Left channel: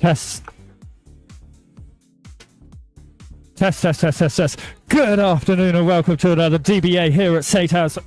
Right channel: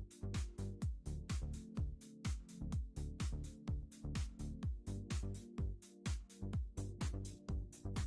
Test. Test, test, test, test, test. Good afternoon and welcome to another DBA here at Saint House.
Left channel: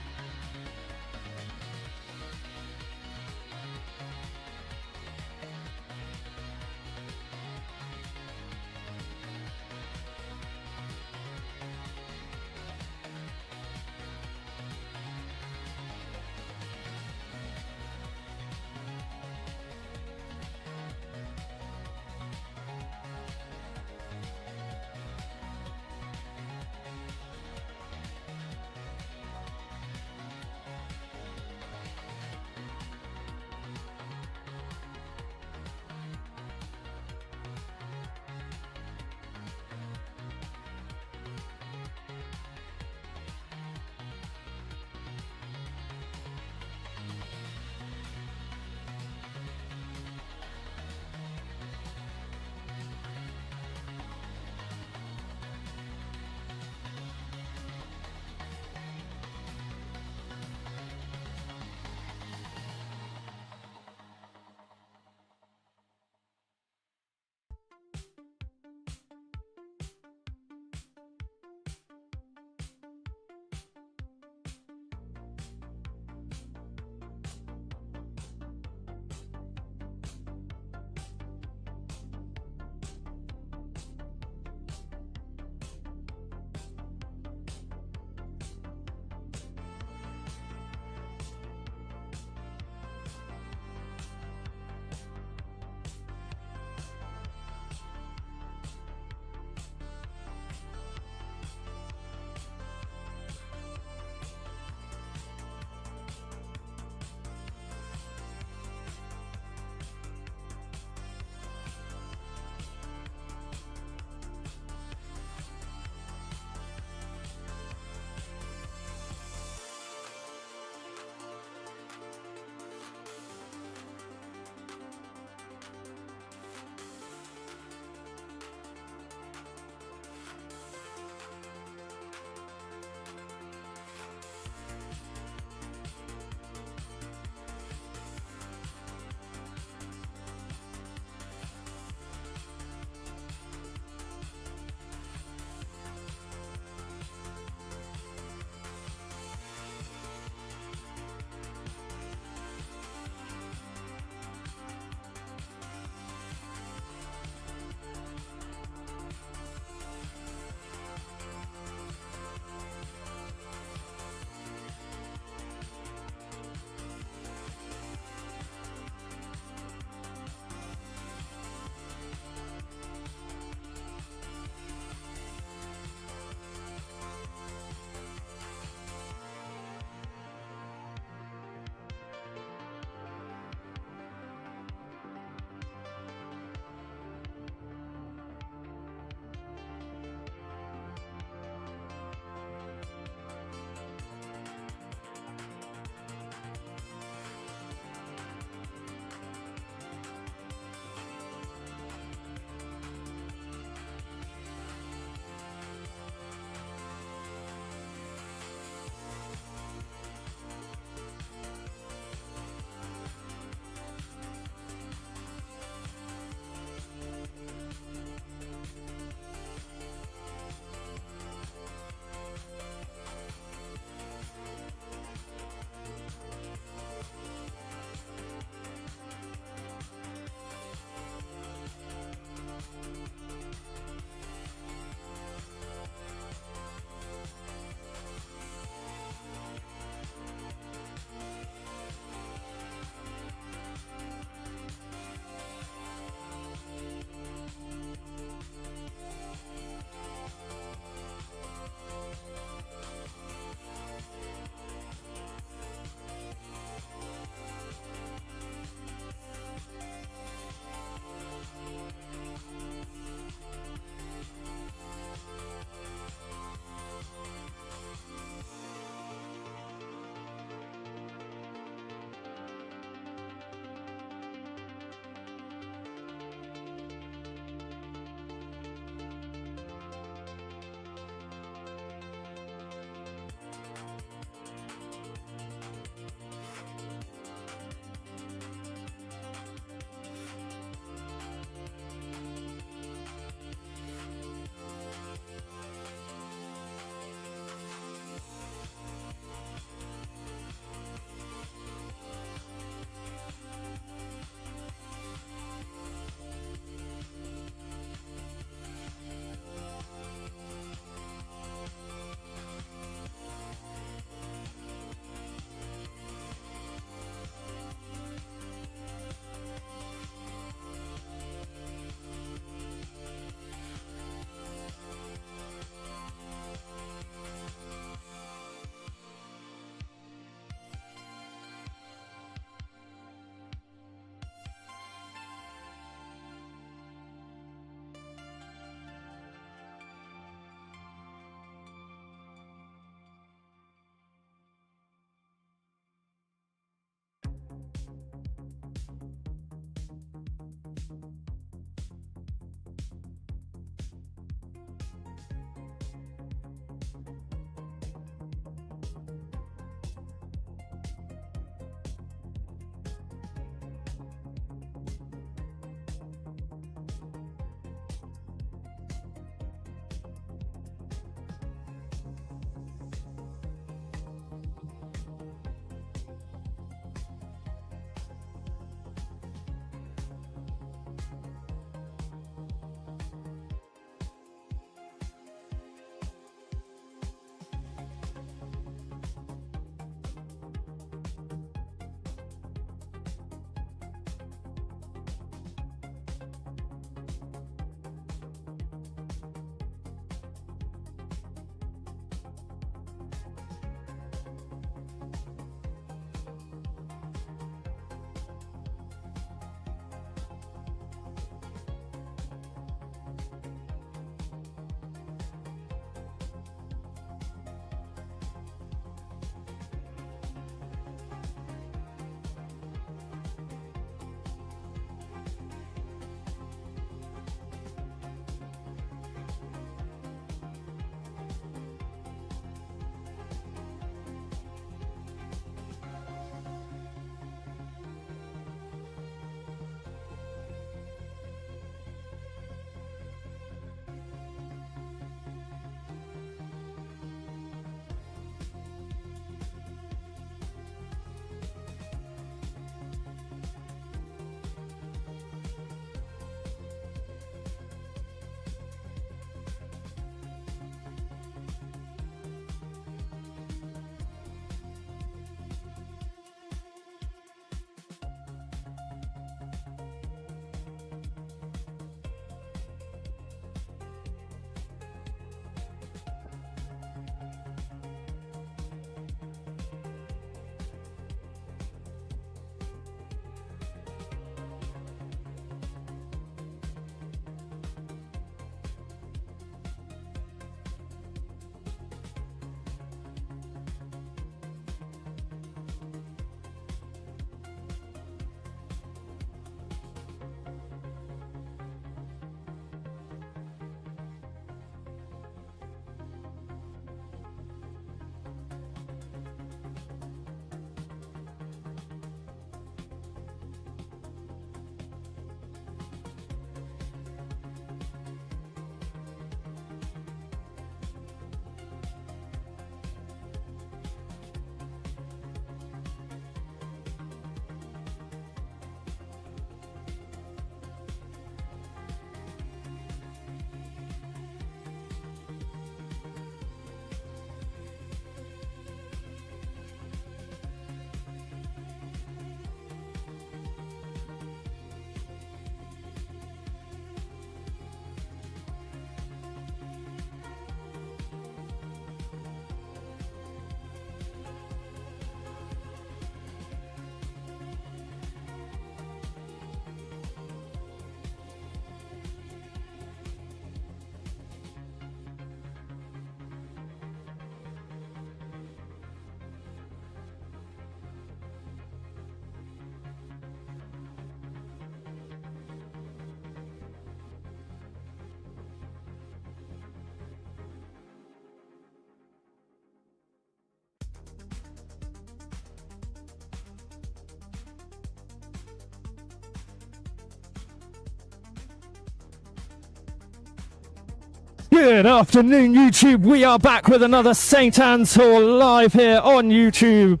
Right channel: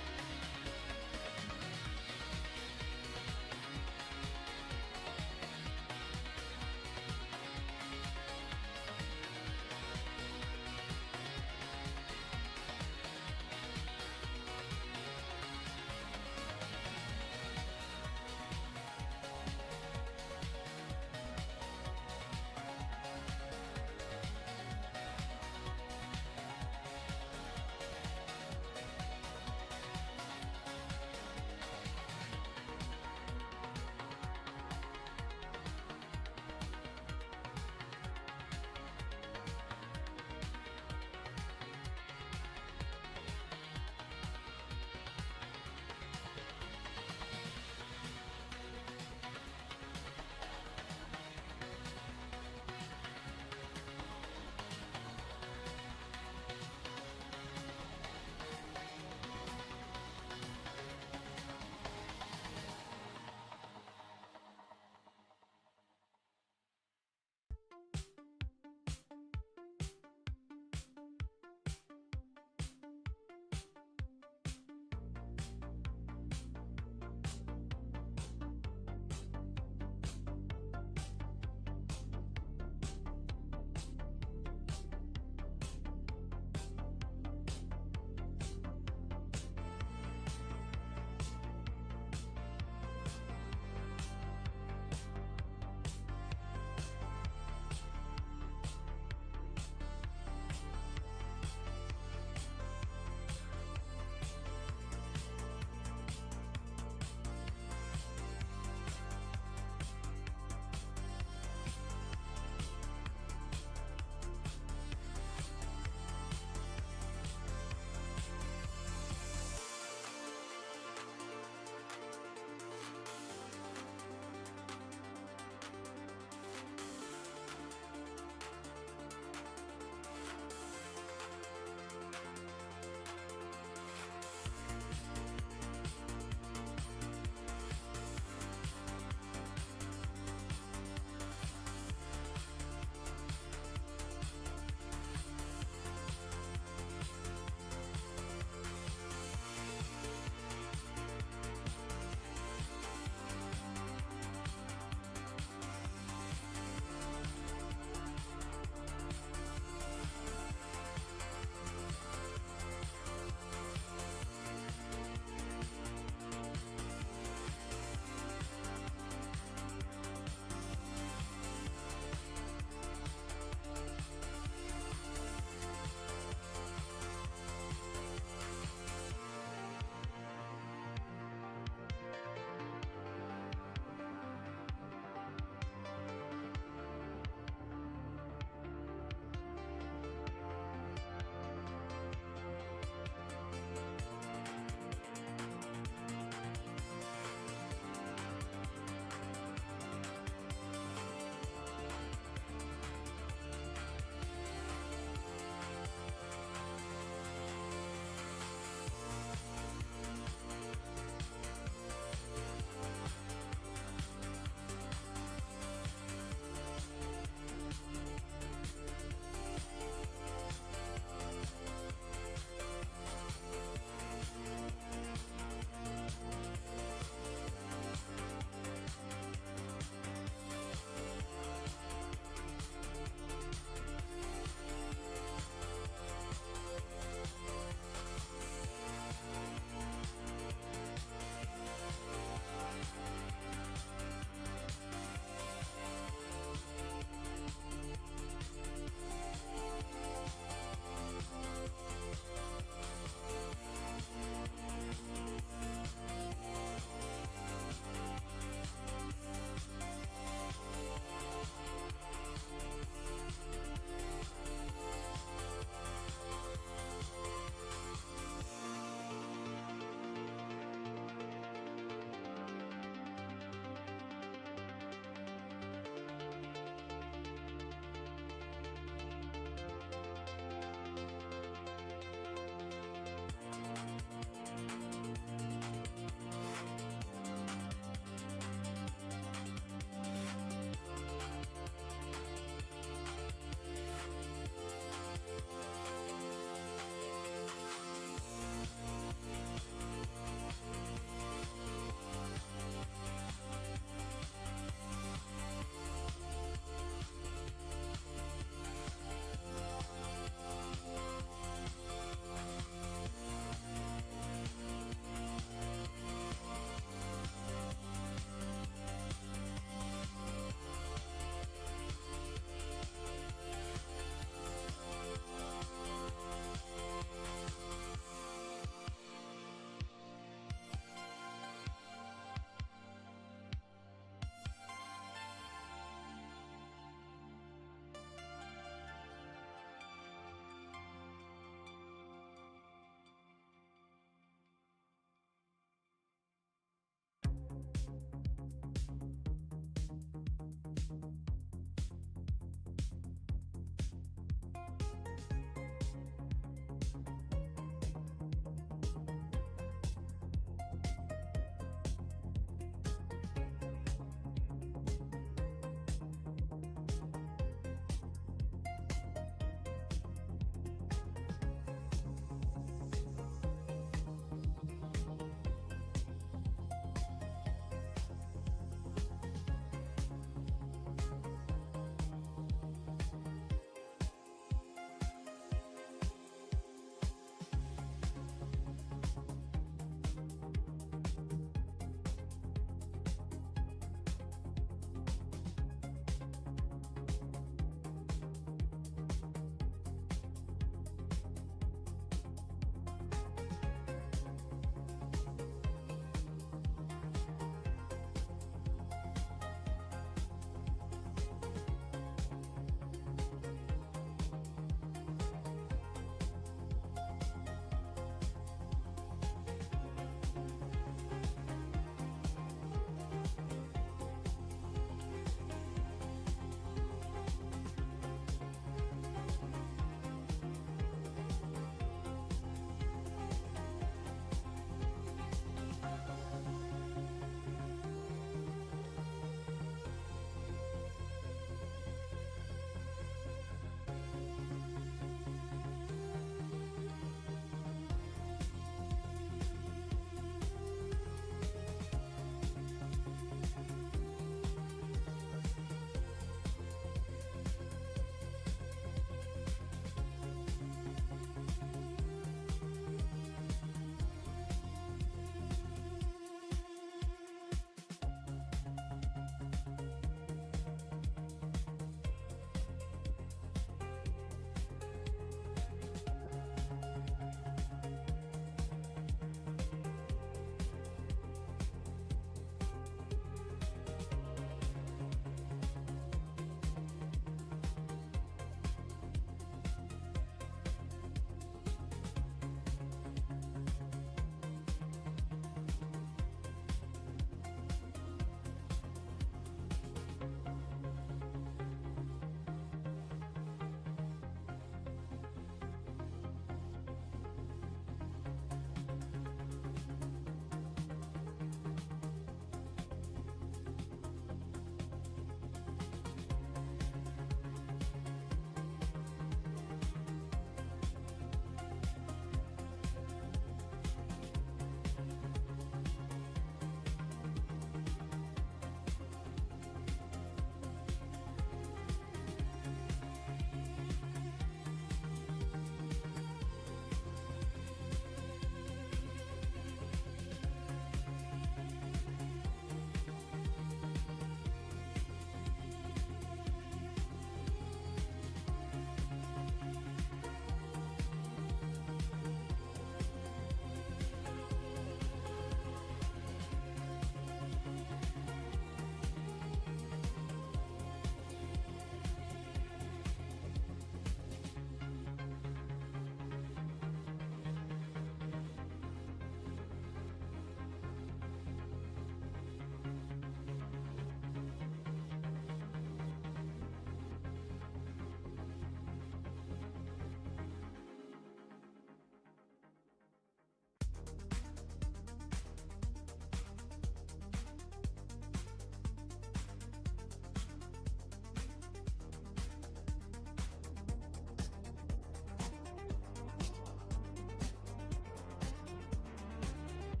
Good afternoon, YouTube. We are back with another St. Anne's Hall live here on YouTube.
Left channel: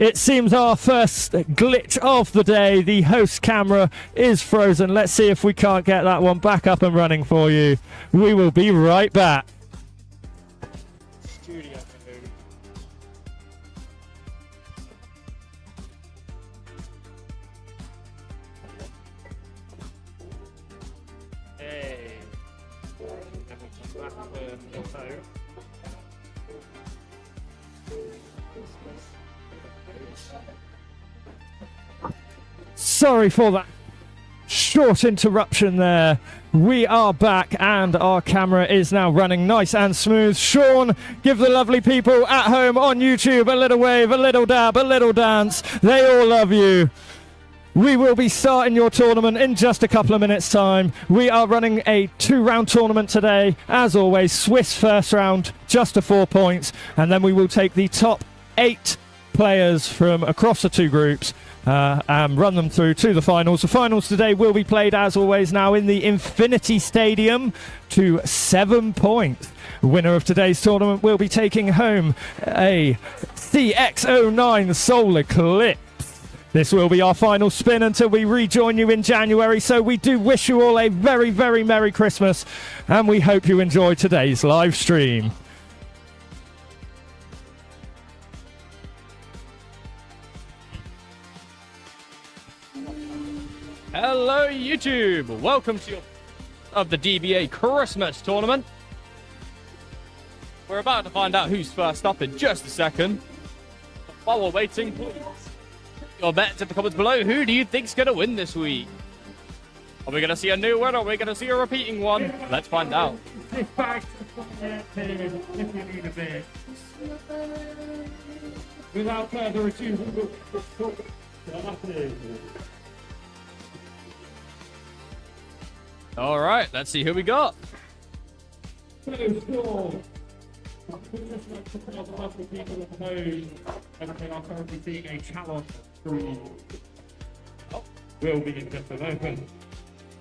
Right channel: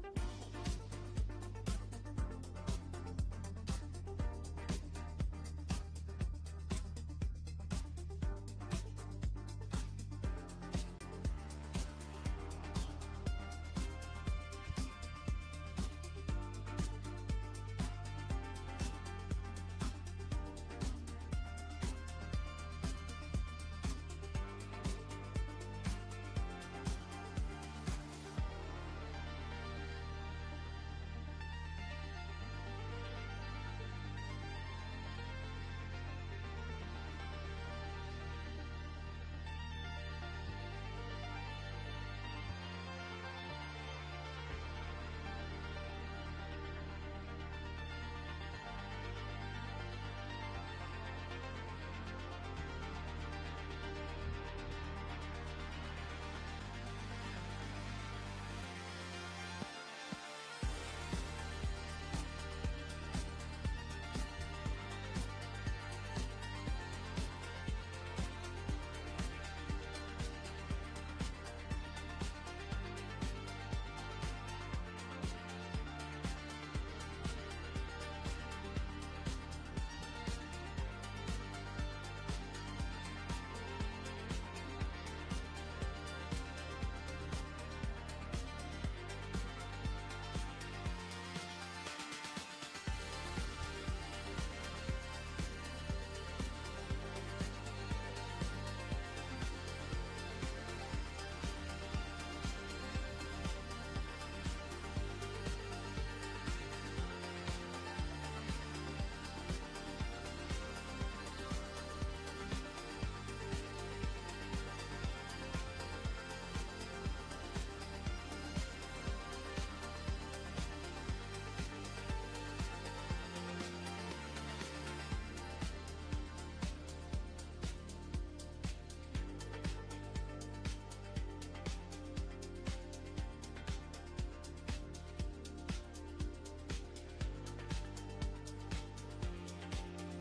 It seems our first glitch of the day. The host camera is frozen. Let's see if we can't get that one back up and running for you. We will be right back. Sorry for that short interruption there. We are back and our camera is now running nice and smooth. Sean, give the lovely people at home on YouTube a little wave, a little dab, a little dance. They all love you. We will be starting your tournament in just a couple of minutes' time. We are running a 2-round tournament today. As always, Swiss first round, just to 4 points. And then we will take the top 8 players from across the 2 groups and run them through to the finals. The finals today will be played, as always, now in the Infinity Stadium to 7 points. The winner of today's tournament will be taking home a CX-09 Solar Eclipse. This will be our final spin until we rejoin you in January. So we do wish you all a very, very Merry Christmas, and we hope you enjoy today's live stream. Hello YouTube, welcome to the DBA Christmas tournament. We're about to find out who's first up in just a second. While we're waiting, your bets in the comments below. Who do you think's going to win this week? Are we going to see a new one or are we going to see a repeating one? Let's find out. Without further ado, we will... All right, let's see who we got. Will be in just a moment.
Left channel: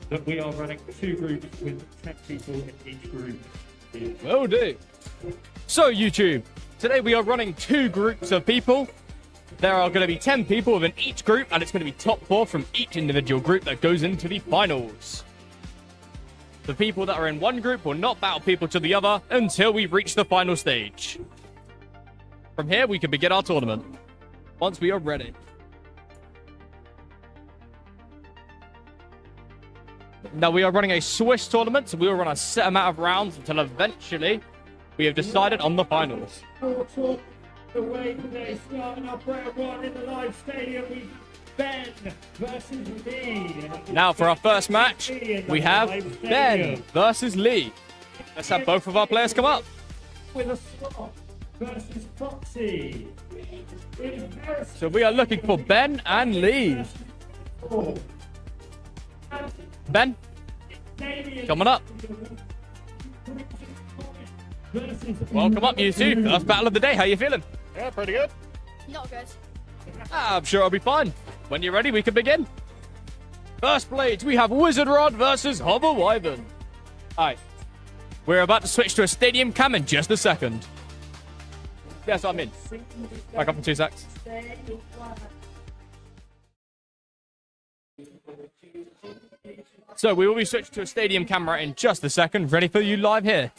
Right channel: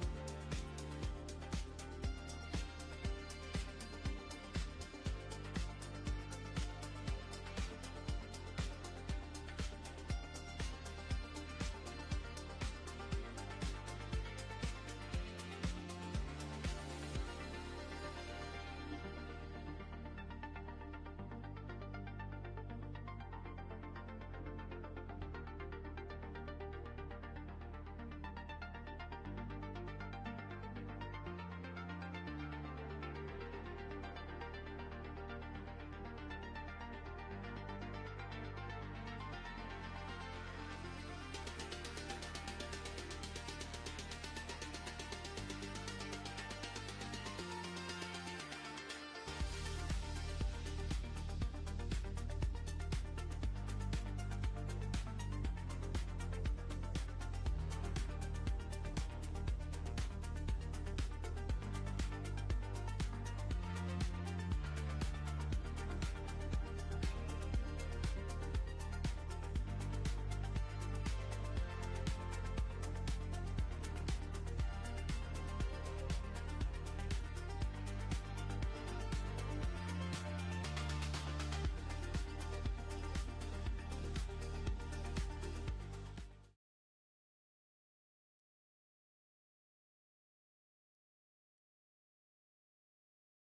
That we are running 2 groups with 10 people in each group. Will do. So YouTube, today we are running 2 groups of people. There are going to be 10 people within each group, and it's going to be top 4 from each individual group that goes into the finals. The people that are in one group will not battle people to the other until we reach the final stage. From here, we can begin our tournament once we are ready. Now, we are running a Swiss tournament, so we will run a set amount of rounds until eventually we have decided on the finals. The way today, starting off round 1 in the live stadium, Ben versus Lee. Now for our first match, we have Ben versus Lee. Let's have both of our players come up. With a swap versus Foxy. So we are looking for Ben and Lee. Ben, coming up. Welcome up, you two. First battle of the day. How you feeling? Yeah, pretty good. Not good. I'm sure I'll be fine. When you're ready, we can begin. First blades, we have Wizard Rod versus Hover Wyvern. Alright. We're about to switch to a stadium cam in just a second. Yes, I'm in. Back up in 2 secs. So we will be switched to a stadium camera in just a second. Ready for you live here.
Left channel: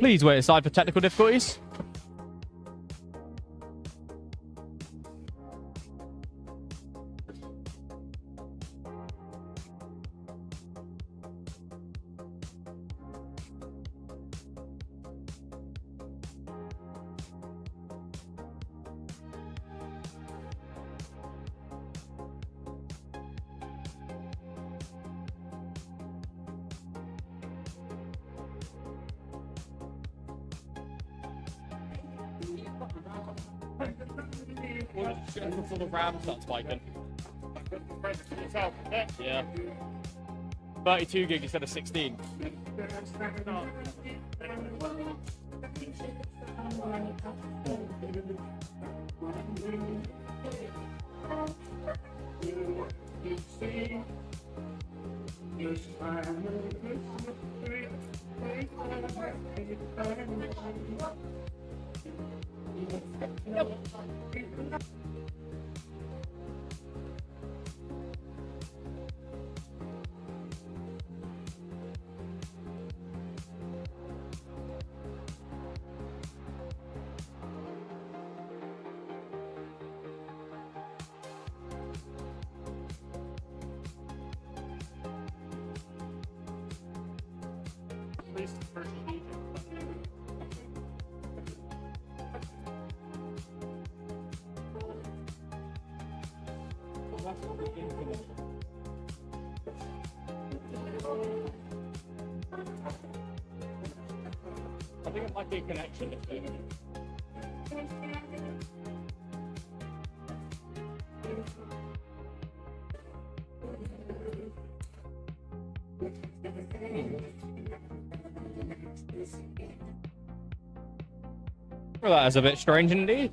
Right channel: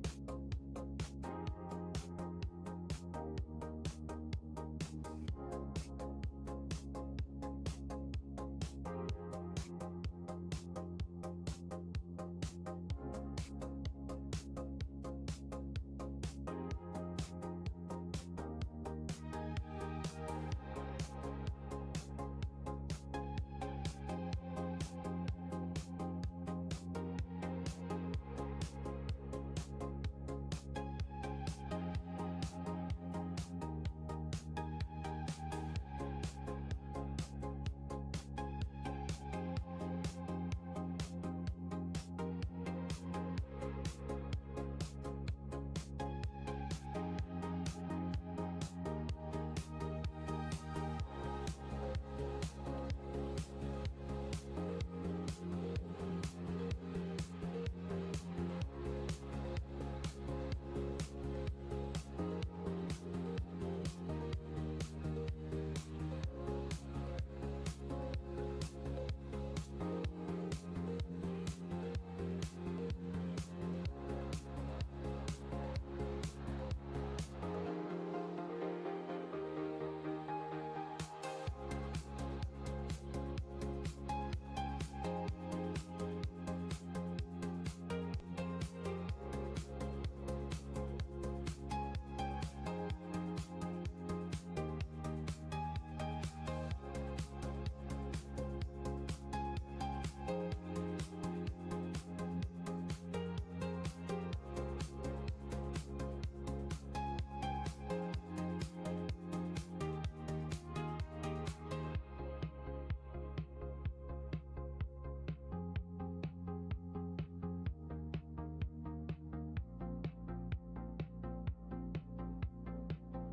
Please wait aside for technical difficulties. Before the RAM starts spiking. Yeah. 32 gig instead of 16. I think it might be a connection issue. Well, that is a bit strange indeed.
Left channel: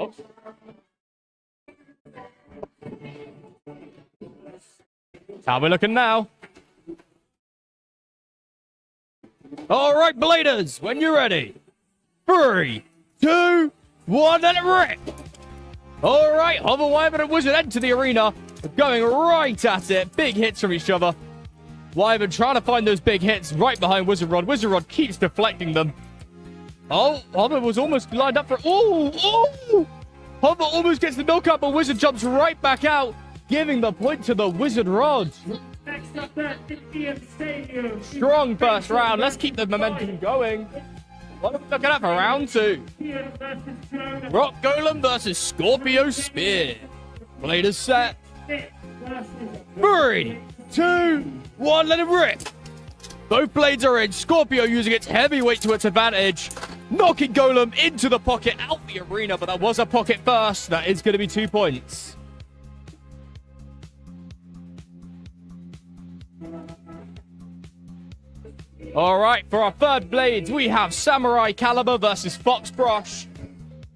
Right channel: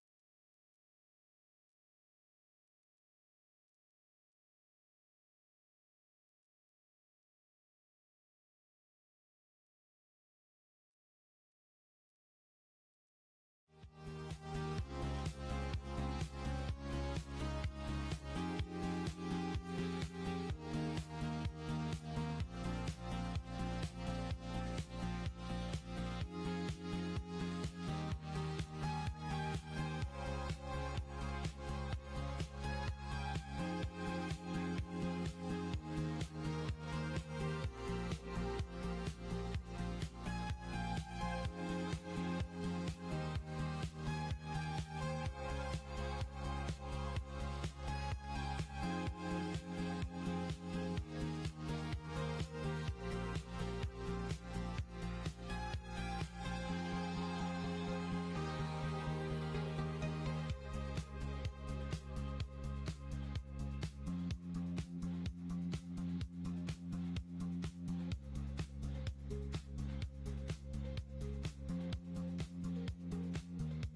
Oops. How we looking now? All right, Bladers, when you're ready. 3, 2, 1, let it rip. All right, Hover Wyvern and Wizard enter the arena, going right at it. Big hits from each other. Wyvern trying to find those big hits right behind Wizard Rod. Wizard Rod keeps deflecting them. Oh, Hover was almost lined up for... Oh! Hover almost gets the milk up, but Wizard jumps right back out, giving the point to the Wizard Rod. Next up at DBA Stadium. Strong first round. Let's keep the momentum going. What are we looking at for round 2? Rock Golem versus Scorpio Spear. Bladers set. 3, 2, 1, let it rip. Both blades are in. Scorpio using its heavyweight to its advantage. Knocking Golem into the pocket, out the arena, but that was a pocket first. That is going to be 2 points. All right, for our third blades, we have Samurai Caliber versus Fox Brush.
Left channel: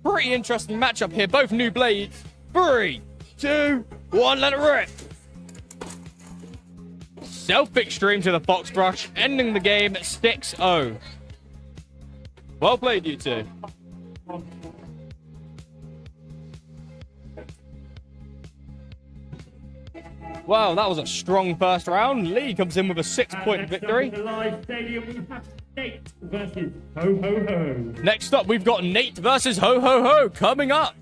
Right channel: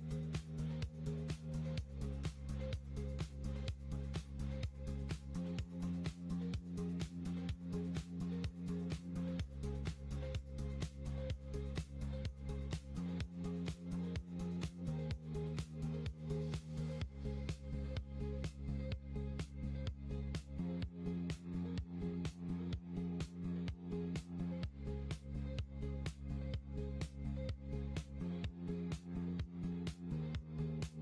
Pretty interesting matchup here, both new blades. 3, 2, 1, let it rip. Self-extreme to the Fox Brush, ending the game 6-0. Well played, you two. Wow, that was a strong first round. Lee comes in with a 6-point victory. The live stadium, we have Nate versus Ho Ho Ho. Next up, we've got Nate versus Ho Ho Ho coming up.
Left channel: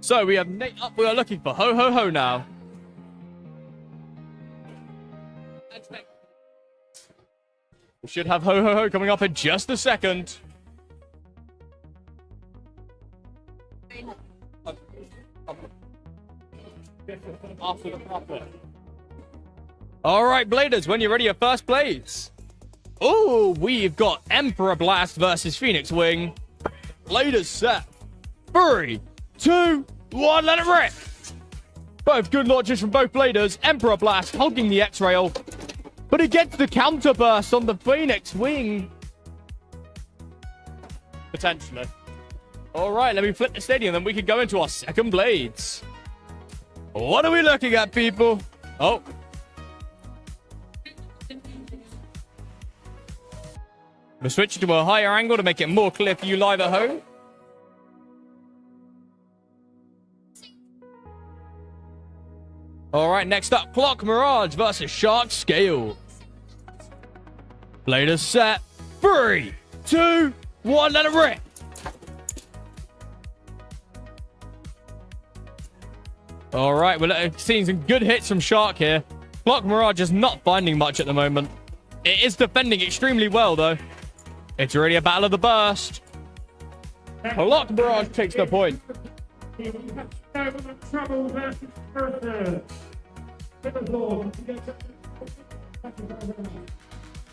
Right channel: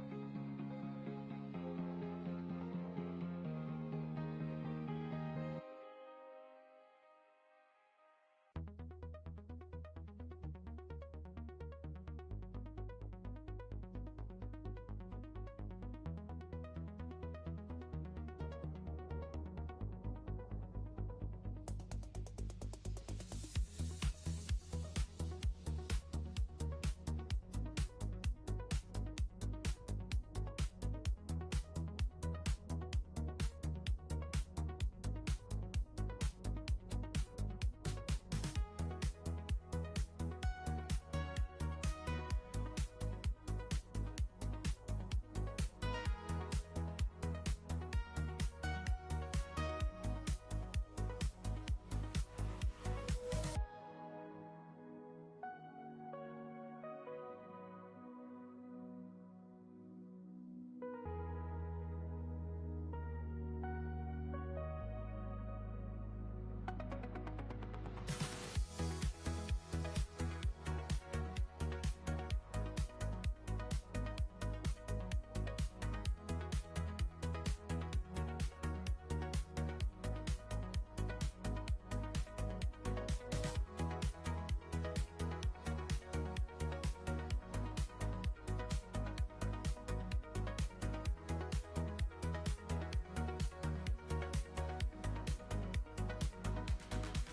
So we have Nate up. We are looking for Ho Ho Ho now. We should have Ho Ho Ho coming up in just a second. All right, Bladers, when you're ready, your first blades. Oh, we've got Emperor Blast versus Phoenix Wing. Bladers set. 3, 2, 1, let it rip. Both good launches from both Bladers. Emperor Blast hogging the X-Rail. But he gets the counter burst on the Phoenix Wing. Potentially. All right, let me flip the stadium, then we can go into our second blades. What are we looking at, people? Oh. We'll switch to a higher angle to make it more clear for you live at home. All right, next up, Clock Mirage versus Shark Scale. Bladers set. 3, 2, 1, let it rip. All right, we're seeing some good hits from Shark here. Clock Mirage is not finding much at the moment. It is defending extremely well, though. It's already a battle of the burst. Clock Mirage takes the point.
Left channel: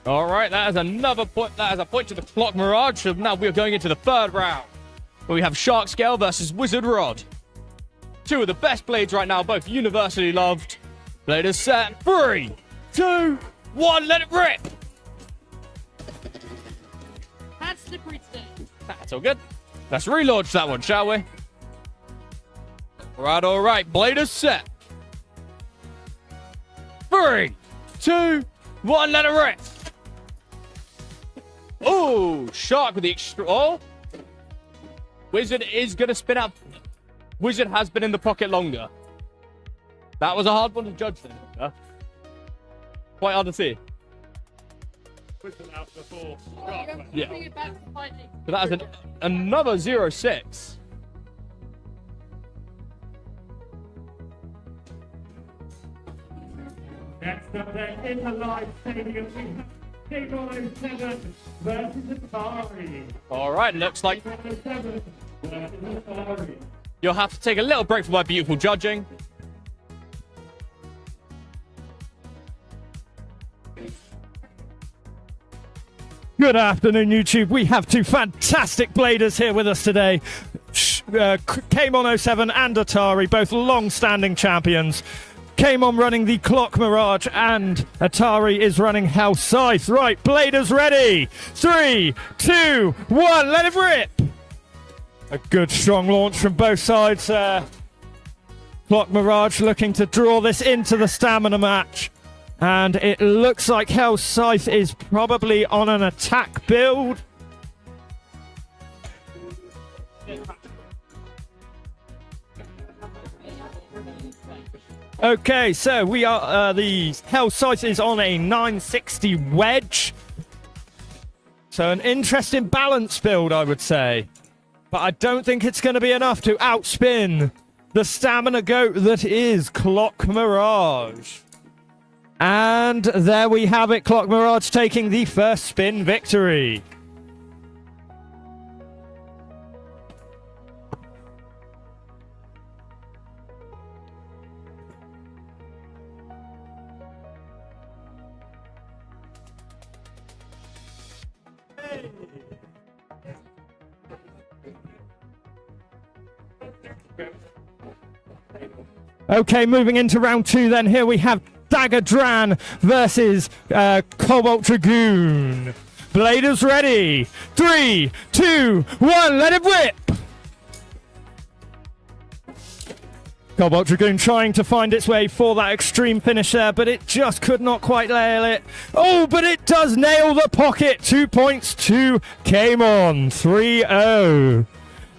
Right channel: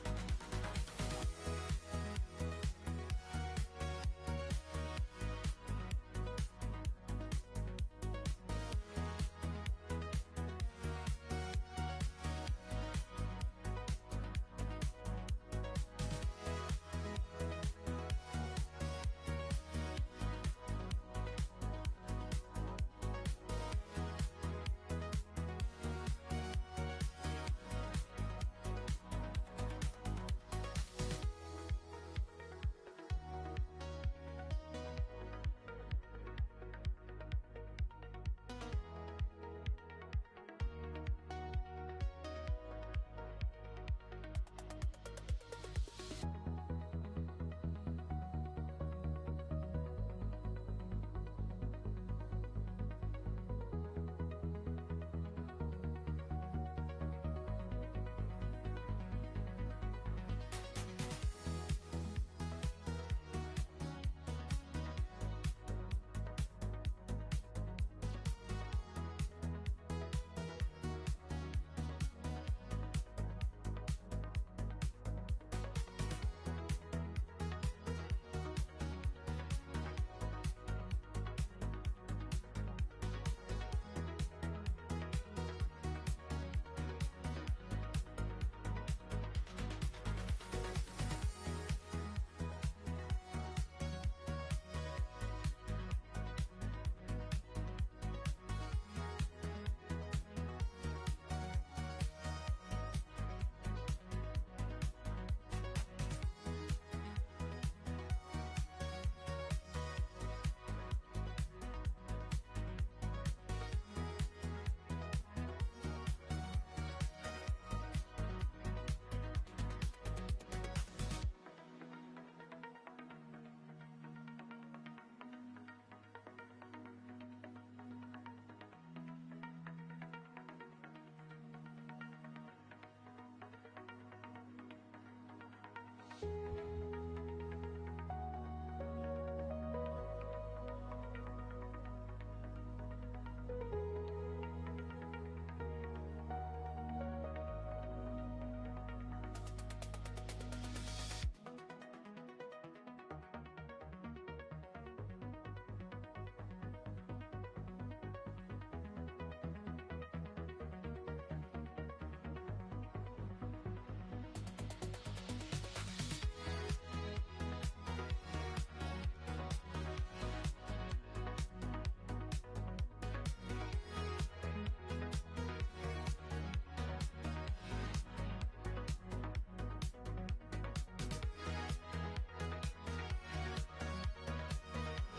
All right, that is another point. That is a point to the Clock Mirage. So now we're going into the third round, where we have Shark Scale versus Wizard Rod. Two of the best blades right now, both universally loved. Blade is set. 3, 2, 1, let it rip. That's slippery stick. That's all good. Let's relaunch that one, shall we? All right. Blade is set. 3, 2, 1, let it rip. Oh, Shark with the extra. Oh, Wizard is going to spin out. Wizard has been in the pocket longer. That was a hard one to judge then. Huh? Quite hard to see. Yeah. So that is another 0-6. Next up then, in the live stadium, we have DBA 7 versus Atari. All right, looks like DBA 7 versus Atari. you'll have to take a little break from my beautiful judging. Good afternoon, YouTube. We have two fantastic bladers here with us today. K-Mon07 and Atari, both long-standing champions. K-Mon running the Clock Mirage and Atari is running House Scythe. Right, bladers ready. 3, 2, 1, let it rip. A good strong launch from both sides there. Clock Mirage looking to draw this into the stamina match. And it looks like House Scythe is probably on an attack build. Okay, so we are, the House Scythe is on a 960 wedge. So an interesting balance build, I would say. But I don't think it's going to be enough to outspin the stamina goat that is Clock Mirage. And there we have it, Clock Mirage taking the first spin victory. Okay, moving into round 2 then. Here we have Dagger Dran versus Cobalt Dragoon. Bladers ready. 3, 2, 1, let it rip! Cobalt Dragoon trying to find its way for that extreme finish there, but it just could not quite nail it. Oh, but it does nail the pocket. 2 points to K-Mon. 3-0.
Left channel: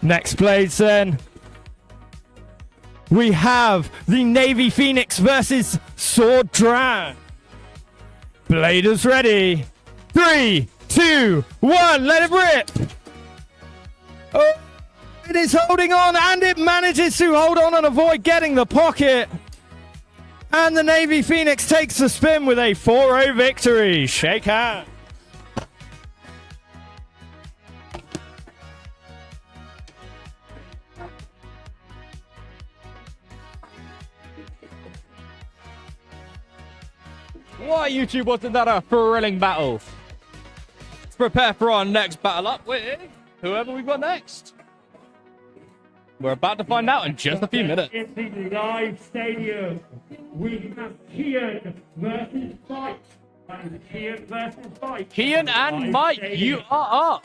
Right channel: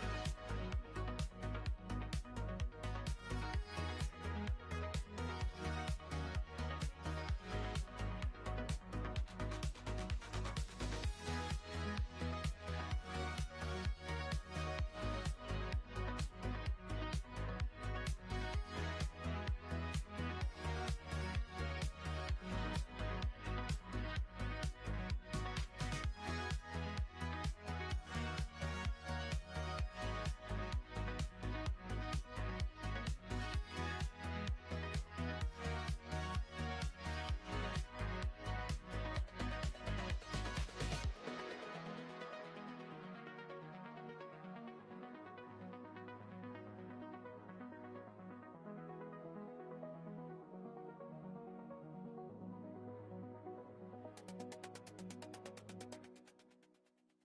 Next blades then. We have the Navy Phoenix versus Sword Dran. Bladers ready. 3, 2, 1, let it rip! Oh, it is holding on, and it manages to hold on and avoid getting the pocket. And the Navy Phoenix takes the spin with a 4-0 victory. Shake hands. Why, YouTube, wasn't that a thrilling battle? Let's prepare for our next battle up with whoever we've got next. We're about to find out in just a few minutes. In the live stadium, we have Kian versus Mike. Kian versus Mike. Kian and Mike, you are up.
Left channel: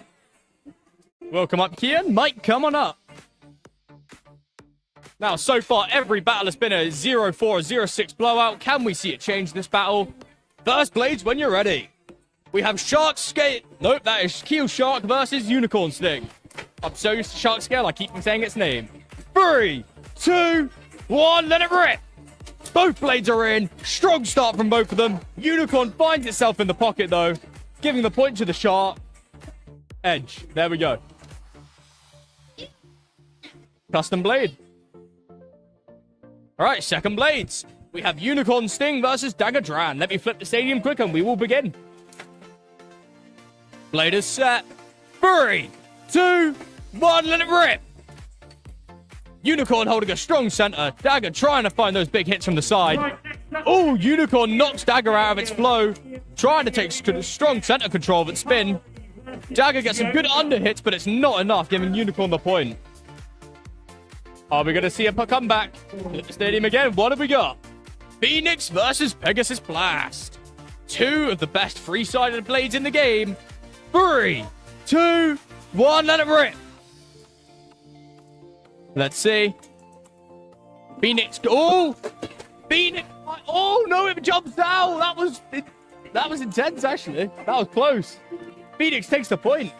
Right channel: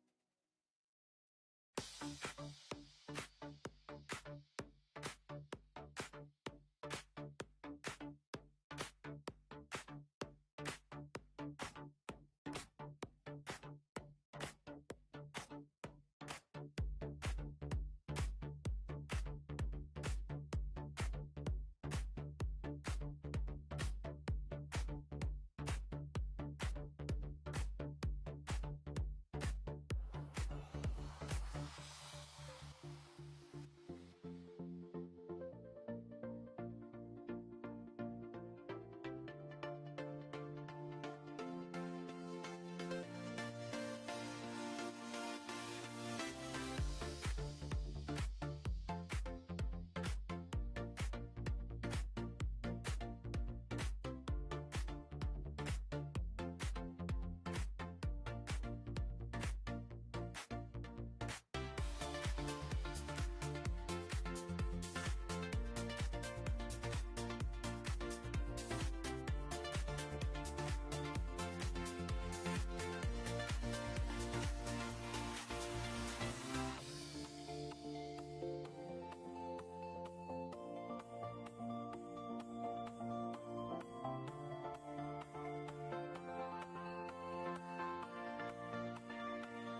Welcome up, Kian. Mike, come on up. Now, so far, every battle has been a 0-4, 0-6 blowout. Can we see it change this battle? First blades when you're ready. We have Shark Scale. Nope, that is Keel Shark versus Unicorn Sting. I'm so used to Shark Scale, I keep saying its name. 3, 2, 1, let it rip. Both blades are in. Strong start from both of them. Unicorn finds itself in the pocket, though, giving the point to the Shark. Edge. There we go. Custom blade. All right, second blades. We have Unicorn Sting versus Dagger Dran. Let me flip the stadium quick and we will begin. Blade is set. 3, 2, 1, let it rip. Unicorn holding a strong center. Dagger trying to find those big hits from the side. Oh, Unicorn knocks Dagger out of its flow. Trying to take strong center control of its spin. Dagger gets some good under hits, but it's not enough, giving Unicorn the point. Are we going to see a comeback? Flip the stadium again. What have we got? Phoenix versus Pegasus Blast. 2 of the best three-sided blades in the game. 3, 2, 1, let it rip. Let's see. Phoenix. Oh! Phoenix. Oh, no, it jumps out. That was intense, actually. That was close. Phoenix takes the point.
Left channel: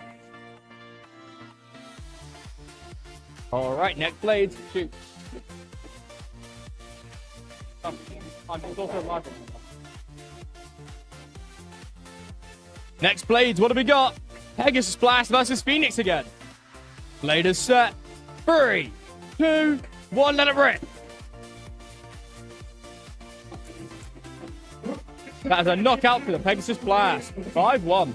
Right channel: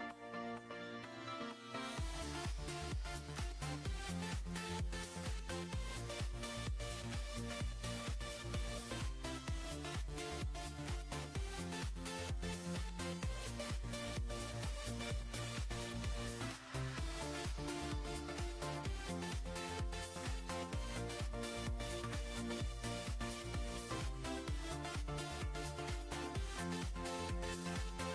All right, next blade. Shoot. Next blades, what have we got? Pegasus Blast versus Phoenix again. Blade is set. 3, 2, 1, let it rip. That is a knockout for the Pegasus Blast. 5-1.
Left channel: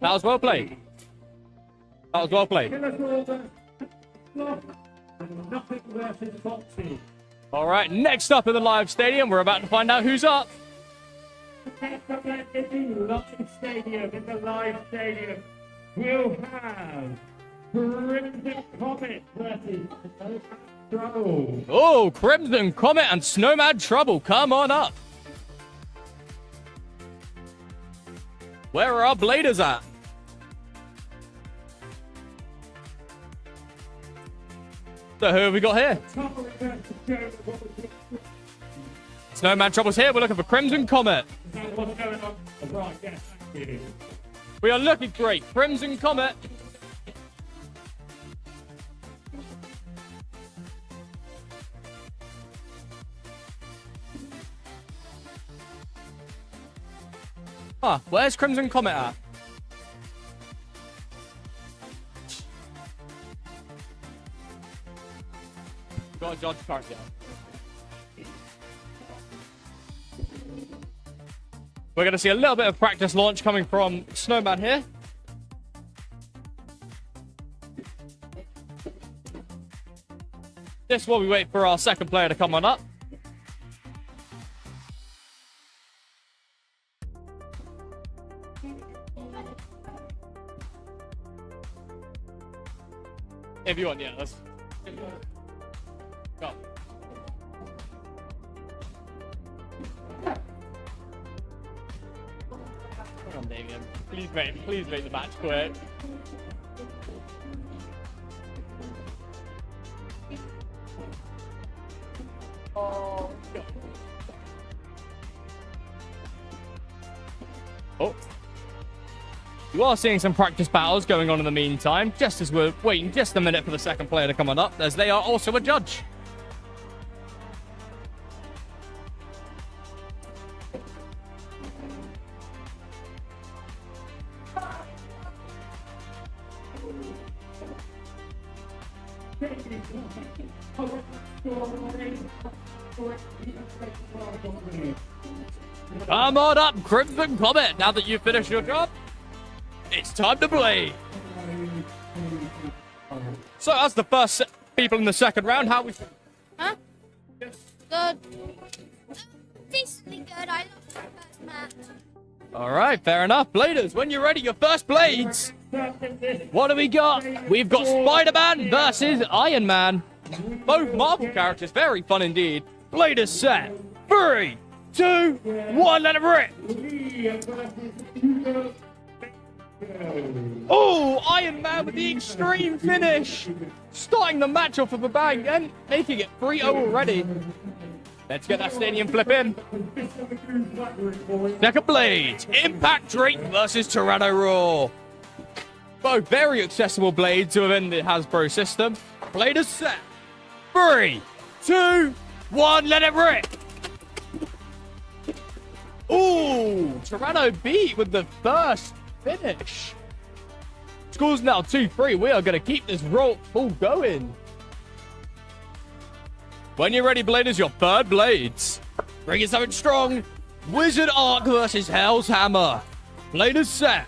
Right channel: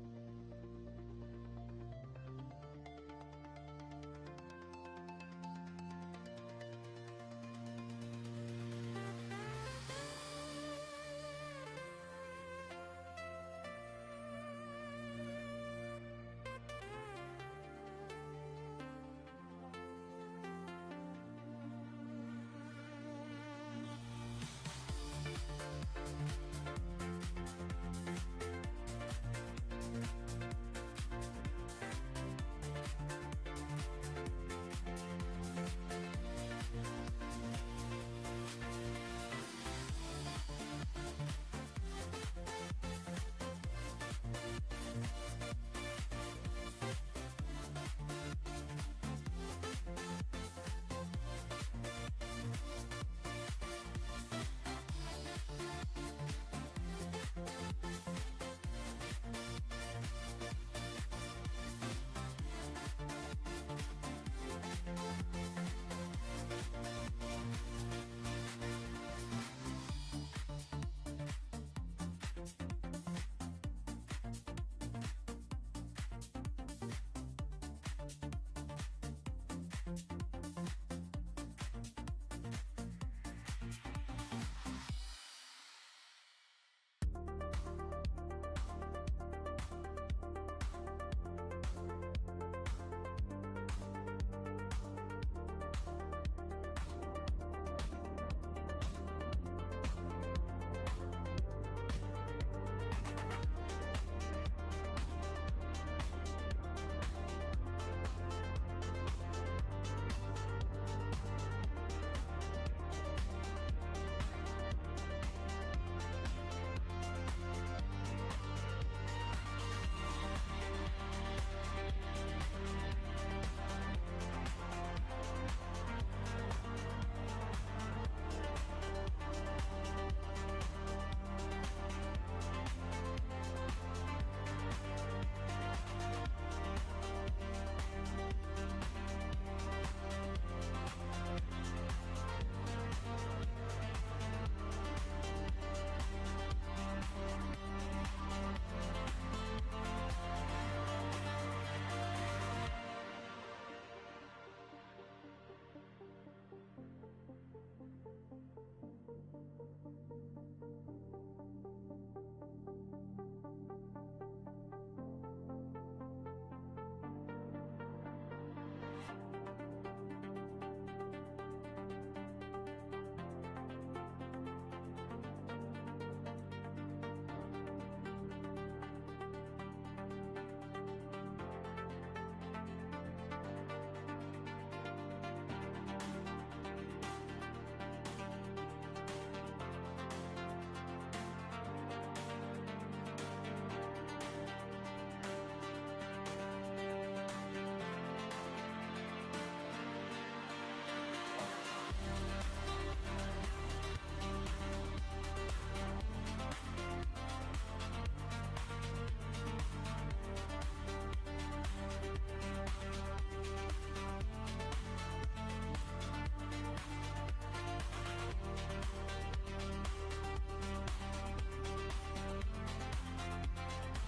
That was well played. That was well played. All right, next up in the live stadium, we're about to find out who's up. Next up in the live stadium, we'll have Crimson Comet versus Trouble. Oh, Crimson Comet and Snowman Trouble, come on up. Where are our bladers at? So who have we got here? Snowman Trouble's here. We're looking for Crimson Comet. We are looking great. Crimson Comet. Ah, where's Crimson Comet at? Got a dodge card there. We're going to see a little bit of practice launch coming from Snowman here. This while we wait for our second player to come on up. If you want, yeah, let's go. Come on, Damien. Please make the match quick. Oh, oh. You are seeing some practice battles going on in the meantime, just as we're waiting just a minute for the second player to come on up, as they are also a judge. Come on up, Crimson Comet, now that you've finished your job. It's time to play. So as the first people in the second round, how we... Huh? Good. Decently good. I lost my first match. All right, fair enough. Bladers, when you're ready, your first blades. What do we got? We've got Spider-Man versus Iron Man. Both Marvel characters, very fun indeed. Bladers set. 3, 2, 1, let it rip. Oh, Iron Man with the extreme finish. Starting the match off of a bang and making it 3-0 already. Let's get that stadium flip in. Second blades. Impact Drake versus Tyranno Raw. Both very accessible blades within the Hasbro system. Blade is set. 3, 2, 1, let it rip. Ooh, Tyranno beat with the first finish. Score's now 2-3. We are going to keep this roll all going. When you're ready, Bladers, your third blades. Bring it something strong. Wizard Arc versus Hell's Hammer. Bladers set.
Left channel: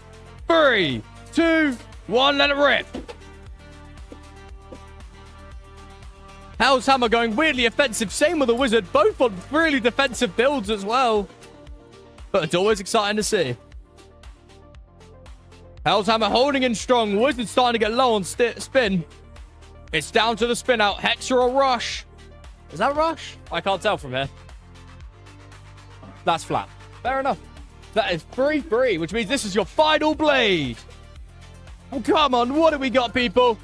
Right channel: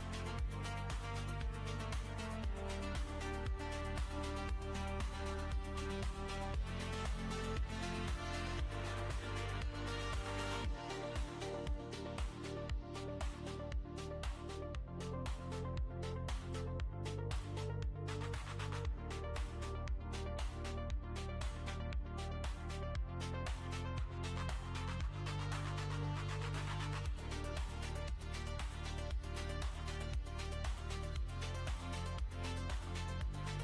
3, 2, 1, let it rip. Hell's Hammer going weirdly offensive. Same with the Wizard. Both on really defensive builds as well. But it's always exciting to see. Hell's Hammer holding in strong. Wizard starting to get low on spin. It's down to the spin out. Hexa or Rush. Is that Rush? I can't tell from here. That's flat. Fair enough. That is 3-3, which means this is your final blade. Well, come on. What do we got, people?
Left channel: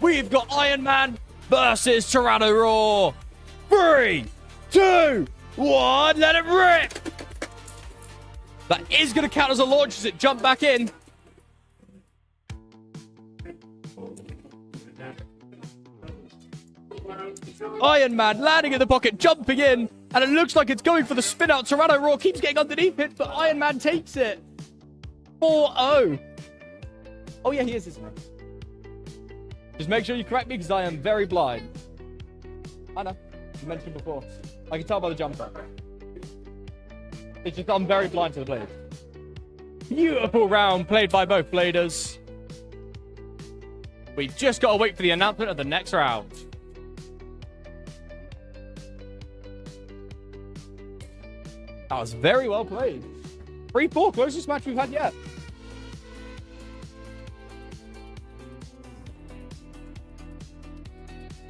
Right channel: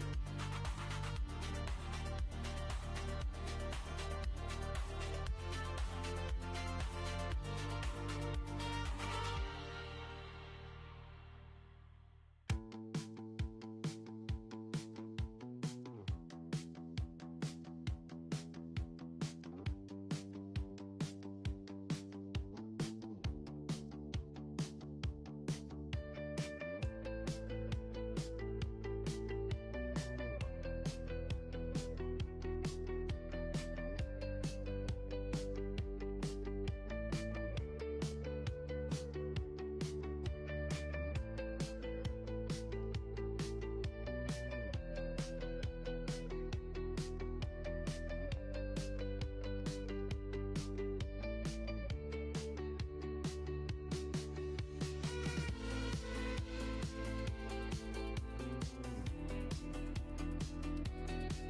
We've got Iron Man versus Tyranno-Roar. 3, 2, 1. Let it rip. That is going to count as a launch as it jumped back in. Iron Man landing in the pocket, jumping in, and it looks like it's going for the spin out. Tyranno-Roar keeps getting underneath it, but Iron Man takes it. 4-0. Oh yeah, he is, isn't he? Just make sure you correct me because I am very blind. I know, you mentioned before. I can tell by the jumper. It's just I'm very blind to the blade. Beautiful round played by both bladers. We've just got to wait for the announcement of the next round. That was very well played. 3-4, closest match we've had yet.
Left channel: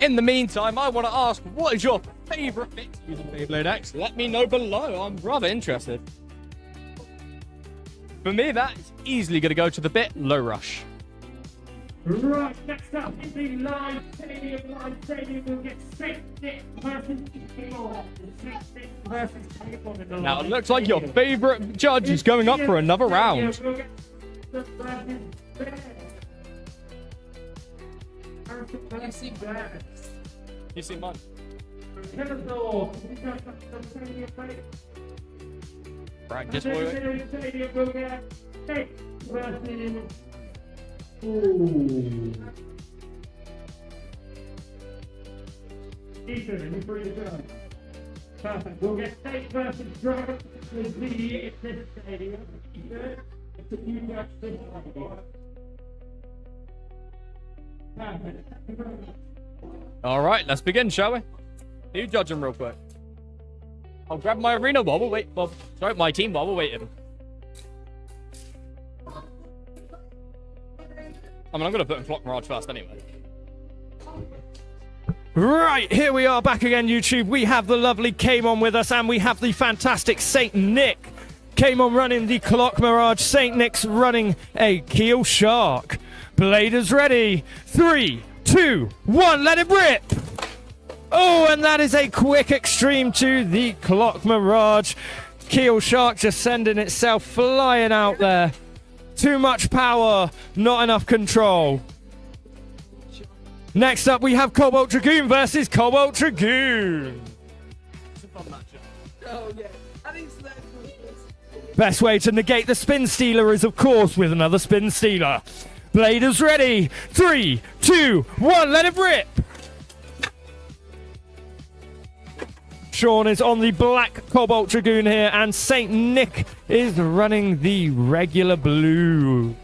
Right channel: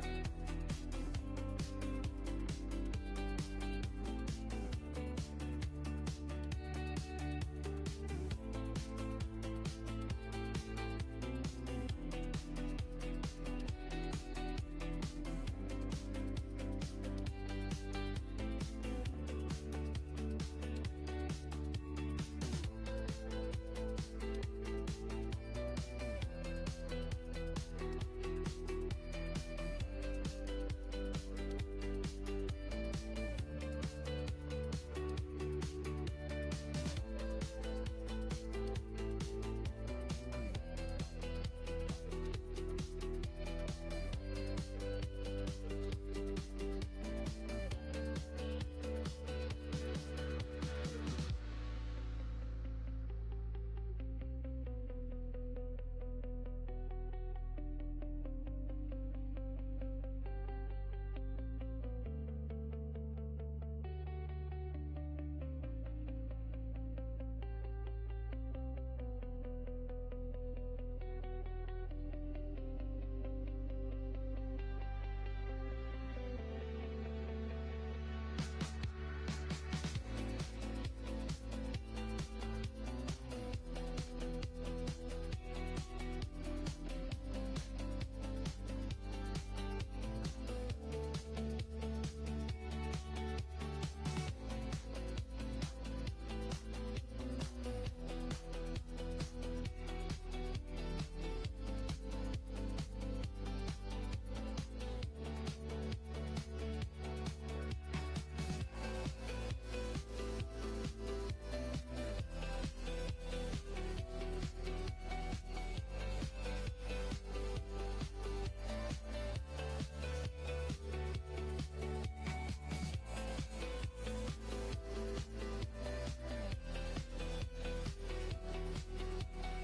In the meantime, I want to ask, what is your favorite mix using Beyblade X? Let me know below. I'm rather interested. For me, that's easily going to go to the bit Low Rush. Right, next up is the live stadium. Live stadium will get Saint Nick versus Table. Now, it looks like your favorite judge is going up for another round. You see mine? Right, just wait. Ethan, before you go. Perfect. We'll get State versus Dragon. We'll see if this stadium. Ethan, it's a new judge this stadium. Perfect. All right, let's begin, shall we? You judge him real quick. I'll grab my arena while we're waiting. Well, sorry, my team while we're waiting. I mean, I'm going to put in Clock Mirage first anyway. Right, here we are back again, YouTube. We have the lovely Kamon with us, and we have the fantastic Saint Nick. Kamon running the Clock Mirage. Saint Nick's running a Keel Shark. Bladers ready. 3, 2, 1, let it rip! Oh, and that is a quick extreme to the Clock Mirage. Keel Shark just sending itself flying out there. Too much power, not enough control. Next up, we have Cobalt Dragoon versus Cobalt Dragoon. Best way to negate the Spin Stealer is, of course, with another Spin Stealer. Bladers ready. 3, 2, 1, let it rip! Sean is on the black Cobalt Dragoon here, and Saint Nick is running the regular blue.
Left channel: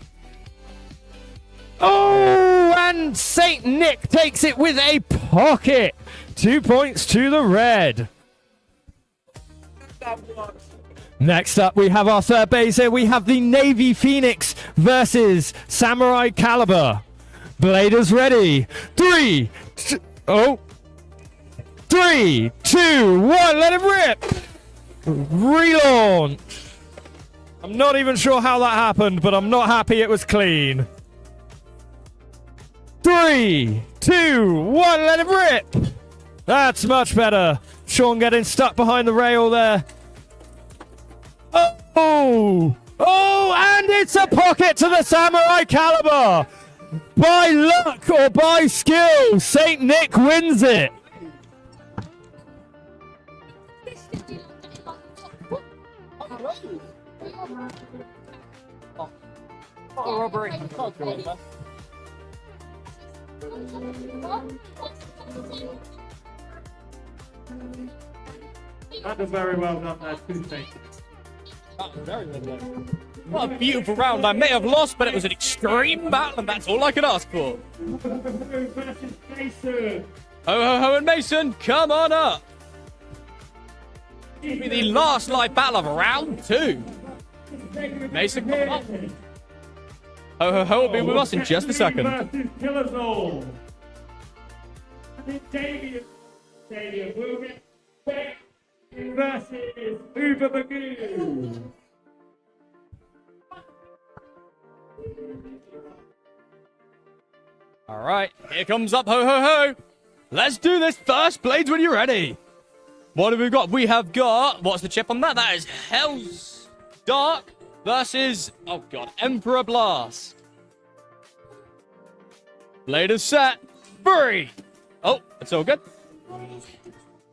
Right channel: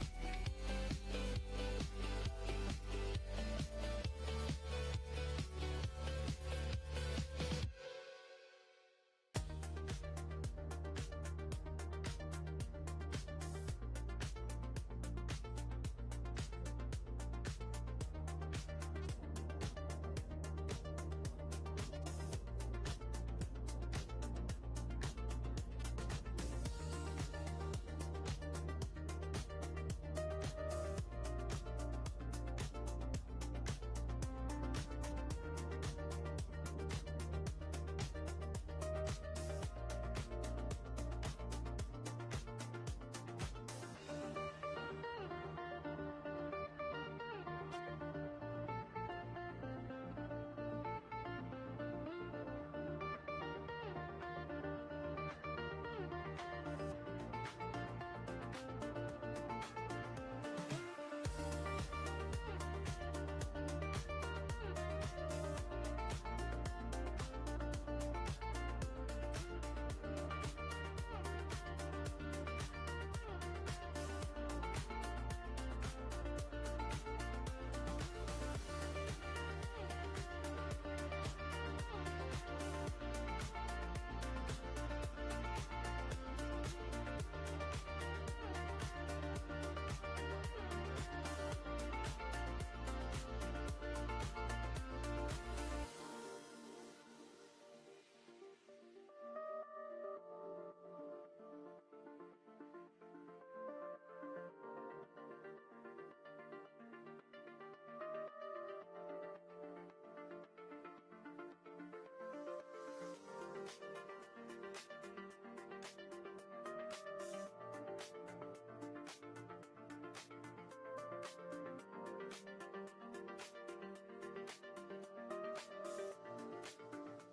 Oh, and Saint Nick takes it with a pocket. 2 points to the red. Next up, we have our third base here. We have the Navy Phoenix versus Samurai Caliber. Bladers ready. 3, 2, 1, let it rip! Relaunch. I'm not even sure how that happened, but I'm not happy it was clean. 3, 2, 1, let it rip! That's much better. Sean getting stuck behind the rail there. Oh, and it's a pocket to the Samurai Caliber. By luck or by skill, Saint Nick wins it. That was very well done there, two things. What a beautiful round. I may have lost, but it was an extreme battle, and that's all I could ask for. Ho, ho, ho, and Mason, come on up. This will be the last live battle of round 2. Mason, come on. Ho, ho, ho will be with us in just a second. Versus Uber Magoo. All right, here comes up, ho, ho, ho. Let's do this. First blades when you're ready. What have we got? We have got, what's the chip on that? That is Hell's Dark versus, oh God, Emperor Blast. Blade is set. 3. Oh, it's all good.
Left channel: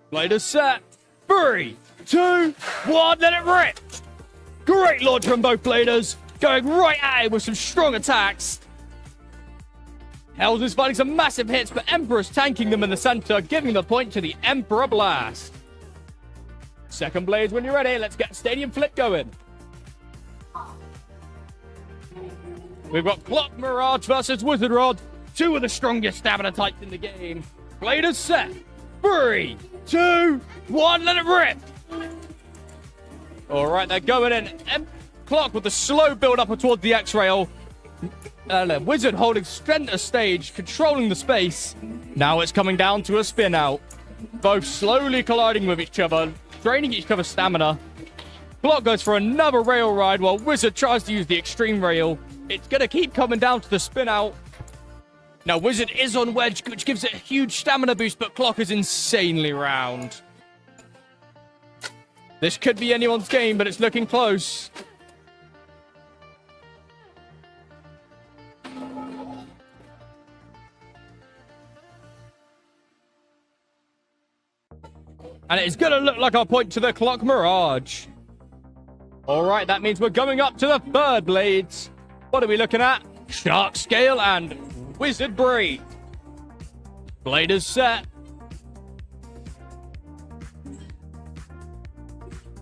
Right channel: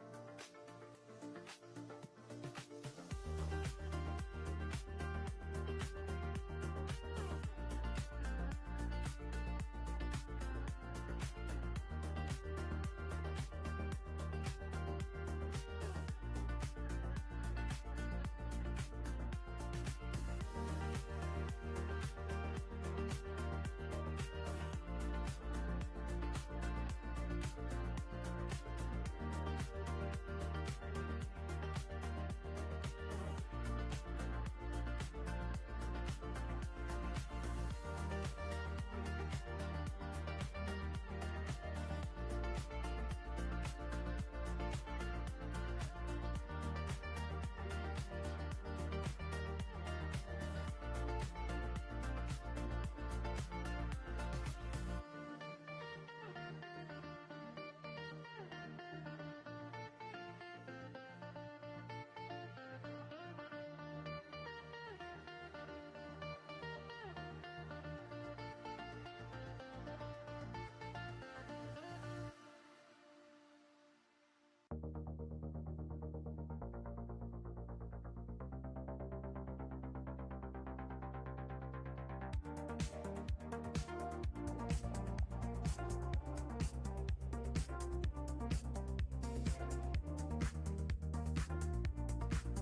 Blade is set. 3, 2, 1, let it rip. Great launch from both bladers. Going right at it with some strong attacks. Hells is finding some massive hits, but Emperor's tanking them in the center, giving the point to the Emperor Blast. Second blades when you're ready. Let's get Stadium Flip going. We've got Clock Mirage versus Wizard Rod. 2 of the strongest stamina types in the game. Blade is set. 3, 2, 1, let it rip. All right, they're going in. Clock with the slow build up towards the X-Rail. Wizard holding center stage, controlling the space. Now it's coming down to a spin out. Both slowly colliding with each other, draining each other's stamina. Clock goes for another rail ride while Wizard tries to use the extreme rail. It's going to keep coming down to the spin out. Now Wizard is on wedge, which gives it a huge stamina boost, but Clock is insanely round. This could be anyone's game, but it's looking close. And it's going to look like our point to the Clock Mirage. All right, that means we're going up to the third blades. What are we looking at? Shark Scale and Wizard Braid. Blade is set.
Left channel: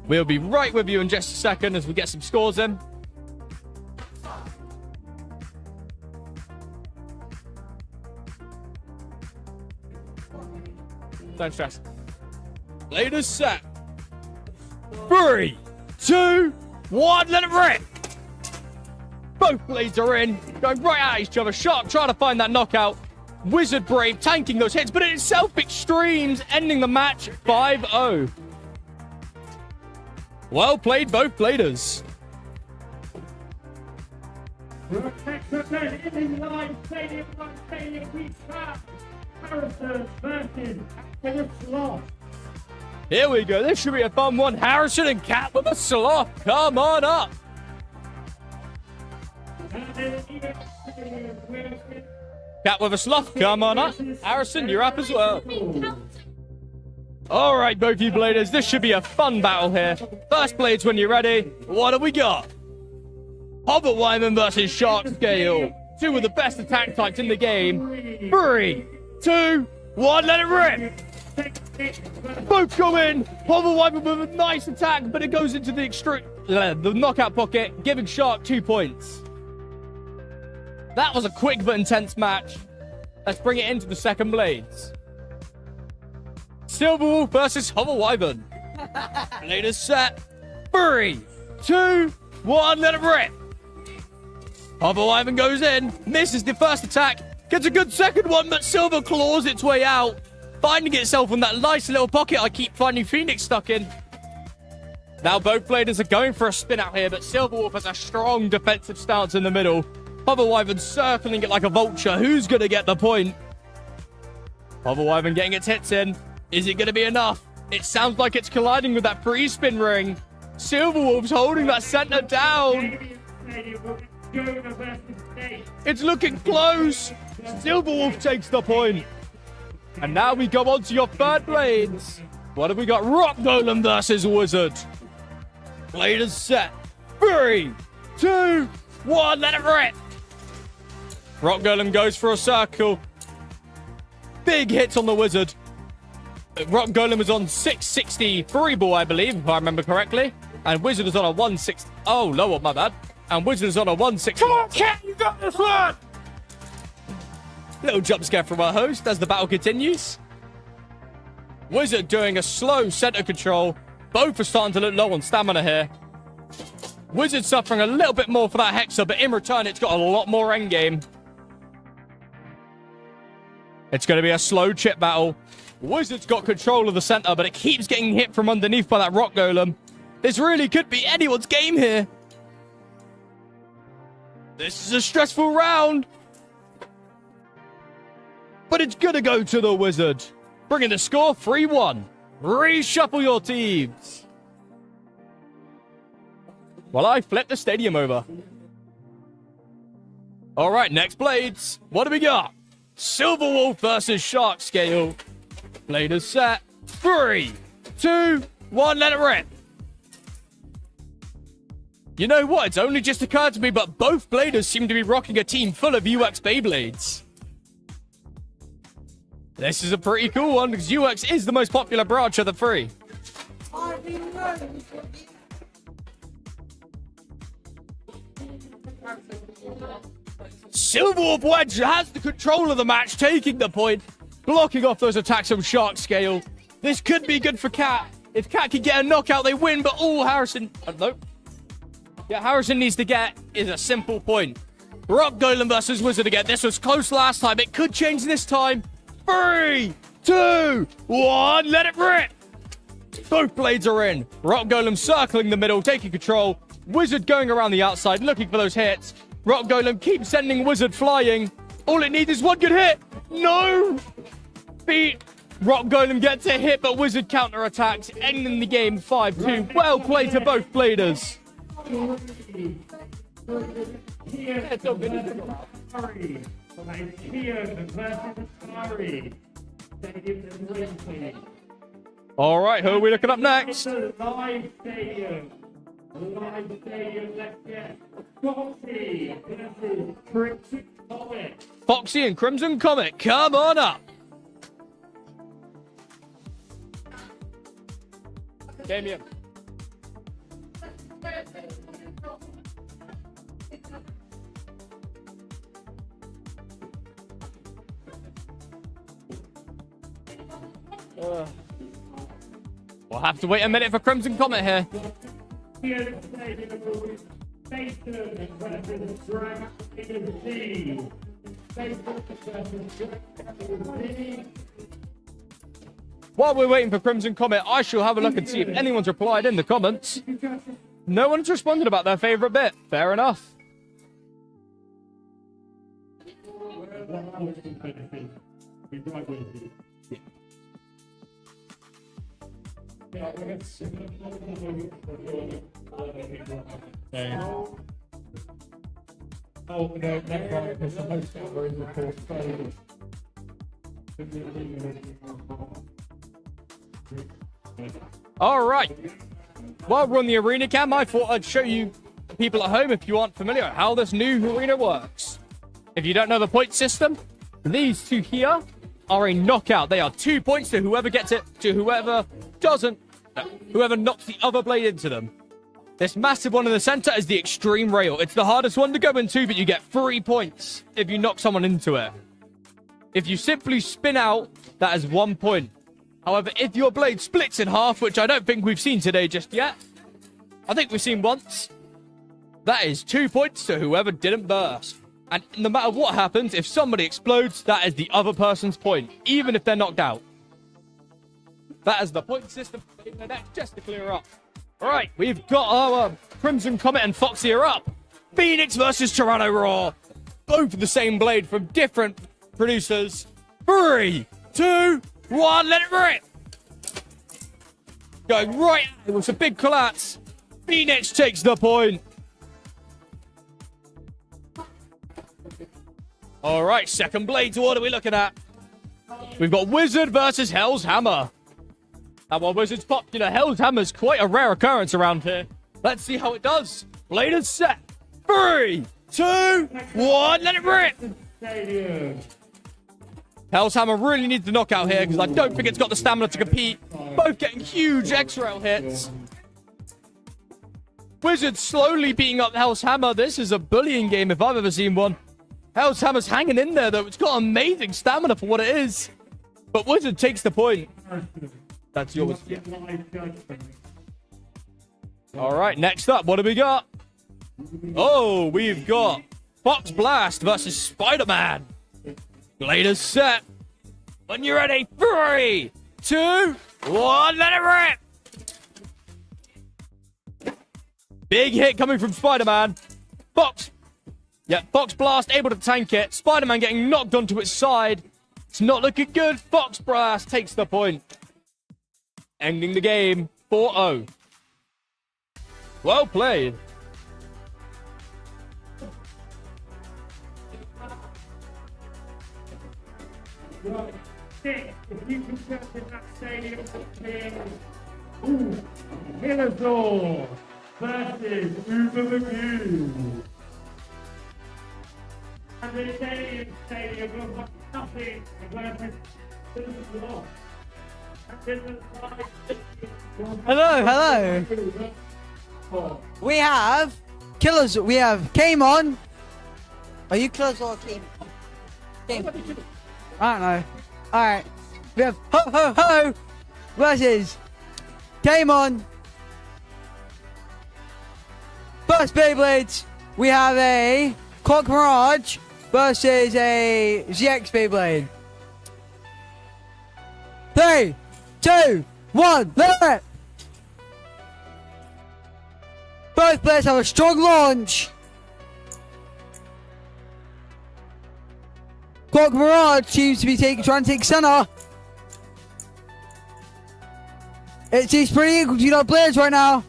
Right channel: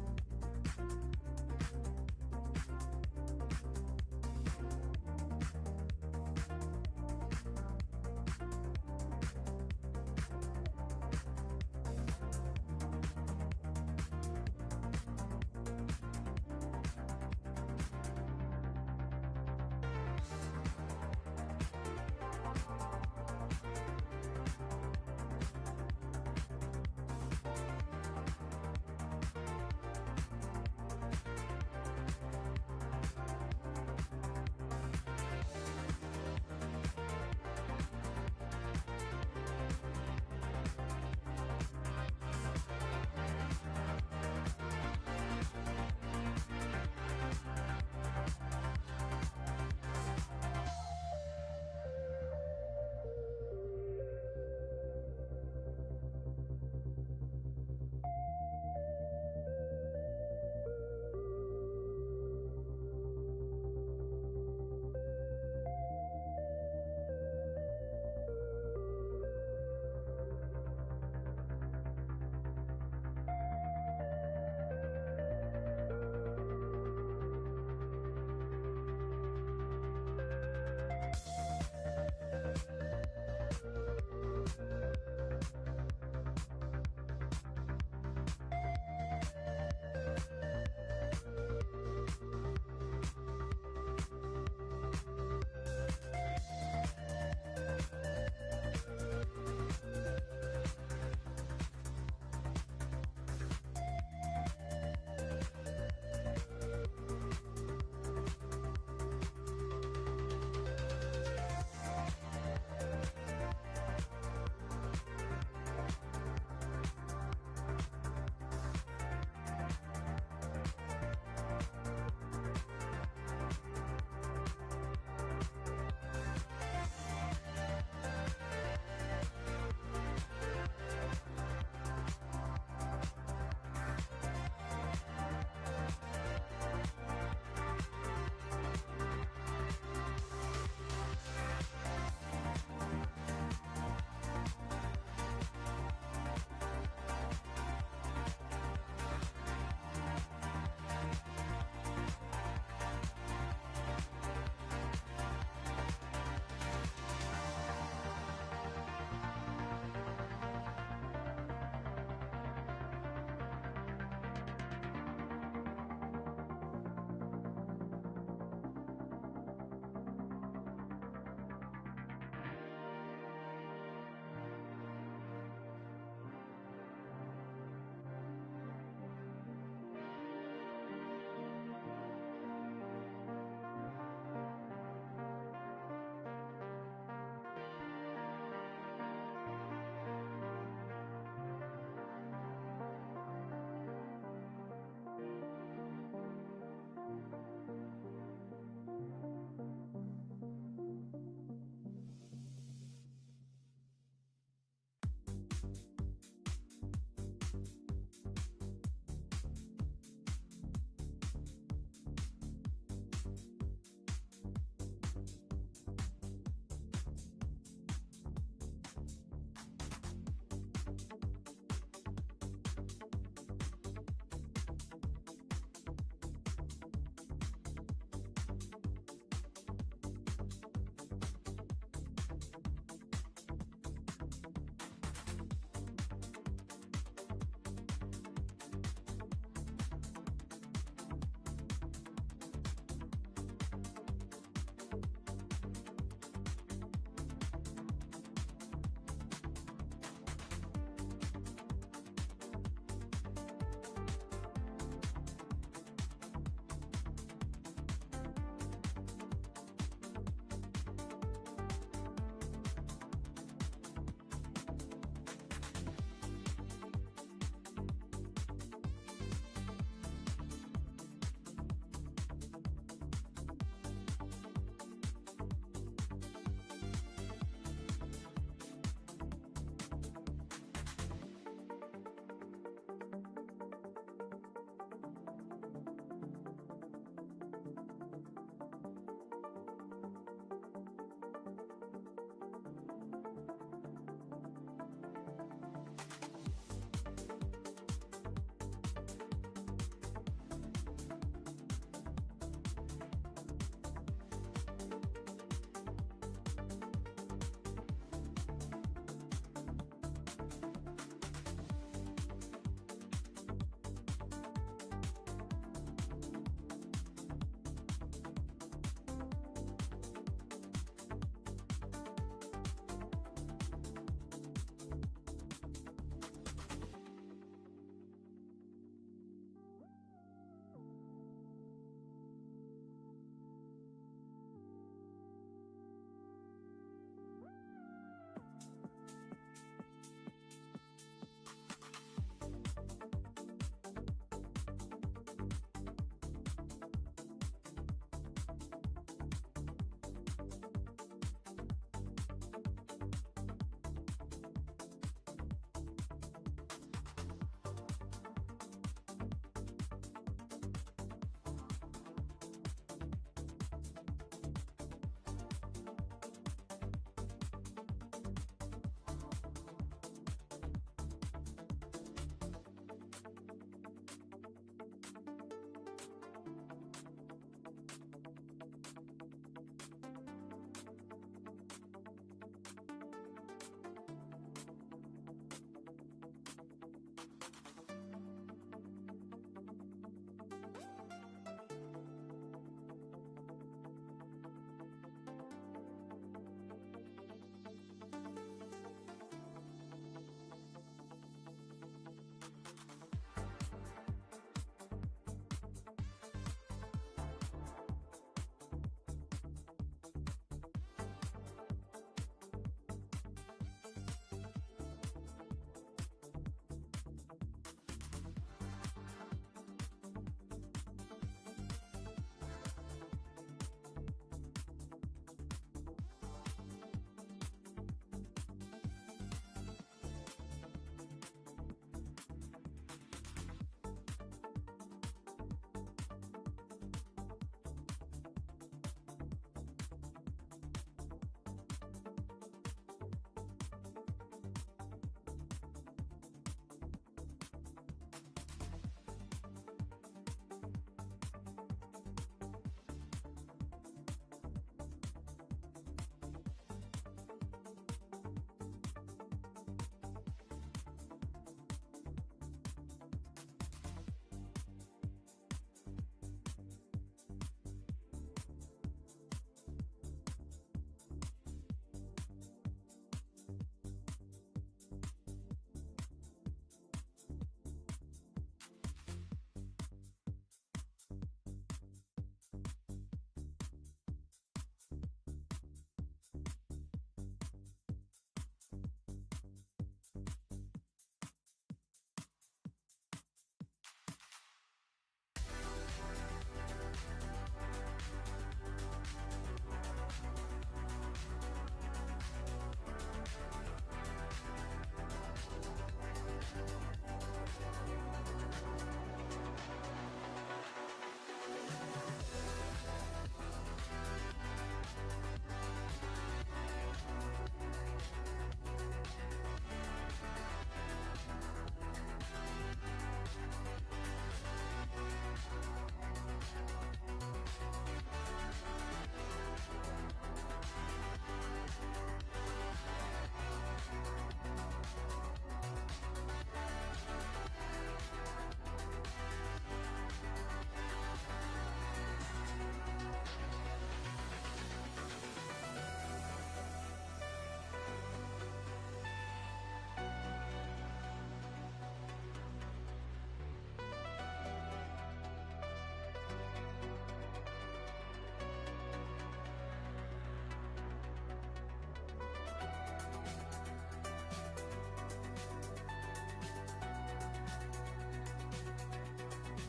We'll be right with you in just a second as we get some scores in. Don't stress. Blade is set. 3, 2, 1, let it rip. Both blades are in, going right at each other. Shark trying to find that knockout. Wizard Brave tanking those hits, but in itself extremes, ending the match 5-0. Well played, both bladers. Here we go. This should be a fun one. Harrison and Cat with a sloth. Come on up. Cat with a sloth. Come on up. Harrison, you're up as well. All right, both you bladers. This should be a fun battle here. First blades when you're ready. What have we got? Hobbit Wyman versus Shark Scale. 2 of the best attack types in the game. 3, 2, 1, let it rip. Both go in. Hobbit Wyman with a nice attack, but it goes into the extreme, the knockout pocket, giving Shark 2 points. That was a quick but intense match. Let's bring it into the second blades. Silverwolf versus Hover Wyvern. Blade is set. 3, 2, 1, let it rip. Hover Wyvern goes in, misses the first attack, gets a good second one, but Silver claws its way out, finding itself in that nice little pocket I keep finding Phoenix stuck in. Now both bladers are going for a spin out here, but Silverwolf has a strong defensive stance in the middle. Hover Wyvern circling it like a vulture. Who's going to get the point? Hover Wyvern getting its hits in. Is it going to be enough? It sounds like it's colliding with that pre-spin ring. Silverwolf's holding that center down. It's looking close. Silverwolf takes the point. And now we go on to your third blades. What have we got? Rock Golem versus Wizard. Blade is set. 3, 2, one, let it rip. Rock Golem goes for a circle. Big hits on the Wizard. Rock Golem is on 663 ball, I believe, if I remember correctly. And Wizard is on a 160. Oh, lower, my bad. And Wizard is on a 160. Come on, Cat, you got this one! Little jump scare from our host as the battle continues. Wizard doing a slow center control. Both are starting to look low on stamina here. Wizard suffering a little bit more for that Hexa, but in return, it's got a lot more endgame. It's going to be a slow chip battle. Wizard's got control of the center, but it keeps getting hit from underneath by that Rock Golem. This really could be anyone's game here. This is a stressful round. But it's going to go to the Wizard. Bringing the score 3-1. Reshuffle your teams. While I flip the stadium over. All right, next blades. What do we got? Silver Wolf versus Shark Scale. Blade is set. 3, 2, 1, let it rip. You know what? It's only just occurred to me, but both bladers seem to be rocking a team full of UX Beyblades. This is a pretty cool one because UX is the most popular branch of the three. Silver Wolf Wedge has the control of the match, taking the point, blocking off those attacks from Shark Scale. This could be good for Cat. If Cat can get a knockout, they win, but Harrison... nope. Yeah, Harrison needs to get is a simple point. Rock Golem versus Wizard again. This was close last time. It could change this time. 3, 2, 1, let it rip. Both blades are in. Rock Golem circling the middle, taking control. Wizard going around the outside, looking for those hits. Rock Golem keeps sending Wizard flying. All it needs is one good hit. No! Beat. Rock Golem gets a hit, but Wizard counterattacks, ending the game 5-2. Well played to both bladers. All right, who are we looking up next? Live stadium. Let's get Foxy versus Crimson Comet. Foxy and Crimson Comet, come on up. Damien. We'll have to wait a minute for Crimson Comet here. While we're waiting for Crimson Comet, I shall have a look and see if anyone's replied in the comments. No one's responded about their favorite bit. Fair enough. All right. While we're on the arena cam, I thought I'd show you people at home, if you aren't familiar, how this new arena works. If you don't know the point system, these two here are a knockout. They are 2 points to whoever gets it, to whoever doesn't, whoever knocks the other blade into them. This massive one in the center is the extreme rail. It's the hardest one to go into, but you get 3 points if you knock someone into it. If you simply spin out, that is 1 point. However, if your blade splits in half, which I don't think we've seen today just yet, I think we've seen once, that is 2 points to whoever didn't burst. And no matter what happens, if somebody explodes, that is the other person's point, even if they're knocked out. That is the point system in the next, just to clear up. All right, we've got our Crimson Comet and Foxy are up. Phoenix versus Toronto Raw. Both the same blade from different producers. 3, 2, 1, let it rip. Going right at it with a big collapse. Phoenix takes the point. All right, second blades. What are we looking at? We've got Wizard versus Hell's Hammer. And while Wizard's popular, Hell's Hammer's quite a rare occurrence around here. Let's see how it does. Blade is set. 3, 2, 1, let it rip. Stadium. Hell's Hammer really needs to knock out here because I don't think it's got the stamina to compete. Both getting huge X-Rail hits. Wizard slowly beating up Hell's Hammer. This is a bullying game if I've ever seen one. Hell's Hammer's hanging in there, though. It's got amazing stamina for what it is. But Wizard takes the point. That's yours. Yeah. All right, next up, what do we got? Oh, we've got Fox Blast versus Spider-Man. Blade is set. When you're ready, 3, 2, 1, let it rip. Big hit coming from Spider-Man. Fox. Yeah, Fox Blast able to tank it. Spider-Man getting knocked onto its side. It's not looking good. Fox Blast takes the point. Ending the game 4-0. Well played. If you can get to that stadium, Killerzor versus Uber McGee. And the stadium will have nothing versus Killerzor. Hello. We have Killers. We have Came On. Are you Killers or Came? I don't know. Alright. We have Ho Ho Ho versus Came On. First Beyblades. We have a Clock Mirage versus a ZX Beyblade. 3, 2, 1, let it! Both players have a strong launch. Clock Mirage seems to be trying to take center. It seems pretty equal to our players right now.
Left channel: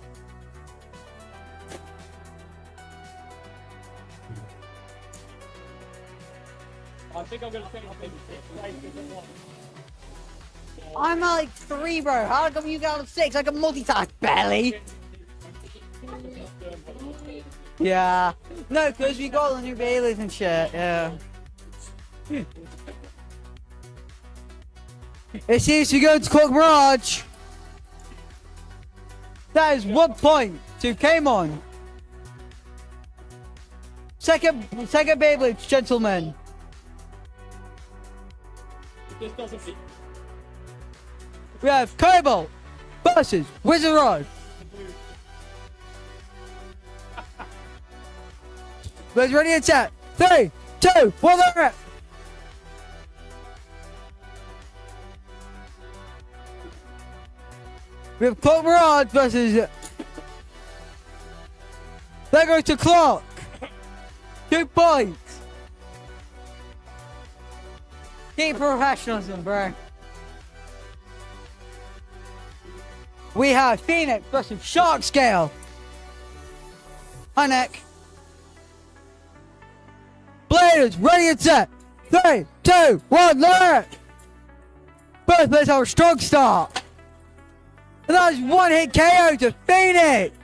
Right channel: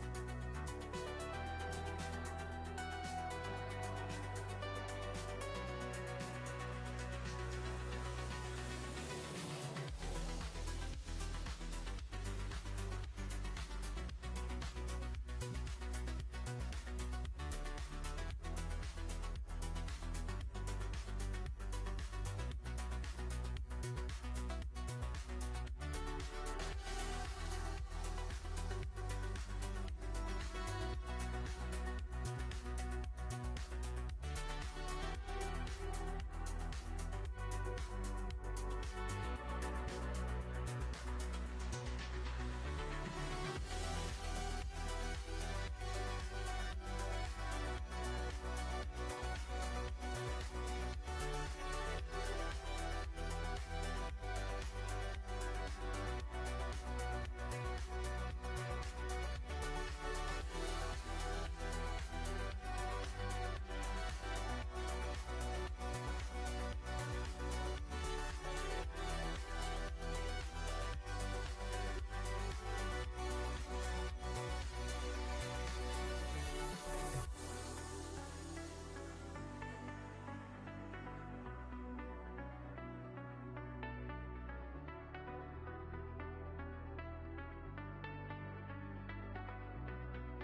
I'm at like 3, bro. How come you got 6? I can multitask barely. Yeah. No, because we got the new Baileys and shit. Yeah. It seems to go to Clock Mirage. That is 1 point to Came On. Second Beyblade, gentlemen. We have Cobalt versus Wizard Rod. Let's ready and set. 3, 2, 1, let it rip. We have Clock Mirage versus. There goes to Clock. 2 points. Keep professionalism, bro. We have Phoenix versus Shark Scale. Hi, Nick. Bladers, ready and set. 3, 2, 1, let it. Both players have a strong start. And that is 1 hit KO to Phoenix.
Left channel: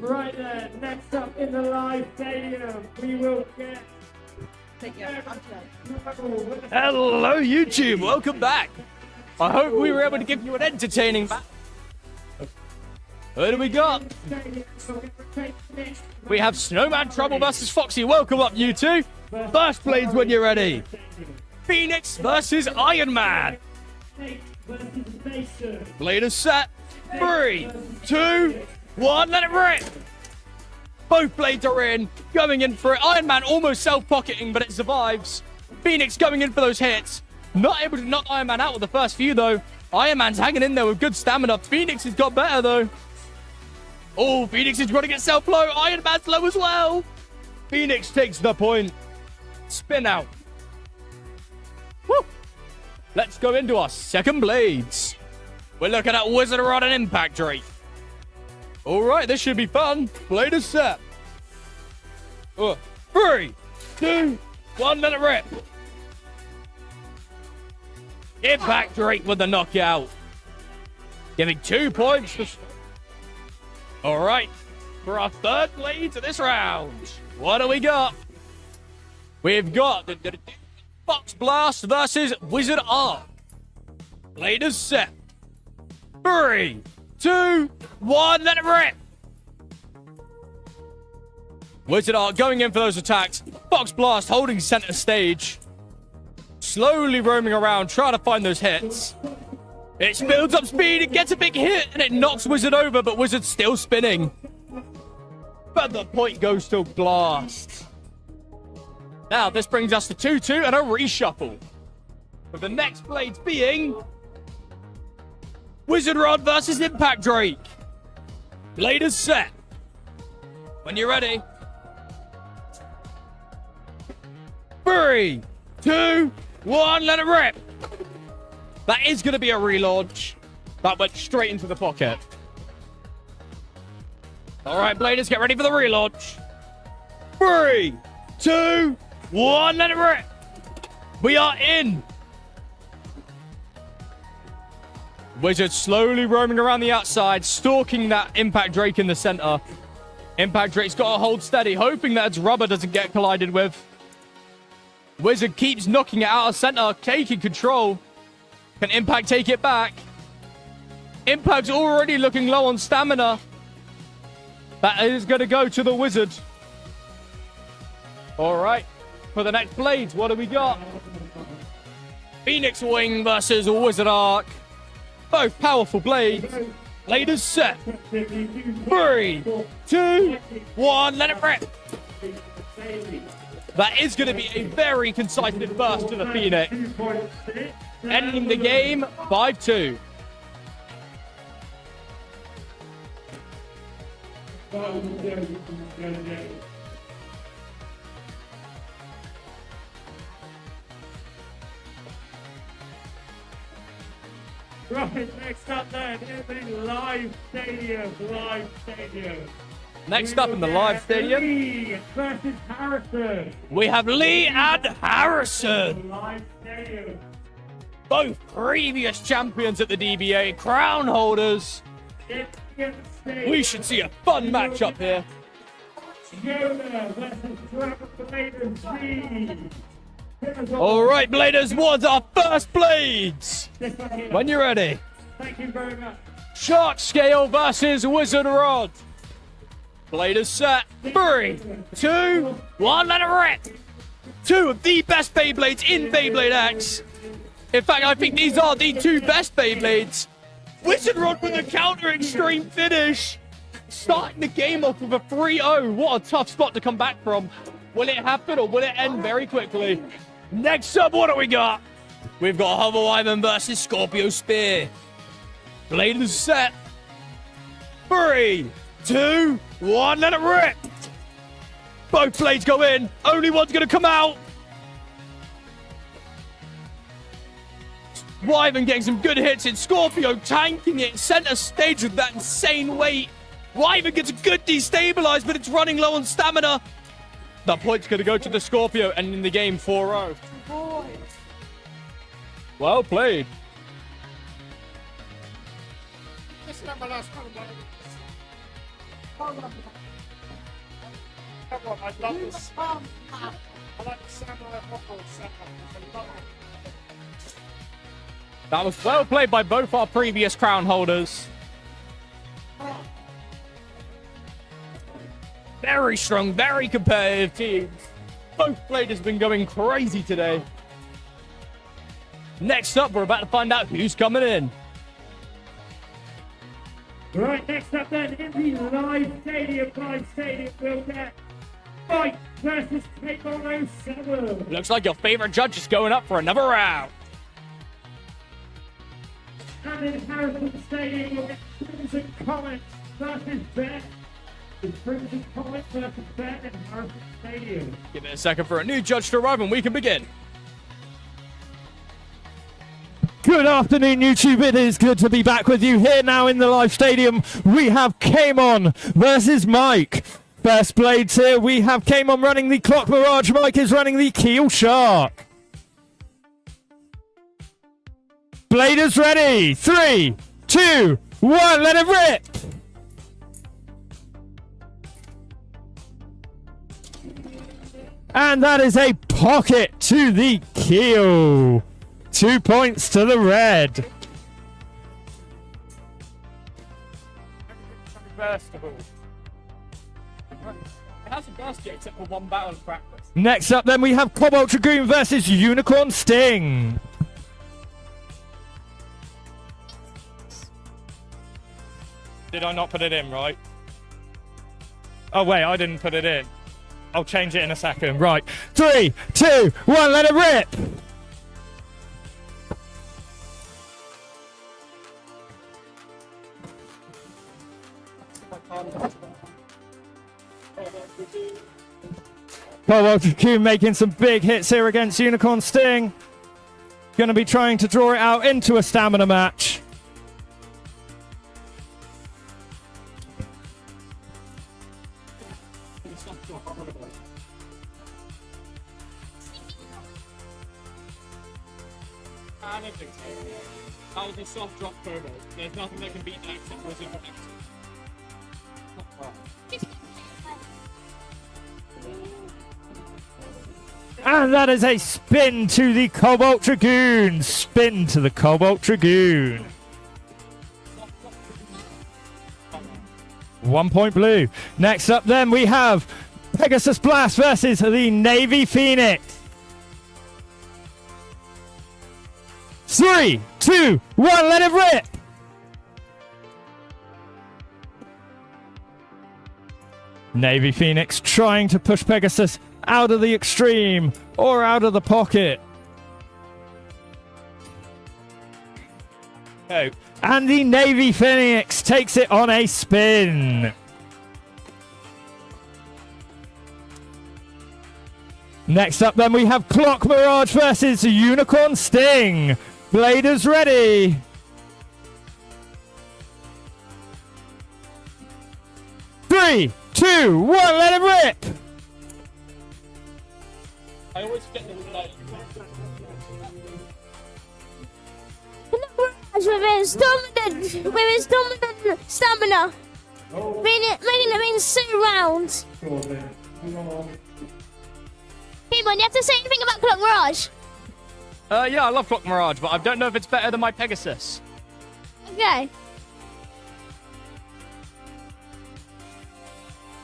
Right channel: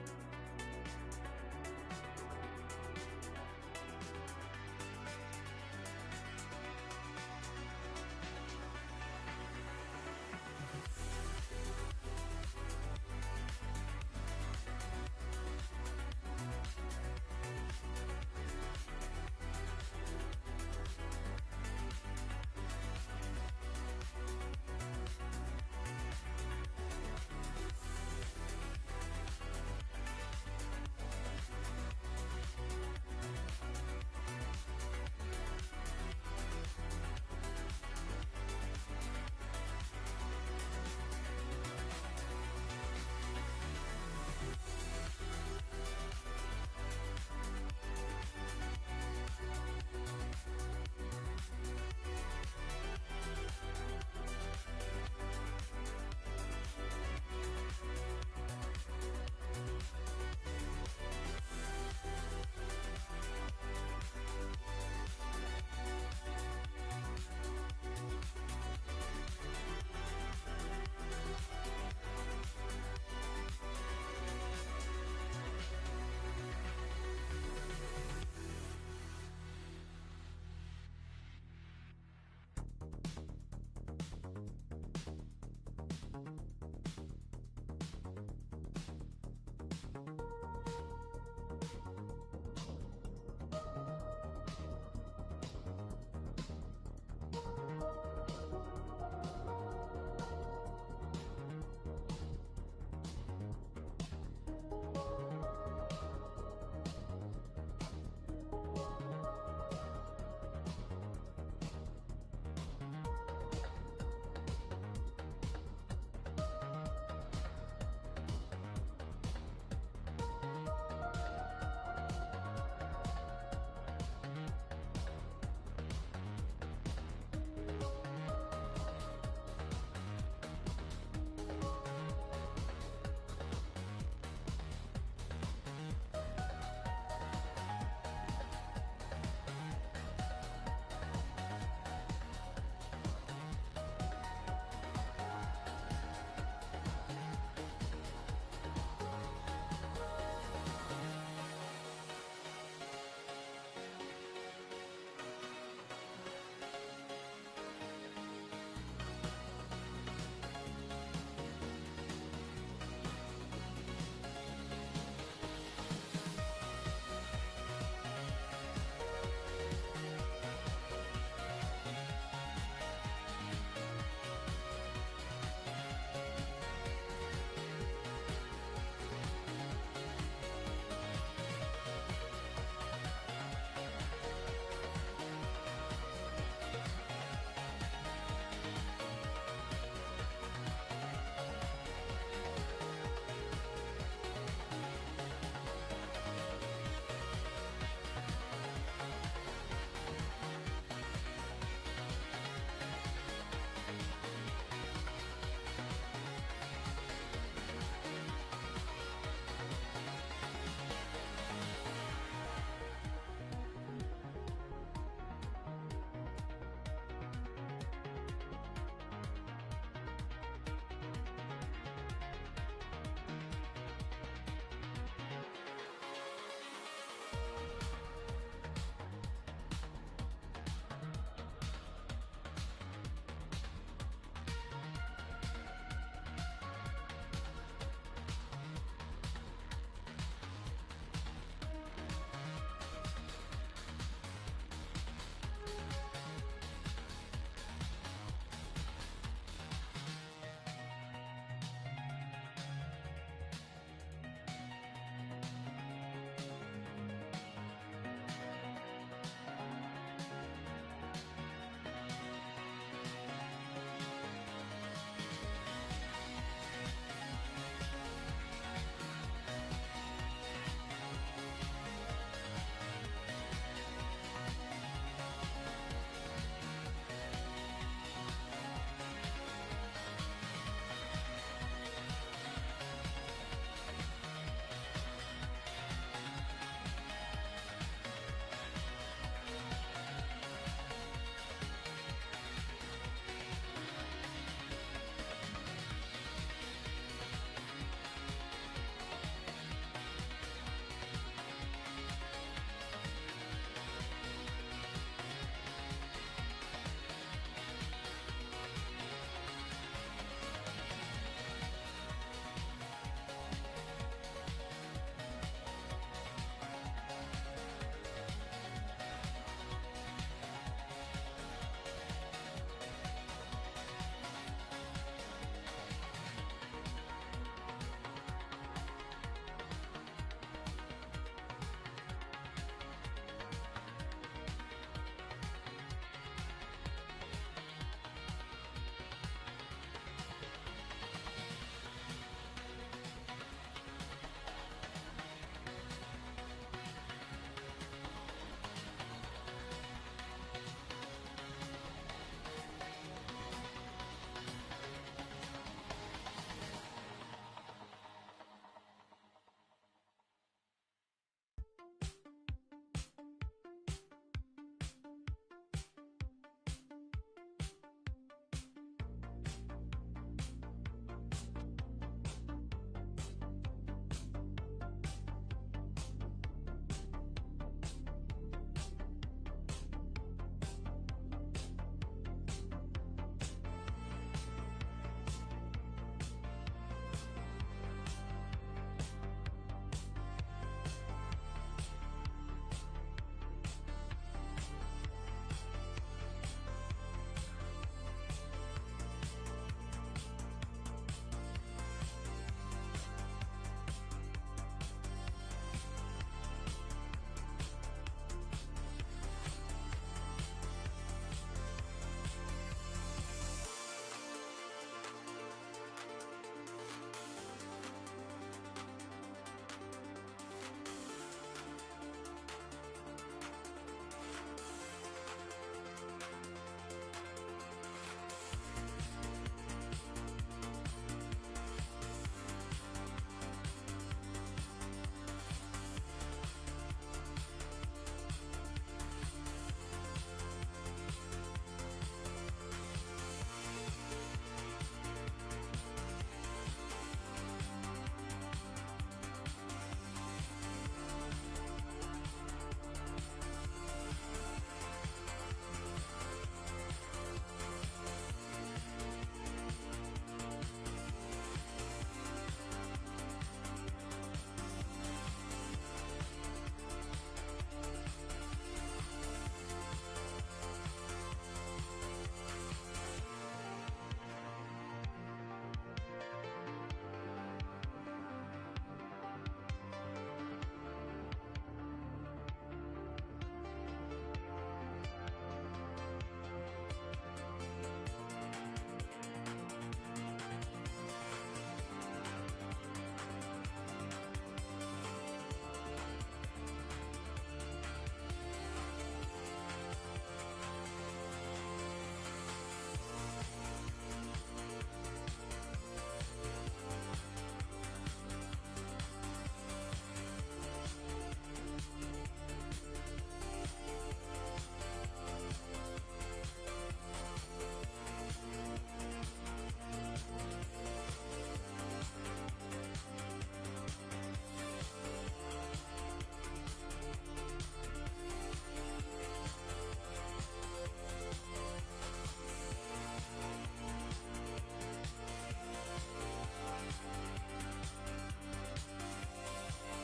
Right there, next up in the live stadium, we will get. Hello, YouTube. Welcome back. I hope we were able to give you an entertaining match. What do we got? We have Snowman Trouble versus Foxy. Welcome up, you two. First blades when you're ready. Phoenix versus Iron Man. Blade is set. 3, 2, 1, let it rip. Both blades are in, going in for it. Iron Man almost self-pocketing, but it survives. Phoenix going in for those hits. Not able to knock Iron Man out with the first few, though. Iron Man's hanging in there with good stamina. Phoenix has got better, though. Oh, Phoenix is running itself low. Iron Man's low as well. Phoenix takes the point. Spin out. Woo. Let's go into our second blades. We're looking at Wizard Rod and Impact Drake. All right, this should be fun. Blade is set. 3, 2, 1, let it rip. Impact Drake with the knockout. Giving 2 points. All right. For our third blade of this round. What do we got? We've got the Fox Blast versus Wizard Arc. Blade is set. 3, 2, 1, let it rip. Wizard Arc going in for those attacks. Fox Blast holding center stage. Slowly roaming around, trying to find those hits. It builds up speed, it gets a big hit, and it knocks Wizard over, but Wizard's still spinning. But the point goes to Blast. Now, this brings us to 2-2 and a reshuffle. With the next blades being Wizard Rod versus Impact Drake. Blade is set. When you're ready. 3, 2, 1, let it rip. That is going to be a relaunch. That went straight into the pocket. All right, Bladers, get ready for the relaunch. 3, 2, 1, let it rip. We are in. Wizard slowly roaming around the outside, stalking that Impact Drake in the center. Impact Drake's got to hold steady, hoping that its rubber doesn't get collided with. Wizard keeps knocking it out of center, taking control. Can Impact take it back? Impact's already looking low on stamina. That is going to go to the Wizard. All right. For the next blades, what do we got? Phoenix Wing versus Wizard Arc. Both powerful blades. Blade is set. 3, 2, 1, let it rip. That is going to be a very concise burst to the Phoenix. Ending the game 5-2. Right, next up then in the live stadium. Next up in the live stadium, Lee versus Harrison. we have Lee and Harrison. Live stadium. Both previous champions at the DBA, crown holders. We should see a fun matchup here. Yoda versus Dragon. All right, Bladers, what's our first blades? When you're ready. Thank you very much. Shark Scale versus Wizard Rod. Bladers set. 3, 2, 1, let it rip. 2 of the best Beyblades in Beyblade X. In fact, I think these are the 2 best Beyblades. Wizard Rod with a counter extreme finish. Starting the game off with a 3-0. What a tough spot to come back from. Will it happen or will it end very quickly? Next up, what do we got? We've got Hover Wyvern versus Scorpio Spear. Blade is set. 3, 2, 1, let it rip. Both blades go in. Only one's going to come out. Wyvern getting some good hits in. Scorpio tanking it center stage with that insane weight. Wyvern gets a good destabilize, but it's running low on stamina. That point's going to go to the Scorpio, and in the game 4-0. Well played. That was well played by both our previous crown holders. Very strong, very competitive teams. Both players have been going crazy today. Next up, we're about to find out who's coming in. Right, next up then in the live stadium, we'll get Fight versus Table 07. Looks like your favorite judge is going up for another round. And in Harrison Stadium, we'll get Crimson Comet versus Ben. Crimson Comet versus Ben in Harrison Stadium. Give it a second for a new judge to arrive and we can begin. Good afternoon, YouTube. It is good to be back with you here now in the live stadium. We have Kamon versus Mike. First blades here. We have Kamon running the Clock Mirage. Mike is running the Keel Shark. Bladers ready. 3, 2, 1, let it rip. And that is a pocket to the keel. 2 points to the red. Except for one battle of practice. Next up, then, we have Cobalt Dragoon versus Unicorn Sting. Did I not put it in, right? Oh, wait, I didn't put it in. I'll change it in a second. Right. 3, 2, 1, let it rip. Cobalt Dragoon making some big hits here against Unicorn Sting. Going to be trying to draw it out into a stamina match. That was a soft drop turbo. There's nothing that can beat that except for the And that is a spin to the Cobalt Dragoon. Spin to the Cobalt Dragoon. 1 point blue. Next up then we have Pegasus Blast versus the Navy Phoenix. 3, 2, 1, let it rip. Navy Phoenix trying to push Pegasus out of the extreme or out of the pocket. Oh. And the Navy Phoenix takes it on a spin. Next up then we have Clock Mirage versus Unicorn Sting. Bladers ready. 3, 2, 1, let it rip. I always get the light. With his dominant stamina, making it in 2 rounds. Kimon, you have to say anything about Clock Mirage? Yeah, I love Clock Mirage, but I don't know if it's better than my Pegasus. Okay.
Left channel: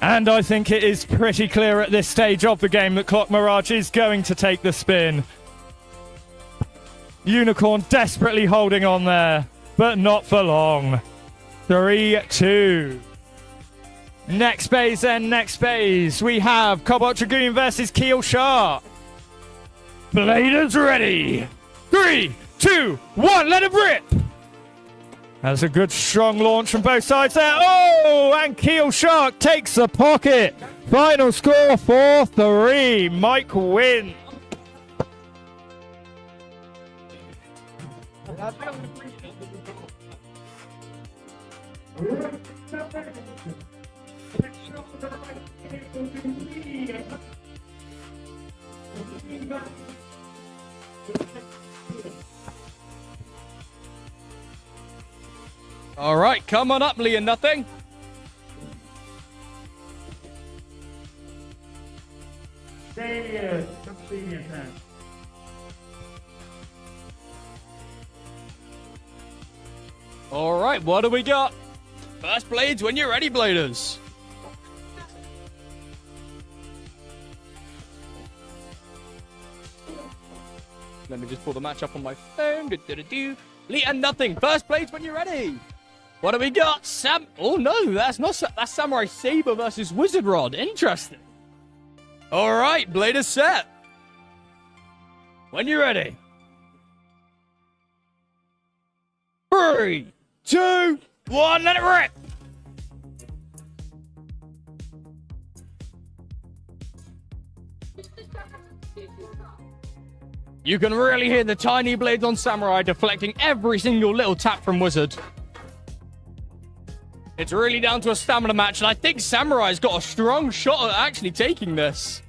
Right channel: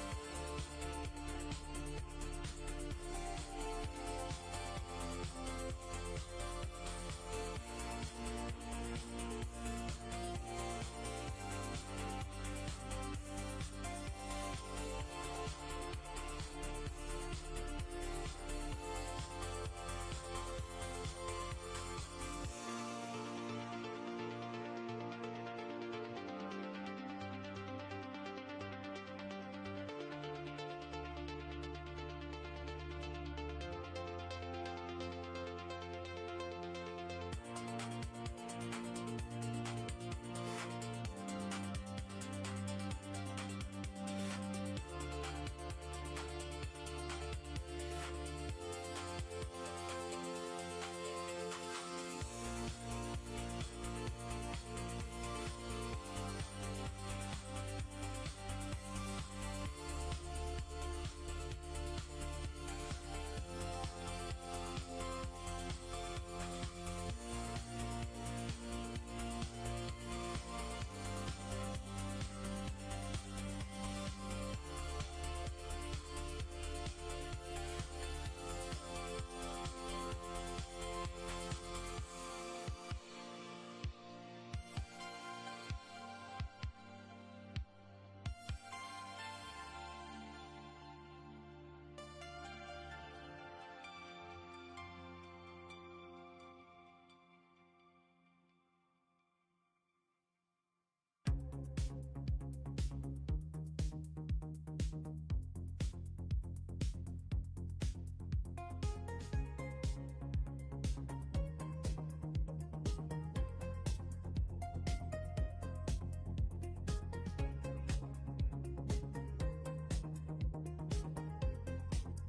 And I think it is pretty clear at this stage of the game that Clock Mirage is going to take the spin. Unicorn desperately holding on there, but not for long. 3, 2. Next phase then, next phase. We have Cobalt Dragoon versus Keel Shark. Bladers ready. 3, 2, 1, let it rip. That's a good strong launch from both sides there. Oh, and Keel Shark takes the pocket. Final score 4-3. Mike wins. All right, come on up, Lee and Nothing. All right, what do we got? First blades when you're ready, Bladers. Let me just pull the match up on my phone. Do-do-do-do. Lee and Nothing. First blades when you're ready. What do we got? Oh no, that's not. That's Samurai Saber versus Wizard Rod. Interesting. All right, Bladers set. When you're ready. 3, 2, 1, let it rip. You can really hear the tiny blades on Samurai deflecting every single little tap from Wizard. It's really down to a stamina match, and I think Samurai's got a strong shot at actually taking this.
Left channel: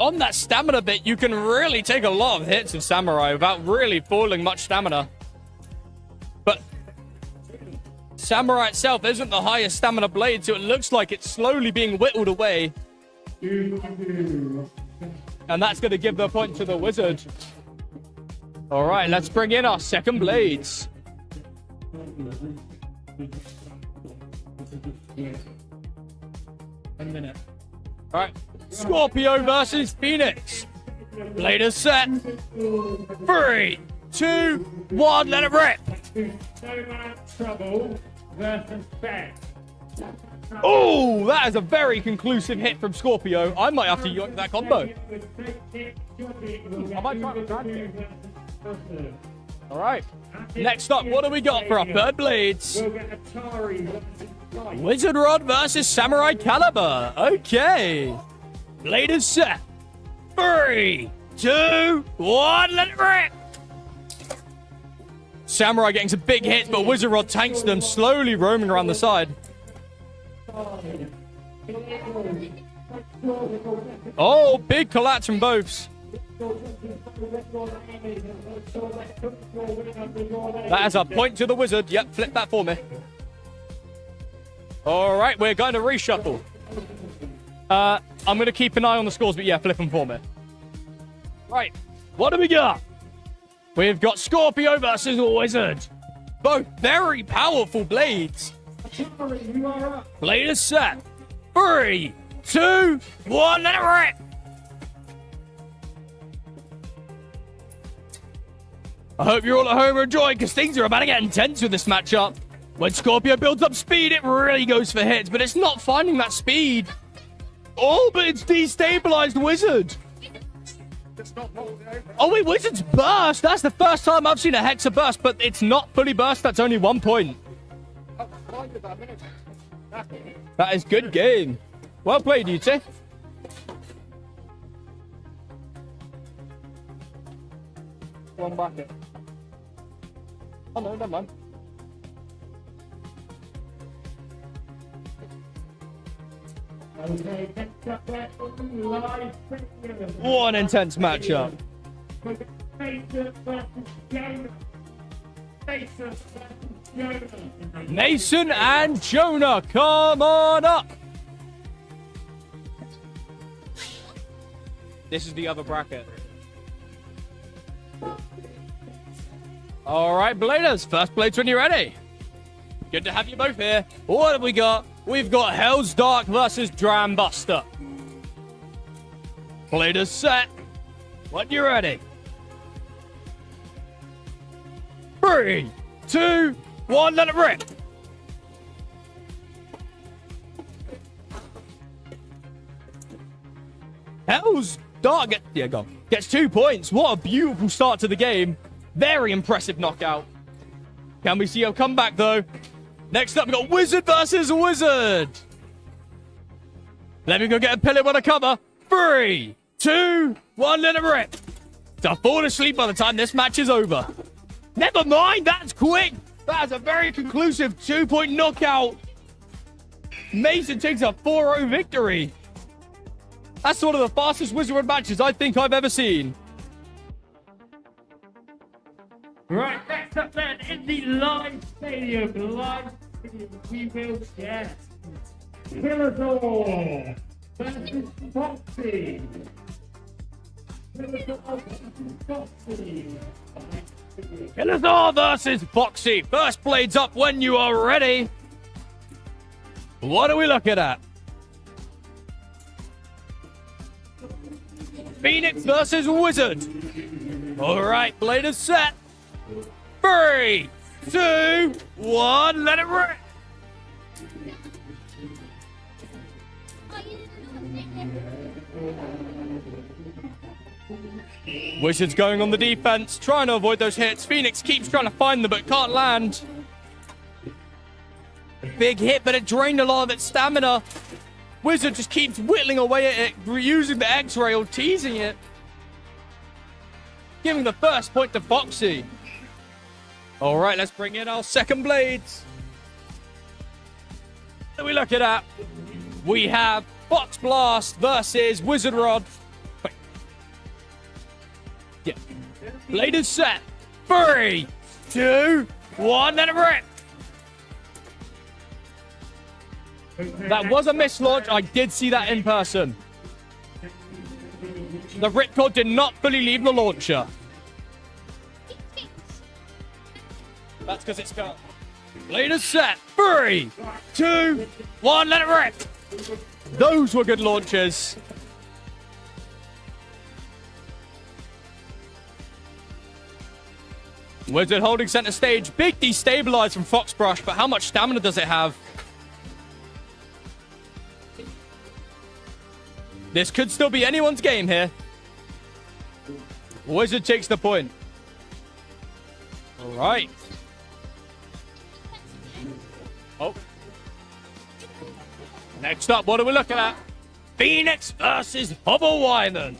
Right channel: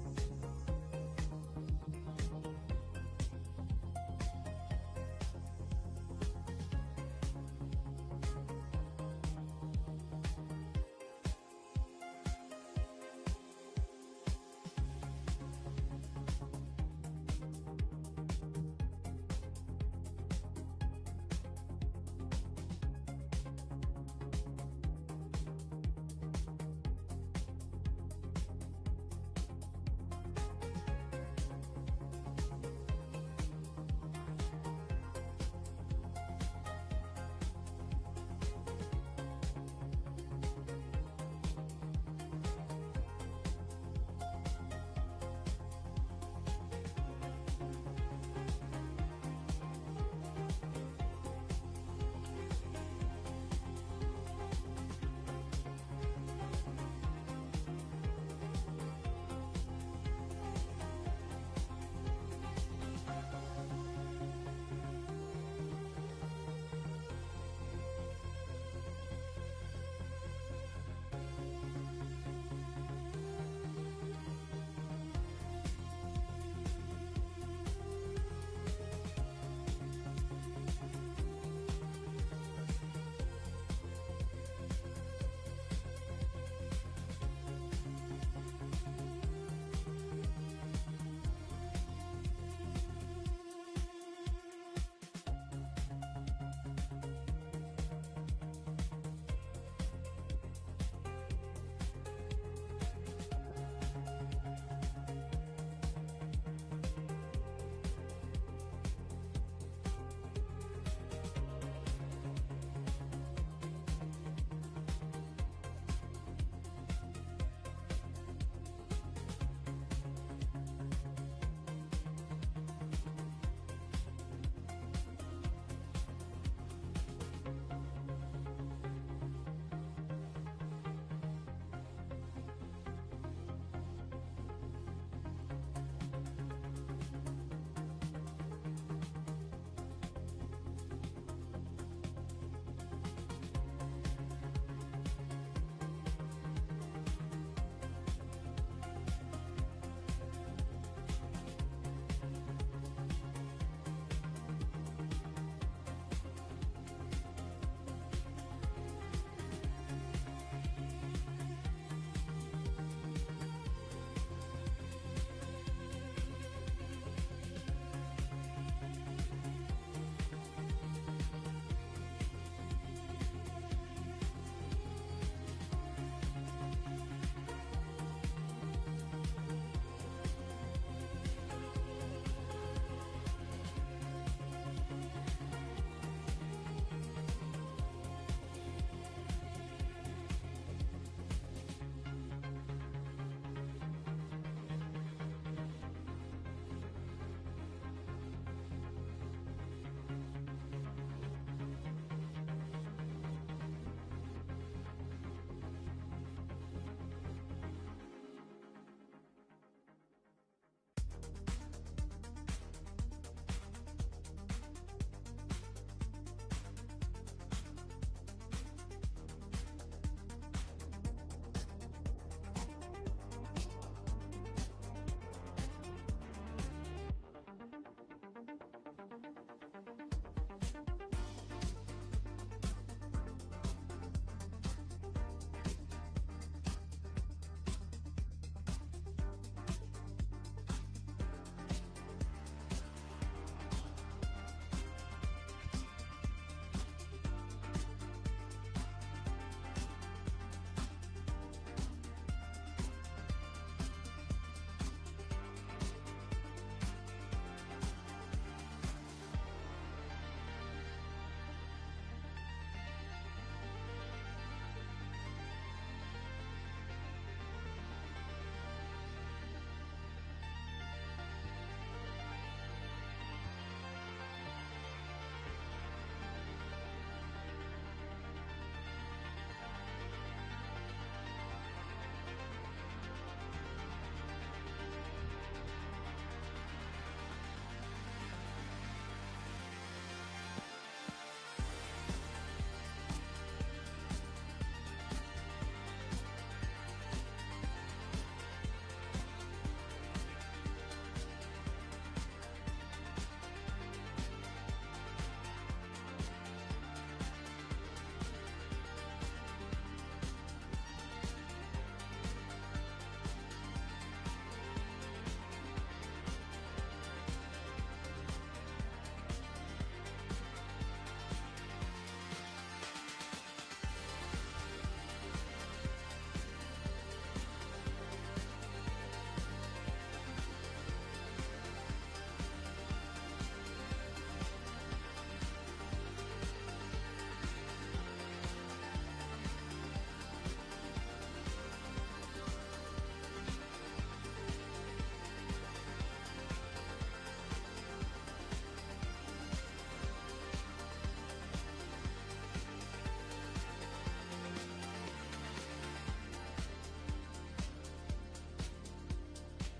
on that stamina bit, you can really take a lot of hits of Samurai without really falling much stamina. But Samurai itself isn't the highest stamina blade, so it looks like it's slowly being whittled away. And that's going to give the point to the Wizard. All right, let's bring in our second blades. All right, Scorpio versus Phoenix. Blade is set. 3, 2, 1, let it rip. Oh, that is a very conclusive hit from Scorpio. I might have to yoink that combo. I might try to grab it. All right. Next up, what do we got for our third blades? Wizard Rod versus Samurai Caliber. Okay. Blade is set. 3, 2, 1, let it rip. Samurai getting some big hits, but Wizard Rod tanks them, slowly roaming around the side. Oh, big collapse from both. That is a point to the Wizard. Yep, flip that for me. All right, we're going to reshuffle. I'm going to keep an eye on the scores, but yeah, flip them for me. Right, what do we got? We've got Scorpio versus Wizard. Both very powerful blades. Blade is set. 3, 2, 1, let it rip. I hope you're all at home enjoying, because things are about to get intense with this matchup. When Scorpio builds up speed, it really goes for hits, but it's not finding that speed. Oh, but it's destabilized Wizard. Oh, wait, Wizard's burst. That's the first time I've seen a Hexa burst, but it's not fully burst. That's only 1 point. That is good game. Well played, you two. One bracket. Oh, no, never mind. One intense matchup. Mason and Jonah, come on up. This is the other bracket. All right, Bladers, first blades when you're ready. Good to have you both here. What have we got? We've got Hell's Dark versus Dram Buster. Bladers set. When you're ready. 3, 2, 1, let it rip. Hell's Dark gets 2 points. What a beautiful start to the game. Very impressive knockout. Can we see a comeback, though? Next up, we've got Wizard versus Wizard. Let me go get a pillow on a cover. 3, 2, 1, let it rip. To fall asleep by the time this match is over. Never mind, that's quick. That's a very conclusive 2-point knockout. Mason takes a 4-0 victory. That's one of the fastest Wizard matches I think I've ever seen. Right, next up then, in the live stadium, we will get Killador versus Foxy. Killador versus Foxy. First blades up when you are ready. What are we looking at? Phoenix versus Wizard. All right, blade is set. 3, 2, 1, let it rip. Wizard's going on the defense, trying to avoid those hits. Phoenix keeps trying to find them, but can't land. Big hit, but it drained a lot of its stamina. Wizard just keeps whittling away at it, reusing the X-ray or teasing it. Giving the first point to Foxy. All right, let's bring in our second blades. What are we looking at? We have Fox Blast versus Wizard Rod. Wait, Blade is set. 3, 2, 1, let it rip. That was a mislaunch. I did see that in person. The ripcord did not fully leave the launcher. That's because it's got. Blade is set. 3, 2, 1, let it rip. Those were good launches. Wizard holding center stage. Big destabilize from Foxbrush, but how much stamina does it have? This could still be anyone's game here. Wizard takes the point. All right. Oh. Next up, what are we looking at? Phoenix versus Hobble Wyman.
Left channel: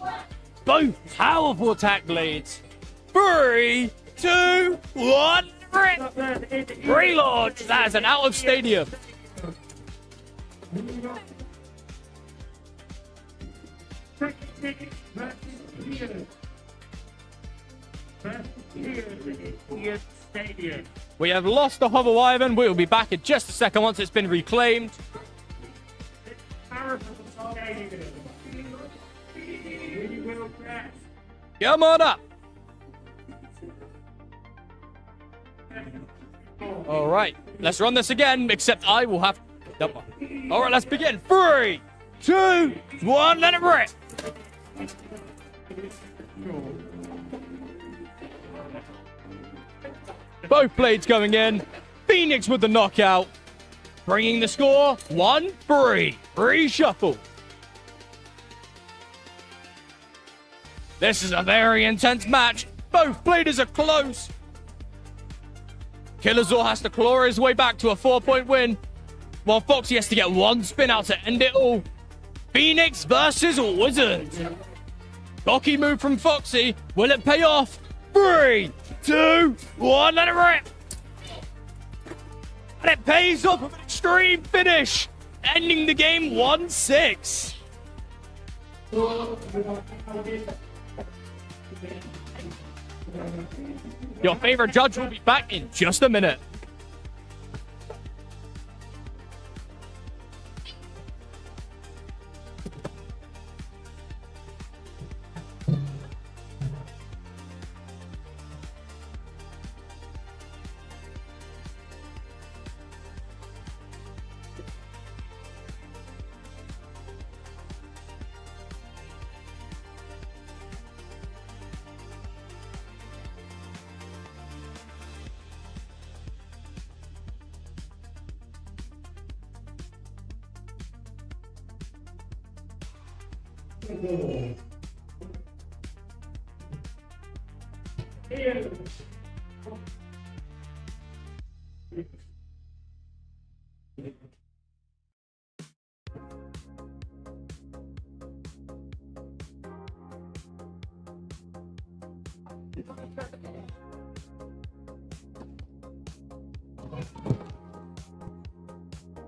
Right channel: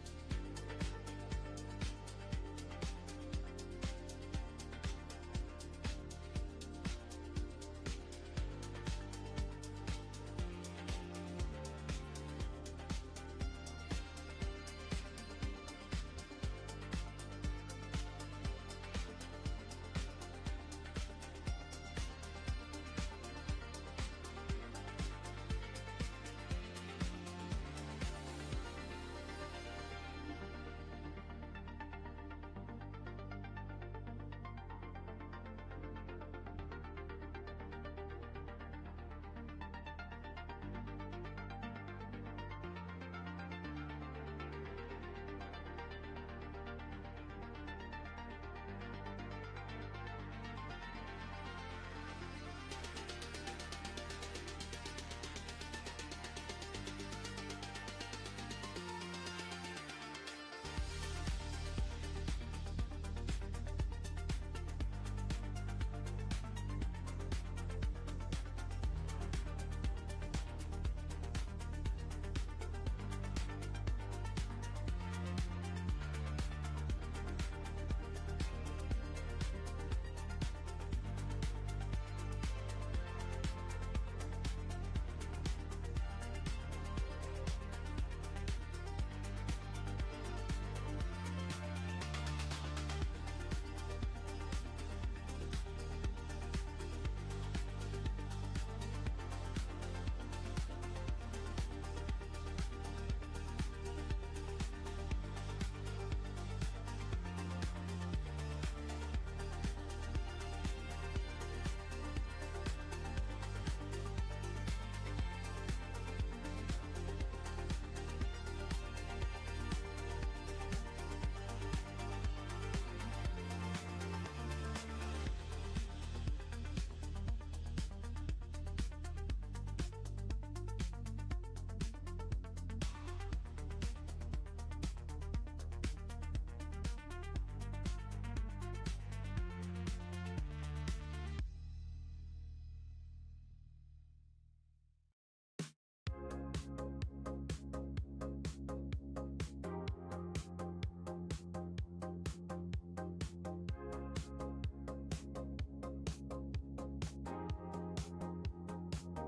Both powerful attack blades. 3, 2, 1, rip. Relaunch. That is an out of stadium. We have lost the Hobble Wyvern. We will be back in just a second once it's been reclaimed. Come on up. All right, let's run this again, except I will have... All right, let's begin. 3, 2, 1, let it rip. Both blades going in. Phoenix with the knockout. Bringing the score 1-3. Reshuffle. This is a very intense match. Both bladers are close. Killazor has to claw his way back to a 4-point win, while Foxy has to get one spin out to end it all. Phoenix versus Wizard. Cocky move from Foxy. Will it pay off? 3, 2, 1, let it rip. And it pays off with an extreme finish, ending the game 1-6. Your favorite judge will be back in just a minute.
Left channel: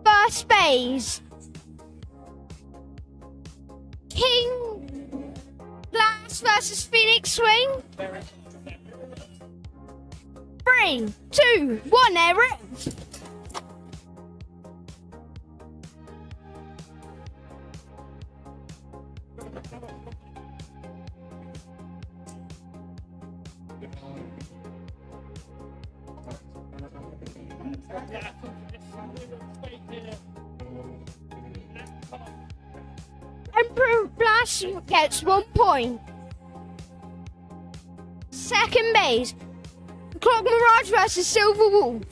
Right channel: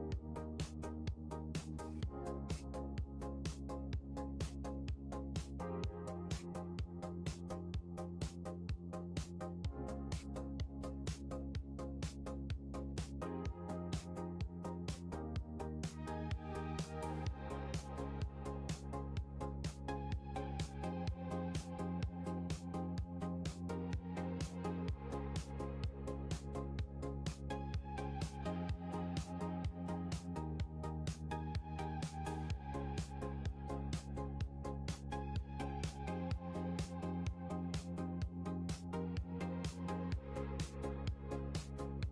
First phase. King Glass versus Phoenix Swing. 3, 2, 1, Eric. Emperor Blast gets 1 point. Second base. Clock Mirage versus Silver Wolf.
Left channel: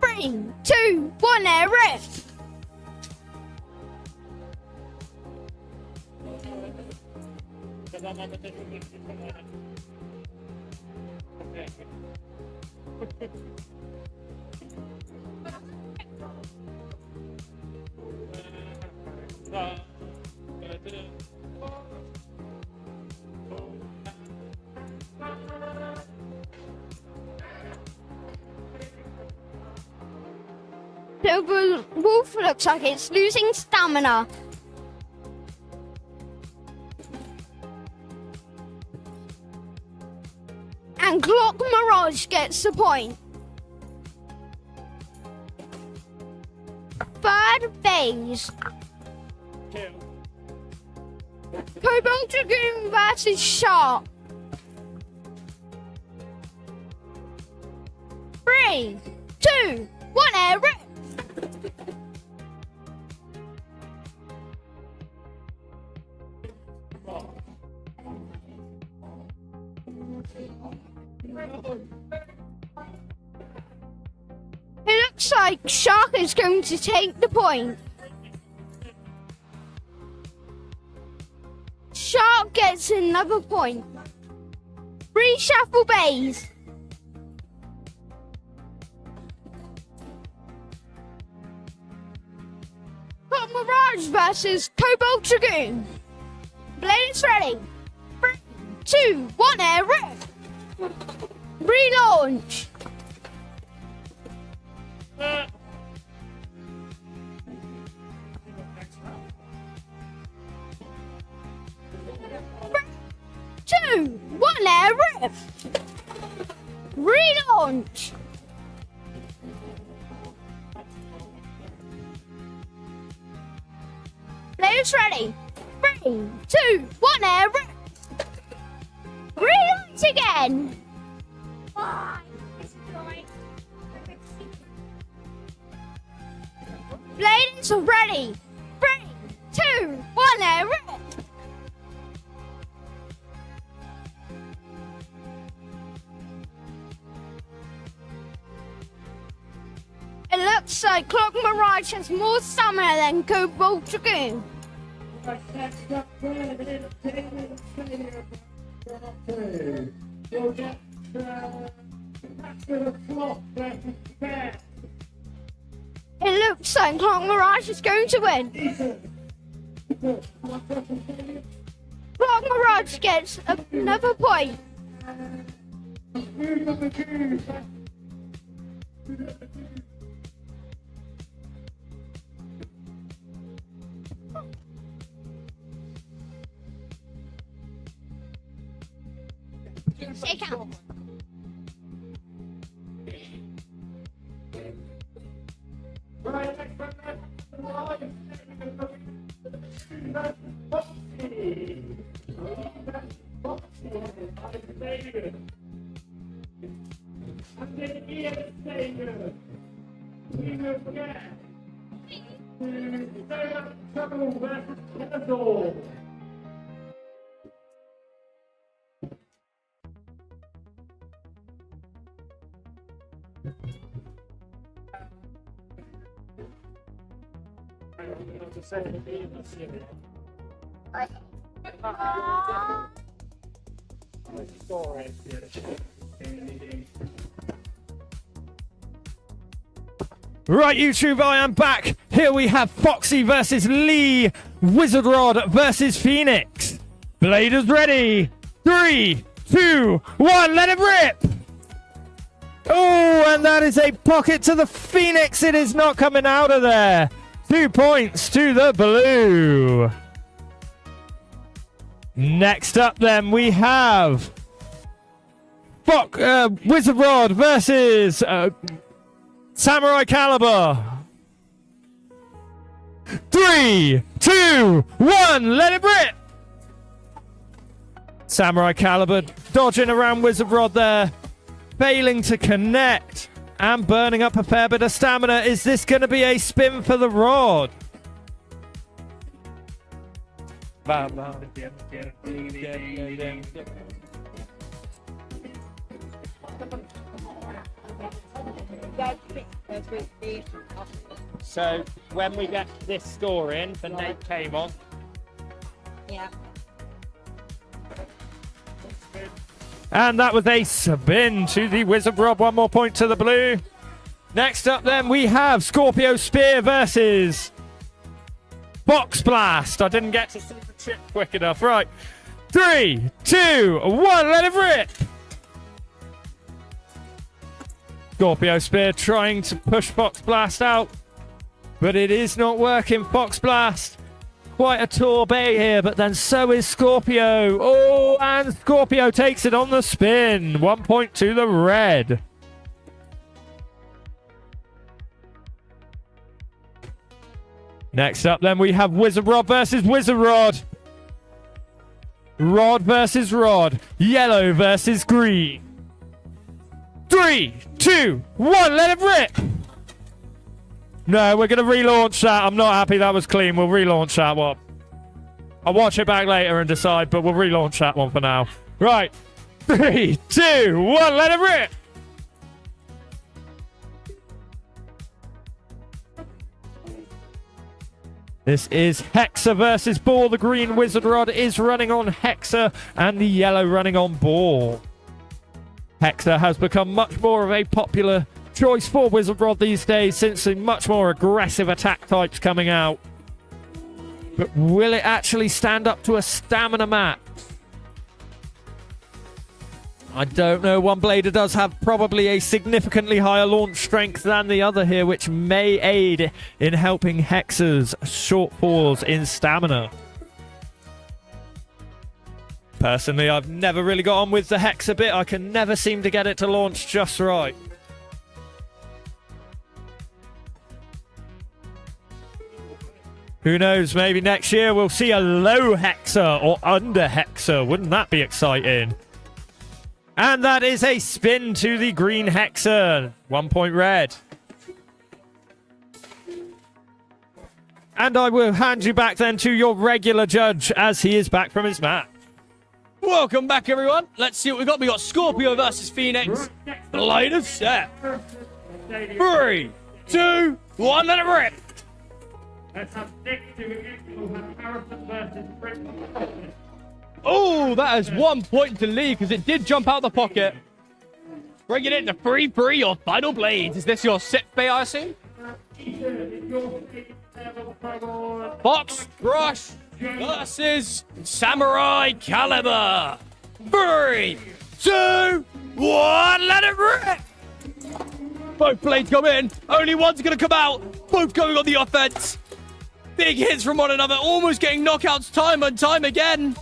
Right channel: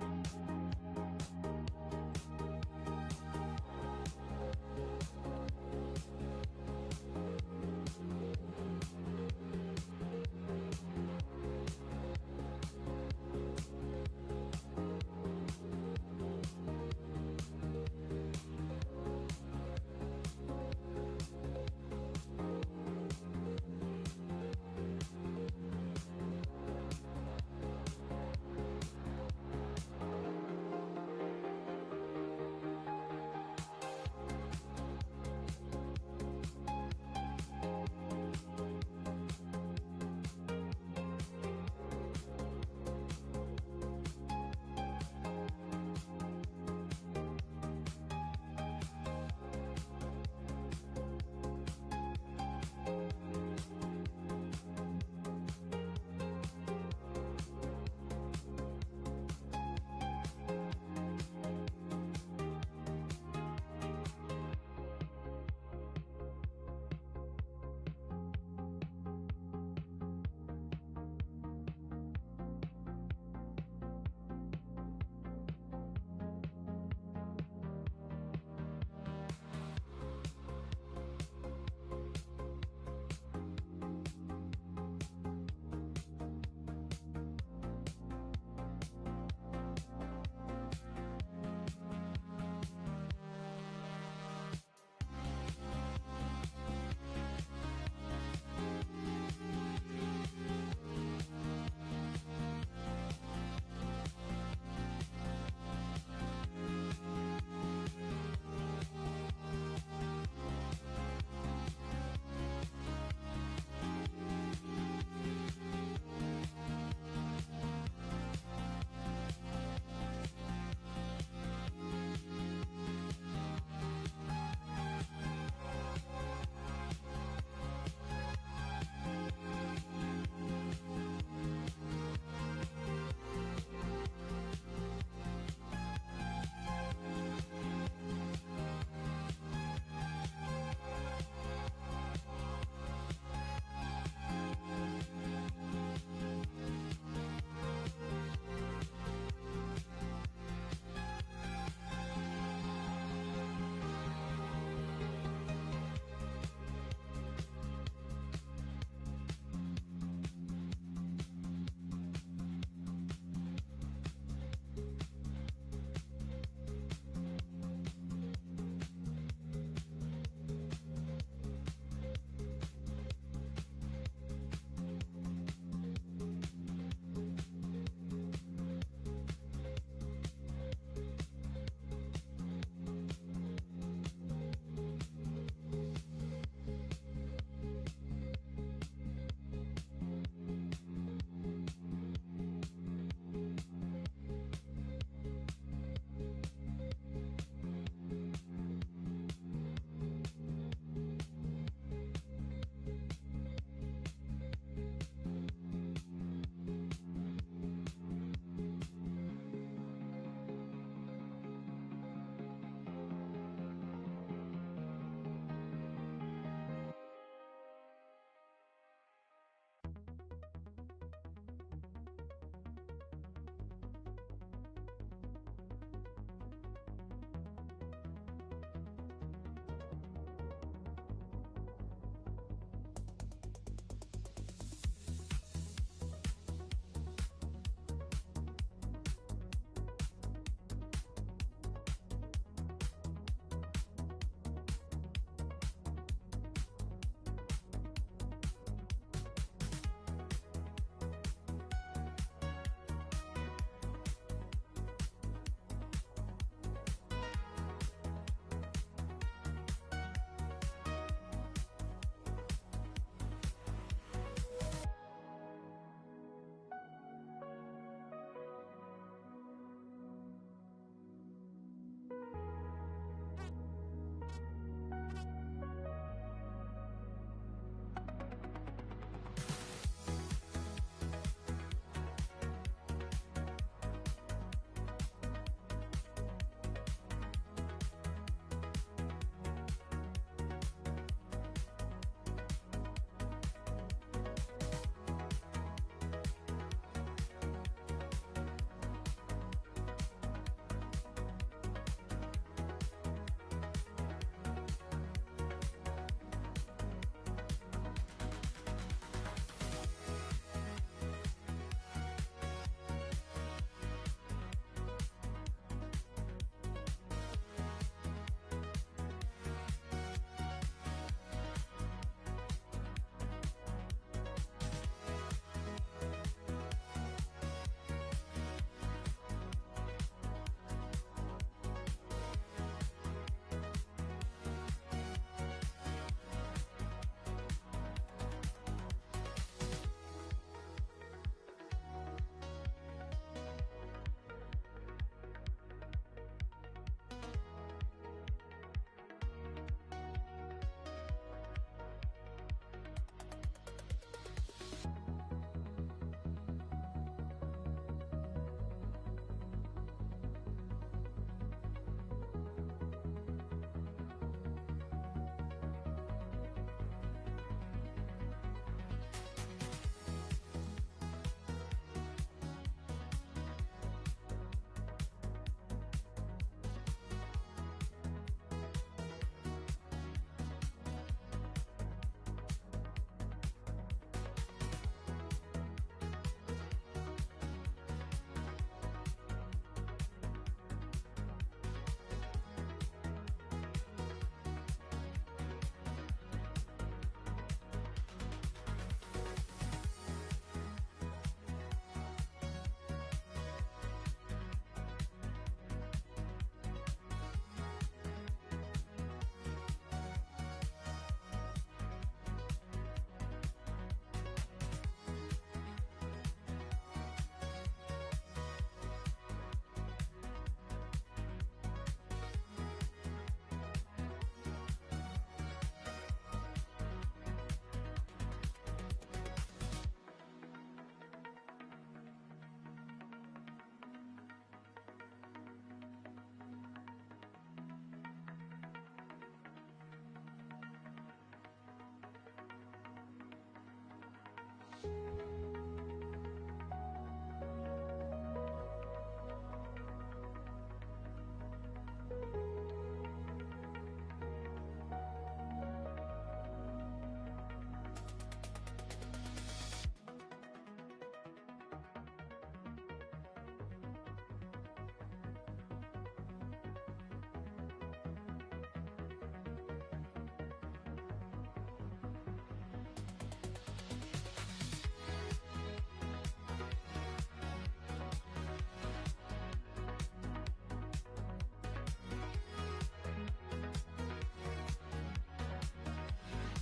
3, 2, 1, air rift. Silver Wolf looks like it's losing stamina. Mirage gets the point. Third phase. Cobalt Dragoon versus Shark. 3, 2, 1, air rip. It looks like Shark is going to take the point. Shark gets another point. Reshuffle bays. Got Mirage versus Cobalt Dragoon. Blades ready. 3, 2, 1, air rip. Relaunch. Two, 1, air rip. Relaunch. Players ready. 3, 2, 1, air rip. Relaunch again. Players ready. 3, 2, 1, air rip. It looks like Clock Mirage has more stamina than Cobalt Dragoon. It looks like Clock Mirage is going to win. Clock Mirage gets another point. Shake out. Right, YouTube, I am back. Here we have Foxy versus Lee, Wizard Rod versus Phoenix. Bladers ready. 3, 2, 1, let it rip. Oh, and that is a pocket to the Phoenix. It is not coming out of there. 2 points to the blue. Next up, then, we have Wizard Rod versus Samurai Caliber. 3, 2, 1, let it rip. Samurai Caliber dodging around Wizard Rod there, failing to connect and burning up a fair bit of stamina. Is this going to be a spin for the rod? So when we get this score in, the name came on. Yeah. And that was a spin to the Wizard Rod. 1 more point to the blue. Next up then we have Scorpio Spear versus Box Blast. I didn't get to see the trick quick enough. Right. 3, 2, 1, let it rip. Scorpio Spear trying to push Box Blast out, but it is not working. Box Blast quite a tourbillon here, but then so is Scorpio. Oh, and Scorpio takes it on the spin. 1 point to the red. Next up, then, we have Wizard Rod versus Wizard Rod. Rod versus Rod. Yellow versus green. 3, 2, 1, let it rip! No, we're going to relaunch that. I'm not happy that was clean. We'll relaunch that one. I'll watch it back later and decide, but we'll relaunch that one for now. Right. 3, 2, 1, let it rip! This is Hexa versus Ball. The green Wizard Rod is running on Hexa and the yellow running on Ball. Hexa has become much more of a popular choice for Wizard Rod these days since the much more aggressive attack types coming out. But will it actually stand up to a stamina max? I don't know. One blader does have probably a significantly higher launch strength than the other here, which may aid in helping Hexa's shortfalls in stamina. Personally, I've never really got on with the Hexa bit. I can never seem to get it to launch just right. Who knows, maybe next year we'll see a low Hexa or under Hexa. Wouldn't that be exciting? And that is a spin to the green Hexa. 1 point red. And I will hand you back then to your regular judge as he is back from his match. Welcome back, everyone. Let's see what we got. We got Scorpio versus Phoenix. Blader set. 3, 2, 1, let it rip. Let's have next to it. We'll have Harrison versus Christmas Spin. Oh, that is 1 point to lead because it did jump out the pocket. Bringing it to 3-3, your final blades. Is this your sit bay, I assume? Box Rush versus Samurai Caliber. 3, 2, 1, let it rip! Both blades come in. Only one's going to come out. Both going on the offense. Big hits from one another, almost getting knockouts time and time again.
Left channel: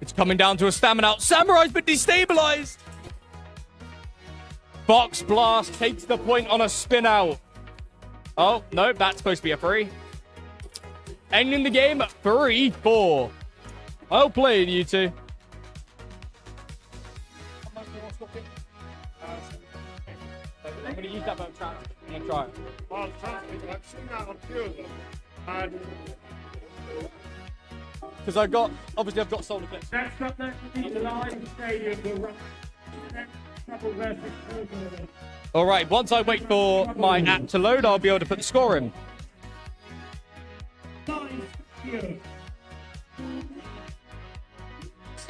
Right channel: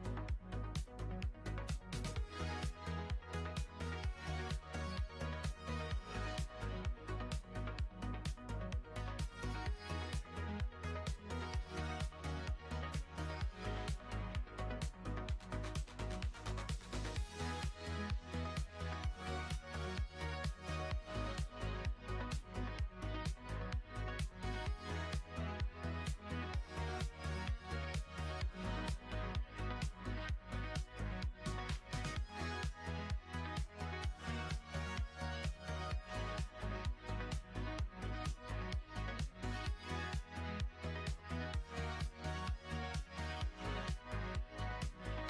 It's coming down to a stamina out. Samurai's been destabilized. Box Blast takes the point on a spin out. Oh, no, that's supposed to be a 3. Ending the game at 3-4. Well played, you two. I'm going to use that boat trap and try it. Well, trust me, I've seen that on few of them. And Because obviously I've got solar clips. next up then, the live stadium will run next couple versus Christmas. All right, once I wait for my app to load, I'll be able to put the score in.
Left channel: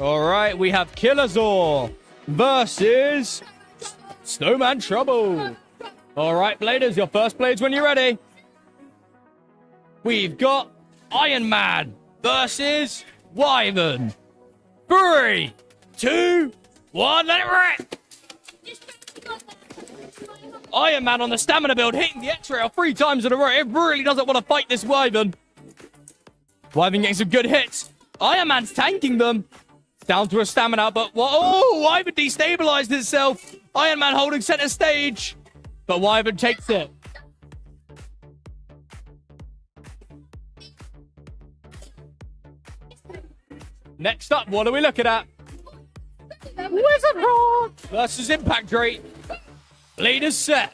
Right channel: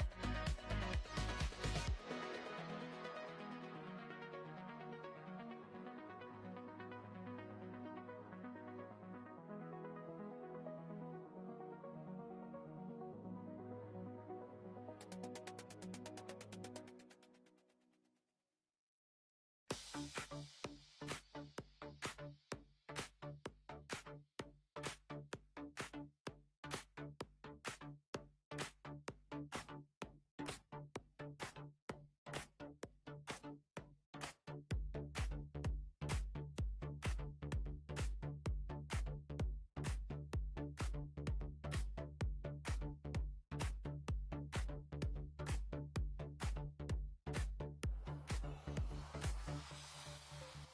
All right, we have Killerzor versus Snowman Trouble. All right, Bladers, your first blades when you're ready. We've got Iron Man versus Wyvern. 3, 2, 1, let it rip! Iron Man on the stamina build, hitting the X-Rail 3 times in a row. It really doesn't want to fight this Wyvern. Wyvern getting some good hits. Iron Man's tanking them. Down to a stamina, but oh, Wyvern destabilized itself. Iron Man holding center stage, but Wyvern takes it. Next up, what are we looking at? Wizard Rod versus Impact Drake. Leaders set.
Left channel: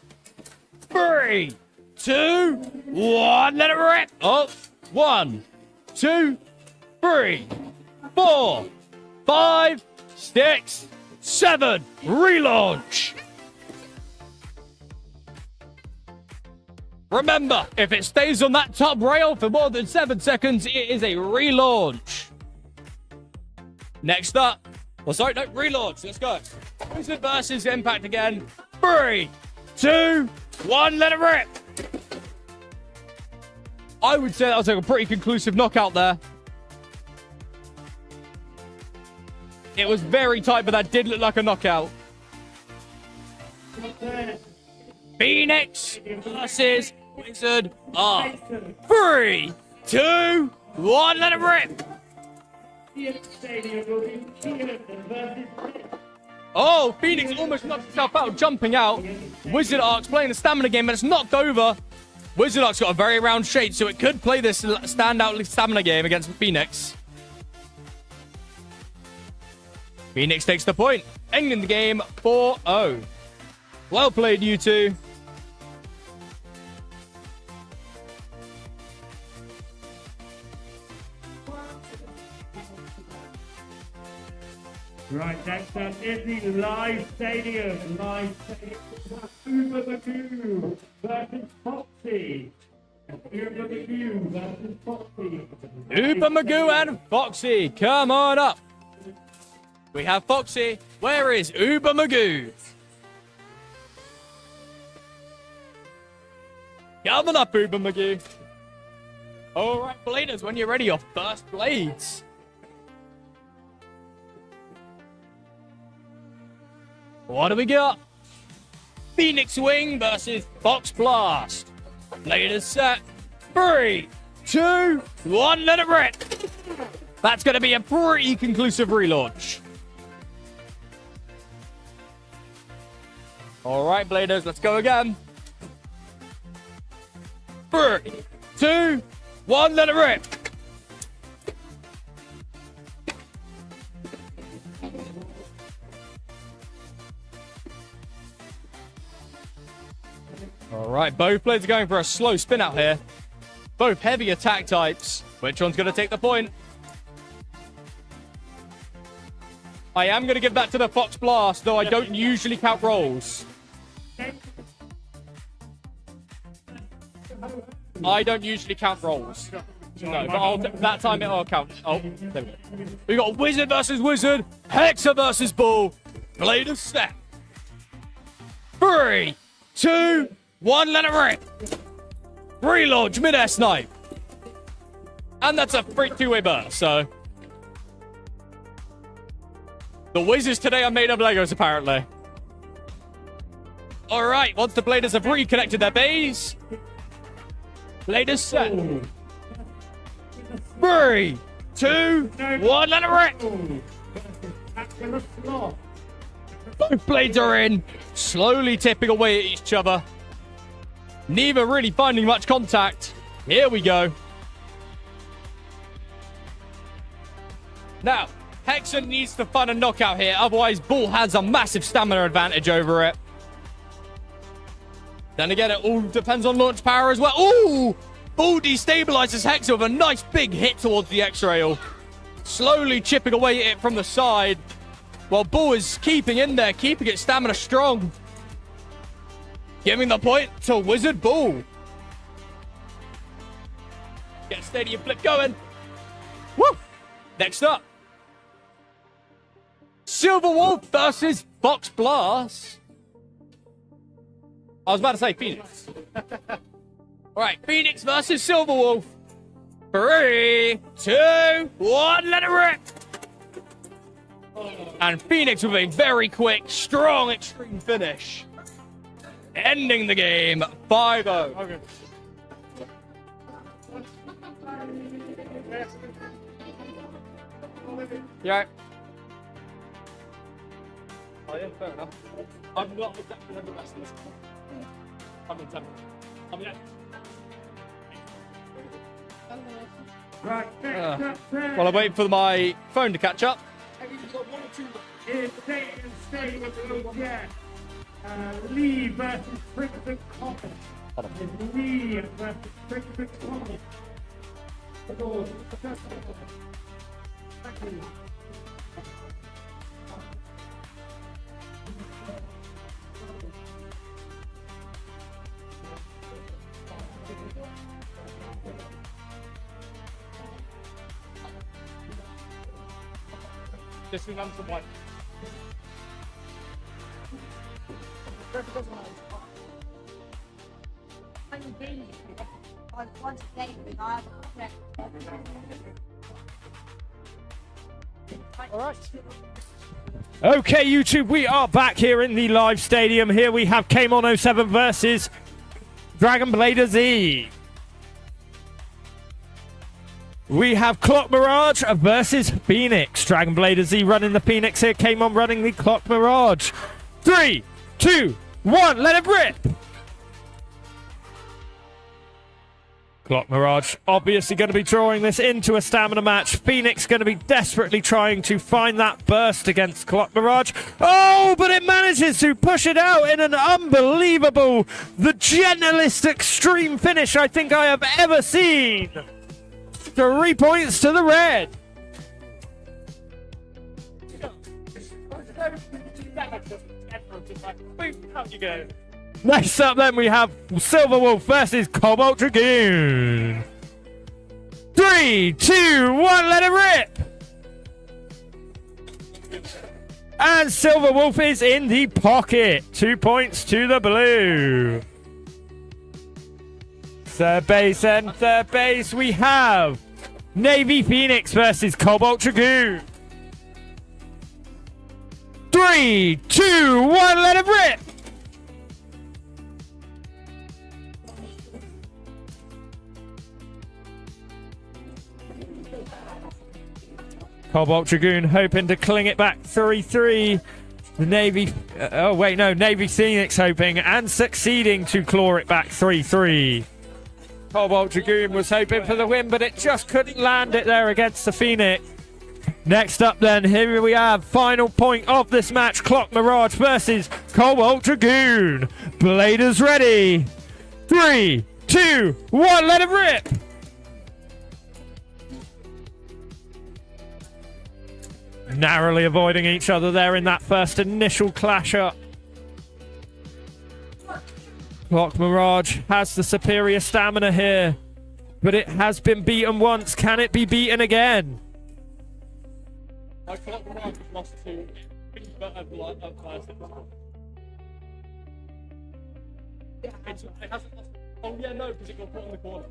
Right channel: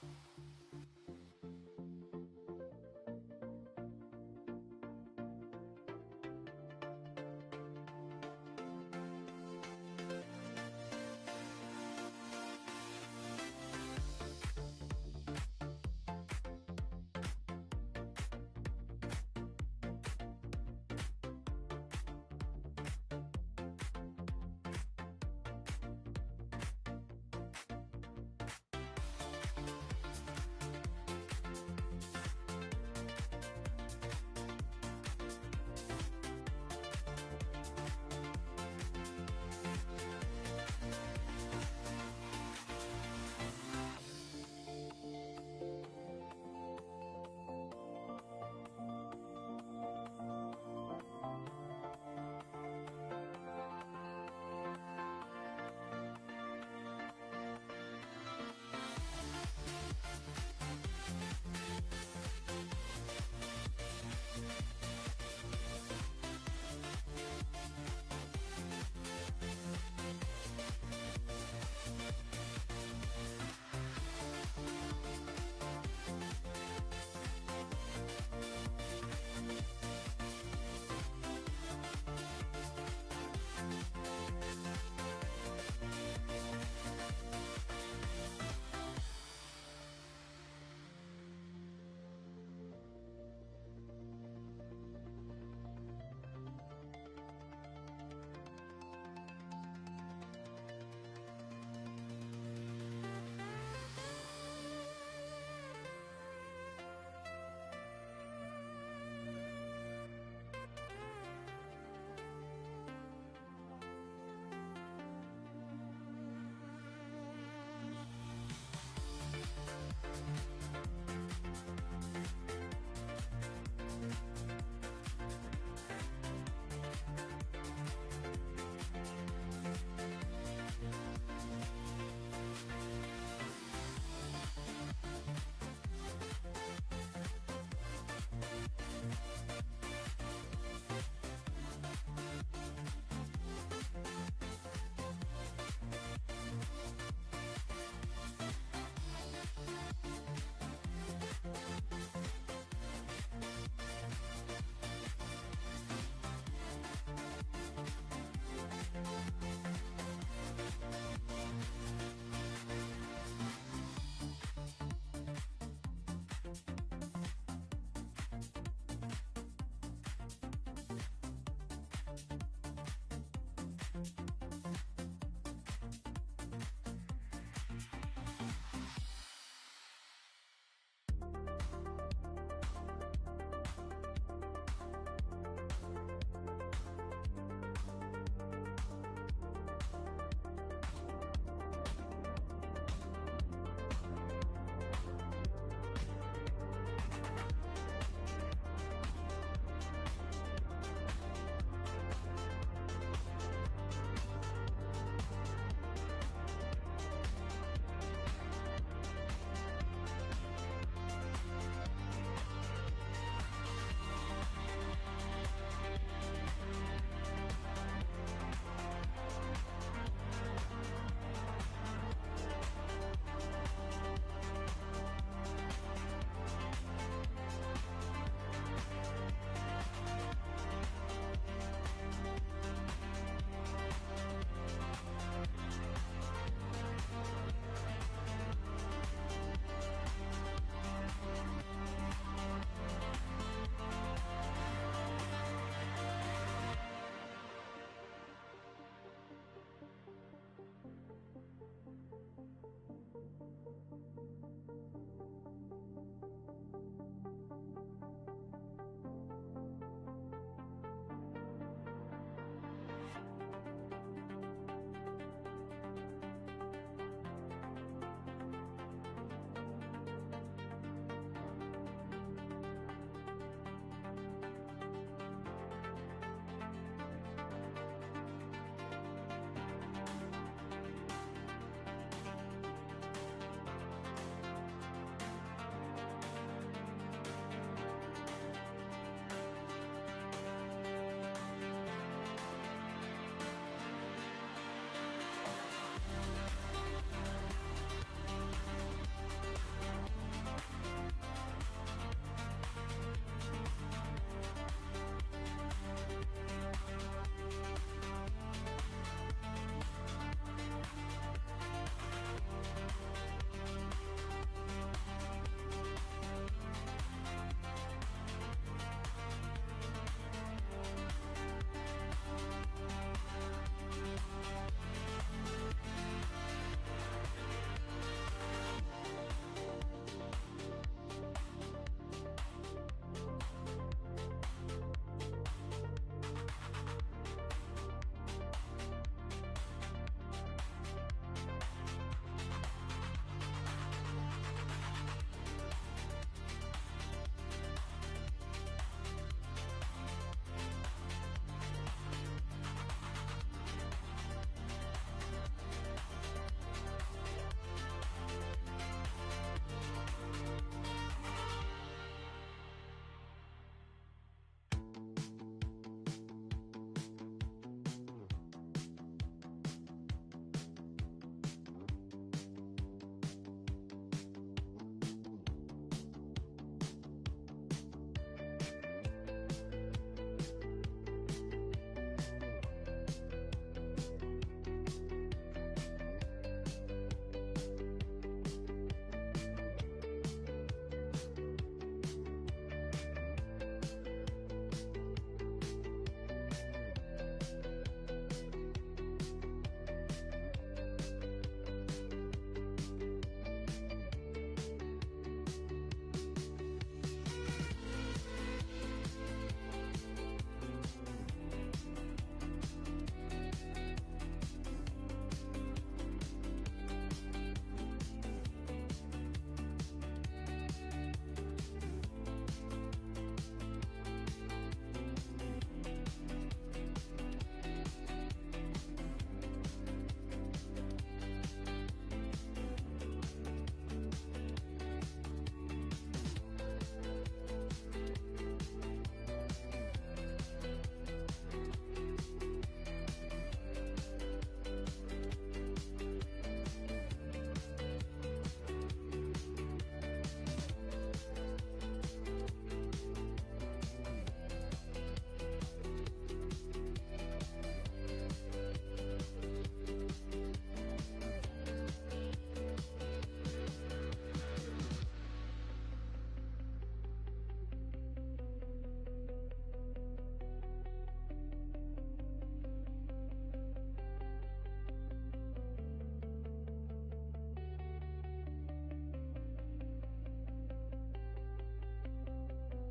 3, 2, 1, let it rip. Oh, 1, 2, 3, 4, 5, 6, 7. Relaunch. Remember, if it stays on that top rail for more than 7 seconds, it is a relaunch. Next up. Well, sorry, no, relaunch. Let's go. Wizard versus Impact again. 3, 2, 1, let it rip. I would say that was like a pretty conclusive knockout there. It was very tight, but that did look like a knockout. Phoenix versus Wizard. 3, 2, 1, let it rip. Phoenix Stadium will be Phoenix versus Oh, Phoenix almost knocked himself out, jumping out. Wizard Ark's playing the stamina game, but it's knocked over. Wizard Ark's got a very round shade, so it could play this standout stamina game against Phoenix. Phoenix takes the point, ending the game 4-0. Well played, you two. Right, next up is the live stadium. Live stadium. Uber Magoo versus Foxy. Uber Magoo versus Foxy. Uber Magoo and Foxy, come on up. We have Foxy. Where is Uber Magoo? Come on up, Uber Magoo. All right, Bladers, when you're ready, your first blades. What do we got? Phoenix Wing versus Fox Blast. Bladers set. 3, 2, 1, let it rip. That's going to be a pretty conclusive relaunch. All right, Bladers, let's go again. 3, 2, 1, let it rip. All right, both players are going for a slow spin out here. Both heavy attack types. Which one's going to take the point? I am going to give that to the Fox Blast, though I don't usually count rolls. I don't usually count rolls. No, but that time I'll count. Oh, there we go. We got Wizard versus Wizard, Hexer versus Bull. Bladers set. 3, 2, 1, let it rip. Relaunch mid-air snipe. And that's a free two-way burst, so. The Wizards today are made of Legos, apparently. All right, once the Bladers have reconnected their bays. Bladers set. 3, 2, 1, let it rip. Both blades are in, slowly tipping away at each other. Neither really finding much contact. Here we go. Now, Hexer needs to find a knockout here, otherwise Bull has a massive stamina advantage over it. Then again, it all depends on launch power as well. Ooh! Bull destabilizes Hexer with a nice big hit towards the X-Rail. Slowly chipping away at it from the side. While Bull is keeping in there, keeping its stamina strong. Giving the point to Wizard Bull. Get stadium flip going. Woo! Next up. Silver Wolf versus Fox Blast. I was about to say Phoenix. All right, Phoenix versus Silver Wolf. 3, 2, 1, let it rip. And Phoenix with a very quick, strong, extreme finish. Ending the game 5-0. Okay. You all right? Oh, yeah, fair enough. I'm not exactly the best. I'm in 10. I'm in 8. Right, next up, While I wait for my phone to catch up. is Stadium will get Lee versus Crimson Comet. It's Lee versus Crimson Comet. This is number 1. Okay, YouTube, we are back here in the live stadium. Here we have Kmon 07 versus Dragon Blader Z. We have Clock Mirage versus Phoenix. Dragon Blader Z running the Phoenix here. Came on running the Clock Mirage. 3, 2, 1, let it rip! Clock Mirage obviously going to be drawing this into a stamina match. Phoenix going to be desperately trying to find that burst against Clock Mirage. Oh, but it manages to push it out in an unbelievable, the gentlest extreme finish I think I have ever seen. 3 points to the red. Next up then we have Silver Wolf versus Cobalt Dragoon. 3, 2, 1, let it rip! And Silver Wolf is in the pocket. 2 points to the blue. Third base and third base we have Navy Phoenix versus Cobalt Dragoon. 3, 2, 1, let it rip! Cobalt Dragoon hoping to cling it back 3-3. The Navy... Navy Phoenix hoping and succeeding to claw it back 3-3. Cobalt Dragoon was hoping for the win, but it just couldn't land it there against the Phoenix. Next up then, here we have final point of this match. Clock Mirage versus Cobalt Dragoon. Bladers ready. 3, 2, 1, let it rip! Narrowly avoiding each other there in that first initial clash up. Clock Mirage has the superior stamina here, but it has been beaten once. Can it be beaten again? Clock Mirage lost to it hasn't lost. Oh yeah, no, because it got put in the corner.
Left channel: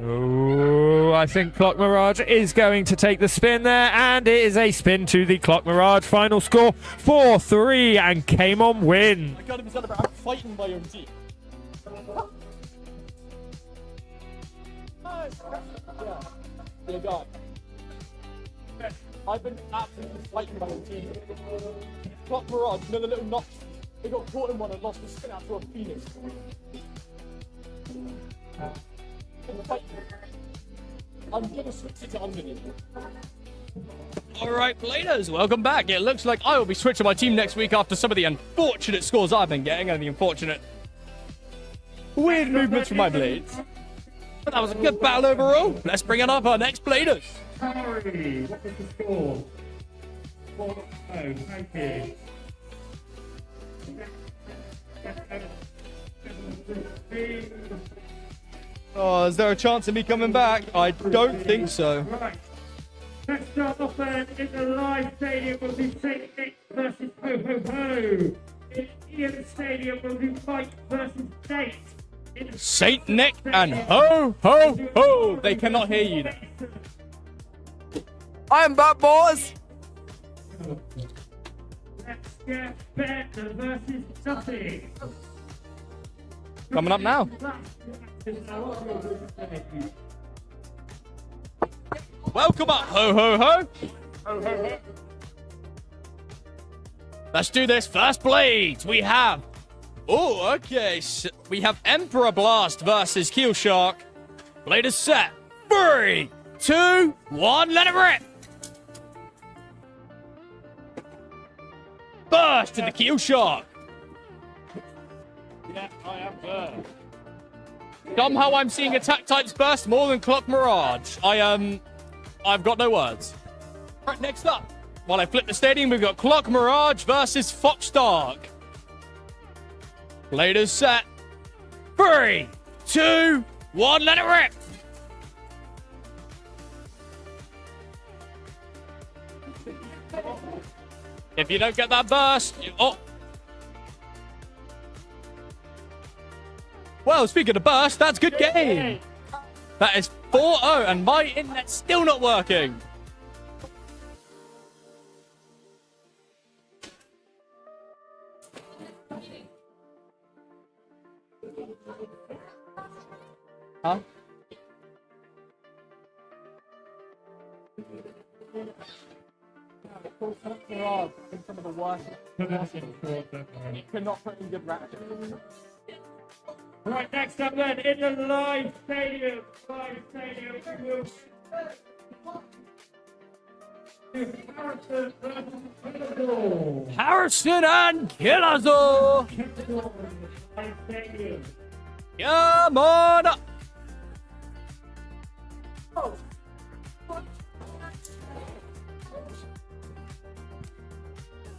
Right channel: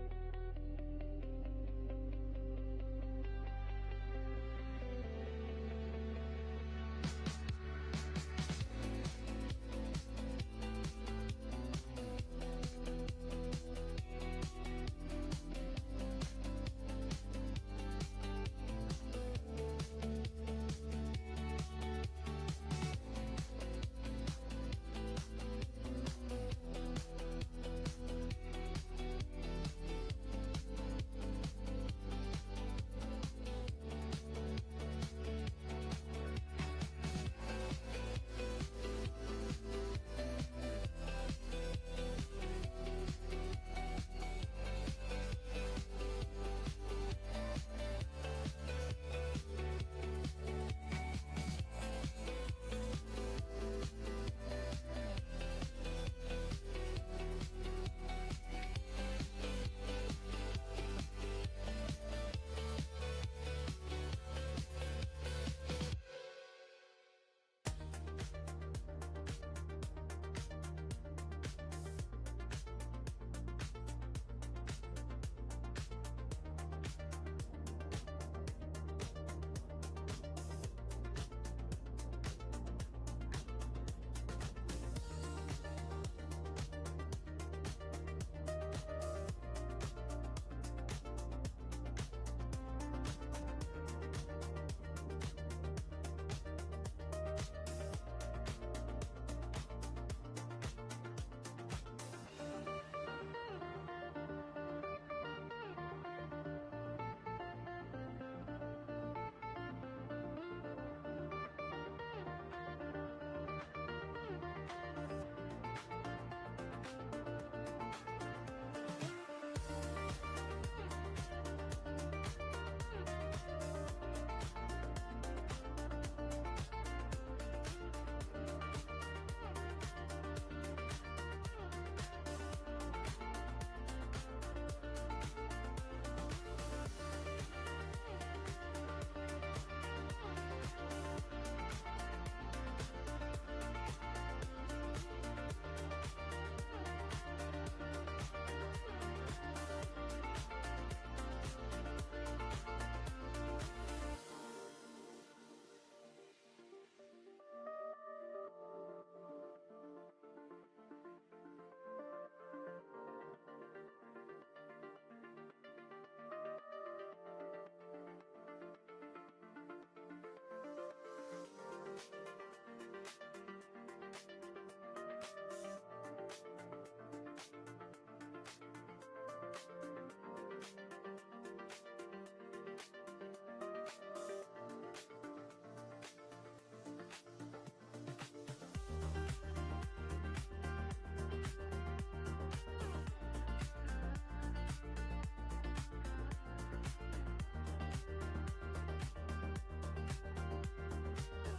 Oh, I think Clock Mirage is going to take the spin there, and it is a spin to the Clock Mirage. Final score 4-3, and came on win. I gotta be said about fighting my own team. Yeah, God. I've been absolutely fighting my own team. Clock Mirage, you know the little knocks? They got caught in one and lost the spin after a Phoenix. I'm gonna switch it to Anthony. Alright, players, welcome back. It looks like I will be switching my team next week after some of the unfortunate scores I've been getting and the unfortunate weird movements from my blades. But that was a good battle overall. Let's bring it up our next bladers. Harry, what is the score? 4-0, thank you. Oh, is there a chance of me coming back? I don't think so. Right. Let's start off then in the live stadium will be St. Nick versus Ho Ho Ho. In Ian Stadium will be Fight versus Nate. Saint Nick and ho ho ho. They cannot hear you. I'm back, boys. Let's get Ben versus Nothing. Coming up now. Welcome up, ho ho ho. Ho ho ho. Let's do this. First blades. We have. Oh, okay. So we have Emperor Blast versus Keel Shark. Blade is set. 3, 2, 1. Let it rip. Burst to the Keel Shark. Yeah, I am first. Somehow I'm seeing attack types burst more than Clock Mirage. I've got no words. Right, next up, while I flip the stadium, we've got Clock Mirage versus Fox Dark. Blade is set. 3, 2, 1, let it rip. If you don't get that burst, Well, speaking of burst, that's good game. That is 4-0, and my internet's still not working. Huh? There are some of the worst. You cannot put in good ratchet. Right, next up then, in the live stadium, we will Harrison versus Killazor. Harrison and Killazor. Live stadium. Come on up.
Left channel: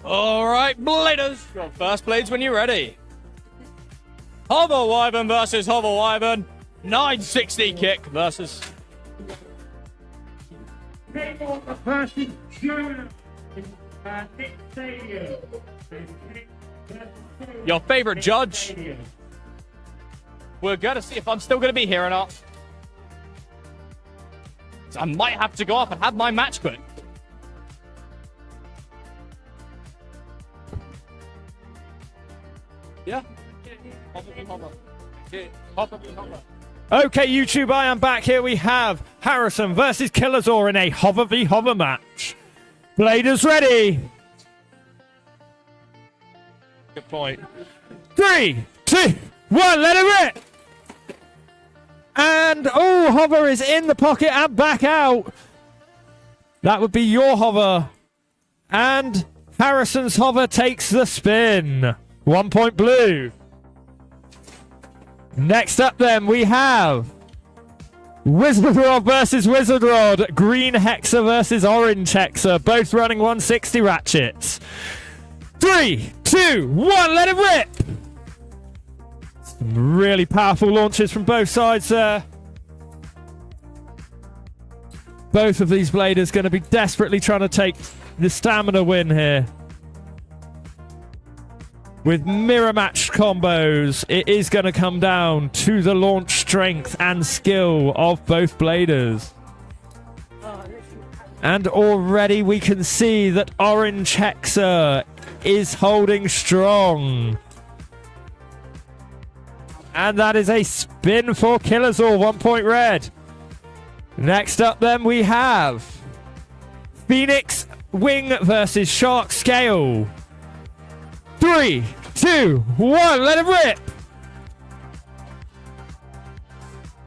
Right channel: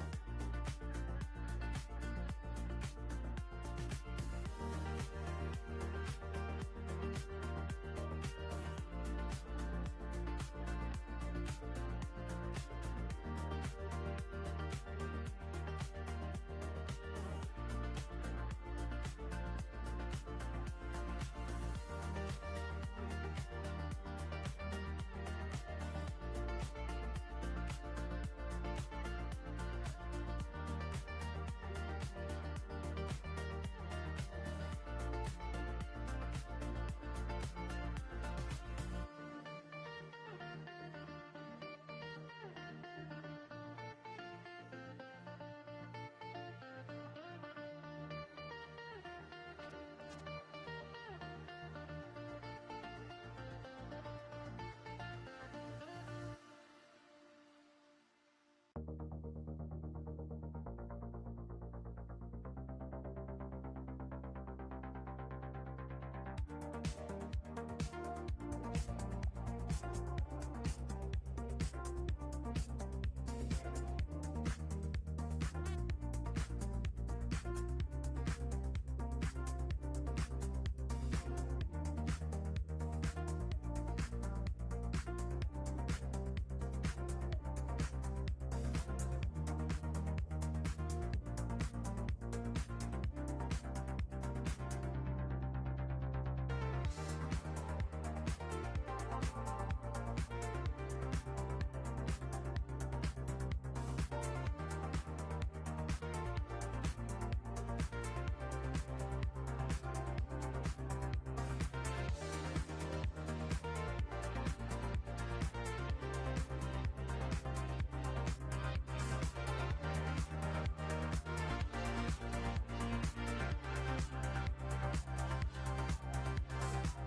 All right, Bladers. Your first blades when you're ready. Hover Wyvern versus Hover Wyvern. 960 kick versus. Kmart versus Jonah. Nick Stadium. Your favorite judge. We're going to see if I'm still going to be here or not. So I might have to go off and have my match quit. Yeah. Okay, YouTube, I am back. Here we have Harrison versus Killazor in a hover v hover match. Bladers ready. Good point. 3, 2, 1, let it rip. And, oh, hover is in the pocket and back out. That would be your hover. And Harrison's hover takes the spin. 1 point blue. Next up then, we have Wizard Rod versus Wizard Rod. Green Hexa versus Orange Hexa. Both running 160 ratchets. 3, 2, 1, let it rip. Some really powerful launches from both sides there. Both of these bladers going to be desperately trying to take the stamina win here. With mirror match combos, it is going to come down to the launch strength and skill of both bladers. And already we can see that Orange Hexa is holding strong. And that is a spin for Killazor, 1 point red. Next up then we have Phoenix Wing versus Shark Scale. 3, 2, 1, let it rip.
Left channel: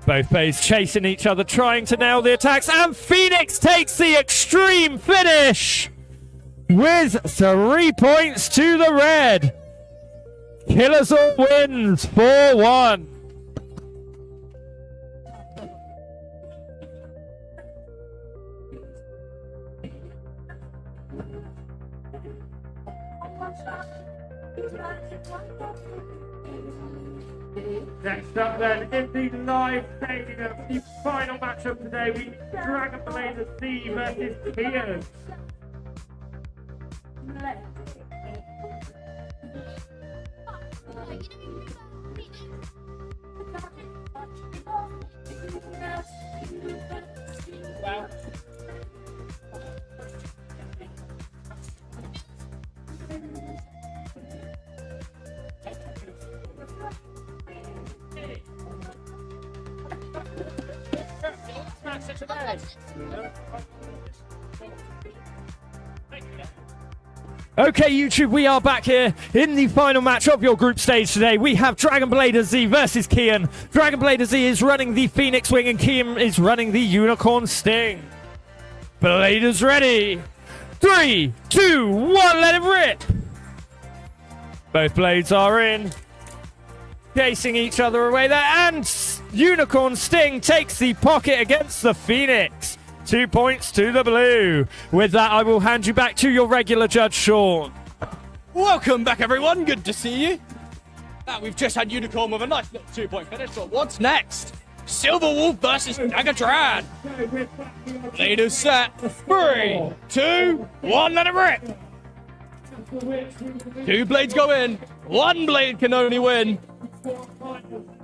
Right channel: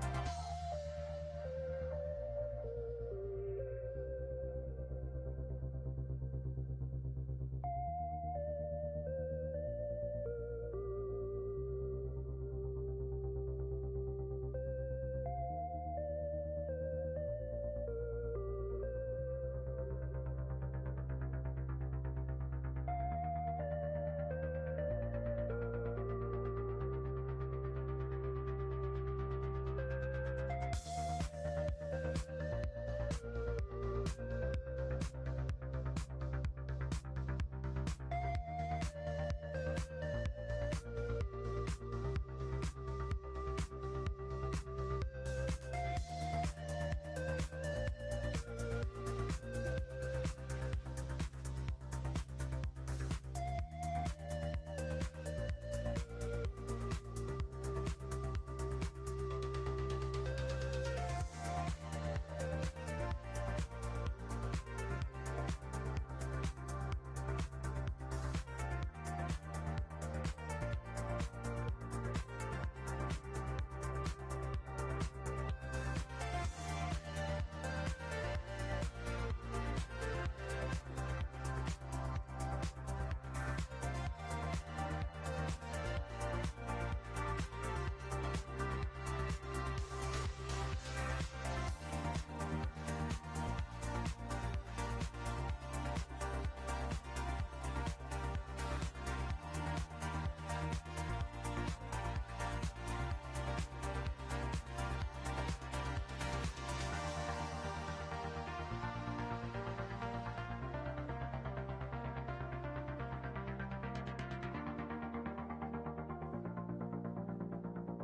Both plays chasing each other, trying to nail the attacks, and Phoenix takes the extreme finish with 3 points to the red. Killazor wins 4-1. Next up then, in the live stadium, the final matchup today, we Dragon Blader C versus Kian. Okay, YouTube, we are back here in the final match of your group stage today. We have Dragon Blader Z versus Kian. Dragon Blader Z is running the Phoenix Wing and Kian is running the Unicorn Sting. Bladers ready. 3, 2, 1, let it rip. Both blades are in. Chasing each other away there, and Unicorn Sting takes the pocket against the Phoenix. 2 points to the blue. With that, I will hand you back to your regular judge, Sean. Welcome back, everyone. Good to see you. We've just had Unicorn with a nice little 2 point finish, but what's next? Silver Wolf versus Dagatran. Leaders set. 3, 2, 1, let it rip. 2 blades go in. 1 blade can only win.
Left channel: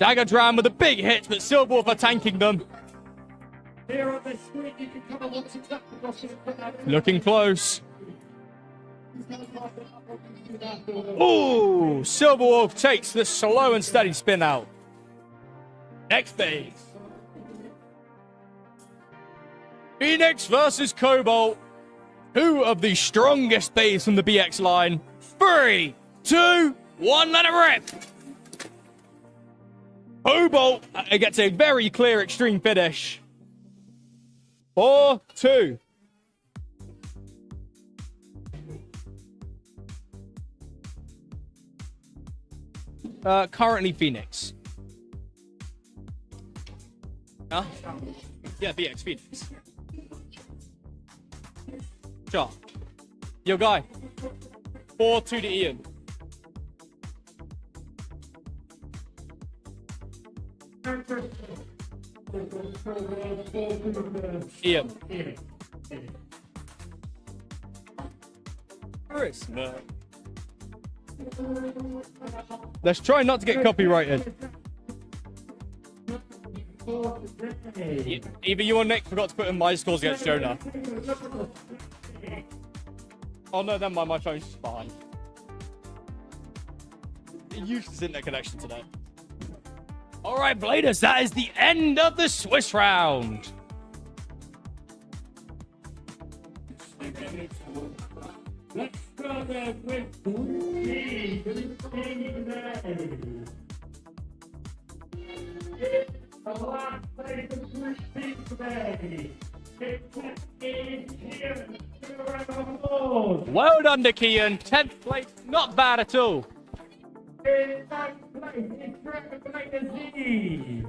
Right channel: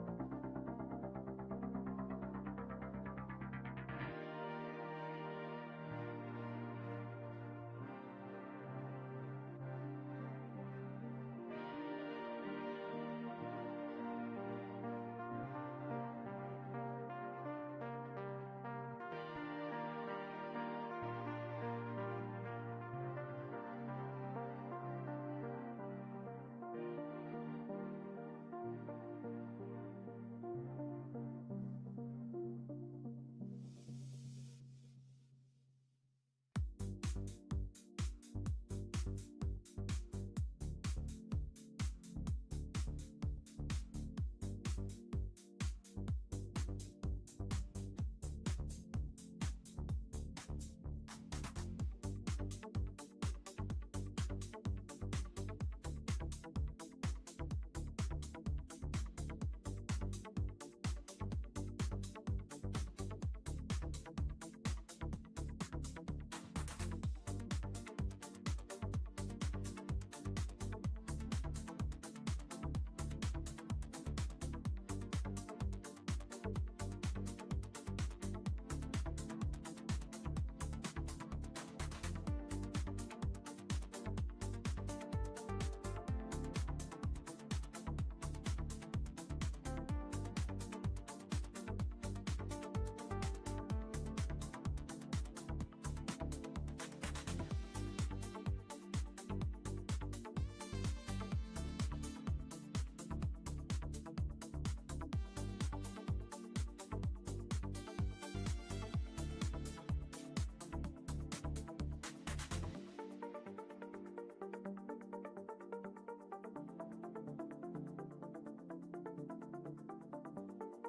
Dagatran with a big hit, but Silver Wolf are tanking them. Here on the screen, you can come and watch exactly Looking close. Ooh, Silver Wolf takes the slow and steady spin out. Next phase. Phoenix versus Cobalt. Two of the strongest bays from the BX line. 3, 2, 1, let it rip. Cobalt gets a very clear extreme finish. 4-2. Currently Phoenix. Huh? Yeah, BX Phoenix. Sure. Yo, guy. 4-2 to Ian. Ian. Christmas. Let's try not to get copyrighted. Either you or Nick forgot to put in my scores against Jonah. Oh no, then my phone's fine. Useless internet connection today. Alright, Bladers, that is the end of the Swiss round. Let's go there with three. The last place of Group B today. It's here. Well done, Nikian. 10th place, not bad at all.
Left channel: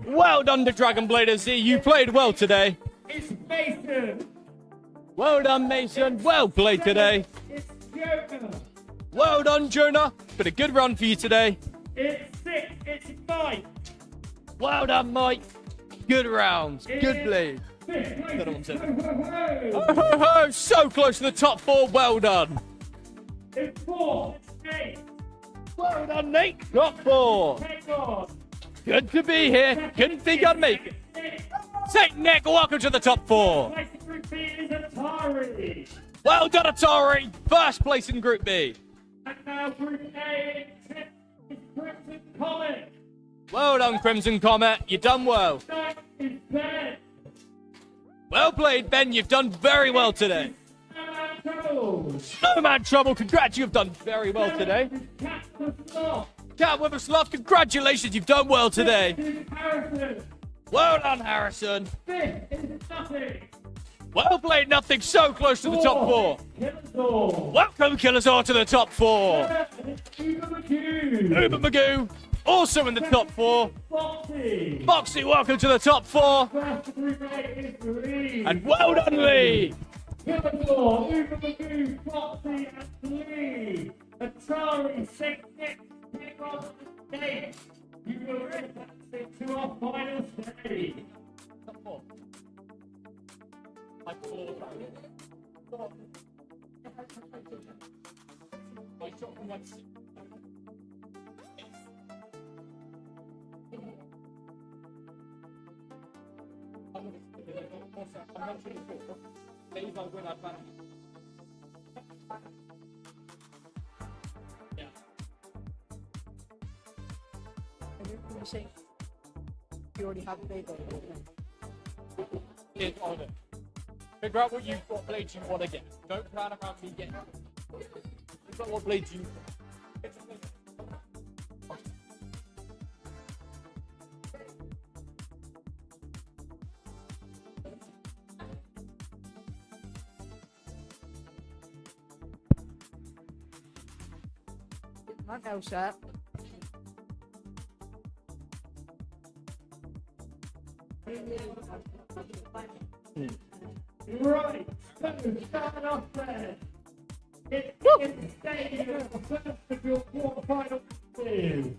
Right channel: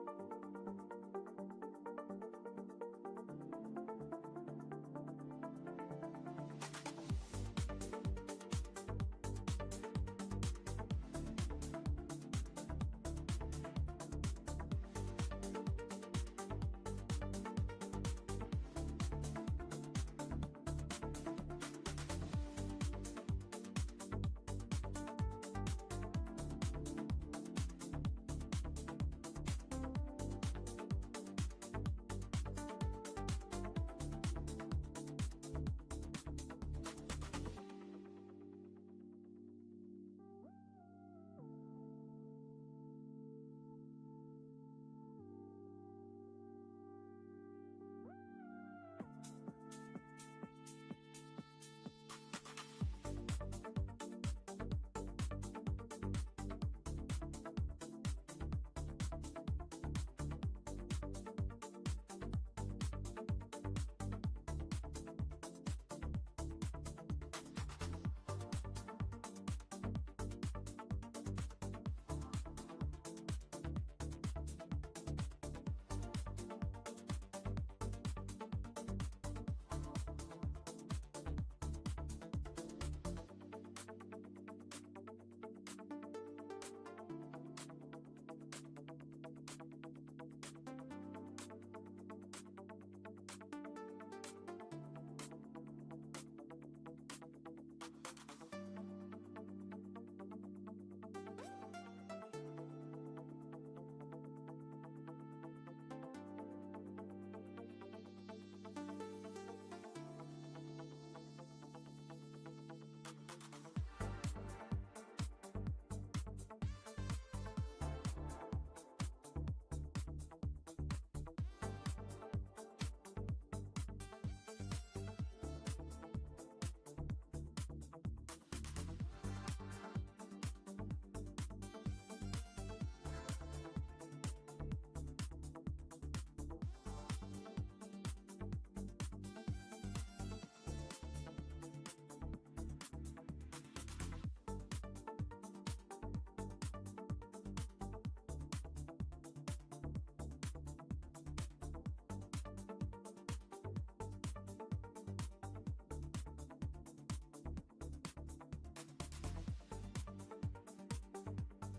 Well done to Dragon Blader Z. You played well today. It's Mason. Well done, Mason. Well played today. It's Jonah. Well done, Jonah. Been a good run for you today. It's 6. It's Mike. Well done, Mike. Good rounds. Good play. Ho, ho, ho. So close to the top 4. Well done. It's 4. It's 8. Well done, Nate. Top 4. Hang on. Good to be here. Couldn't think I'd make it. St. Nick, welcome to the top 4. Place in Group B is Atari. Well done, Atari. First place in Group B. And now Group A is Crimson Comet. Well done, Crimson Comet. You done well. That is Ben. Well played, Ben. You've done very well today. No man trouble. Congrats, you've done very well today. Cat with a sloth. Congratulations, you've done well today. Well done, Harrison. Well played, Nothing. So close to the top 4. Welcome, Killazor, to the top 4. Uber Magoo, also in the top 4. Foxy, welcome to the top 4. And well done, Lee. Atari, St. Nick, Nate, you were advancing to our final stage. You already have a baby. Figure out what blades you want to get. Don't plan around me getting it. Figure out what blades you My nail set. Right, so starting off there. It's in the stadium, first of your quarterfinal two.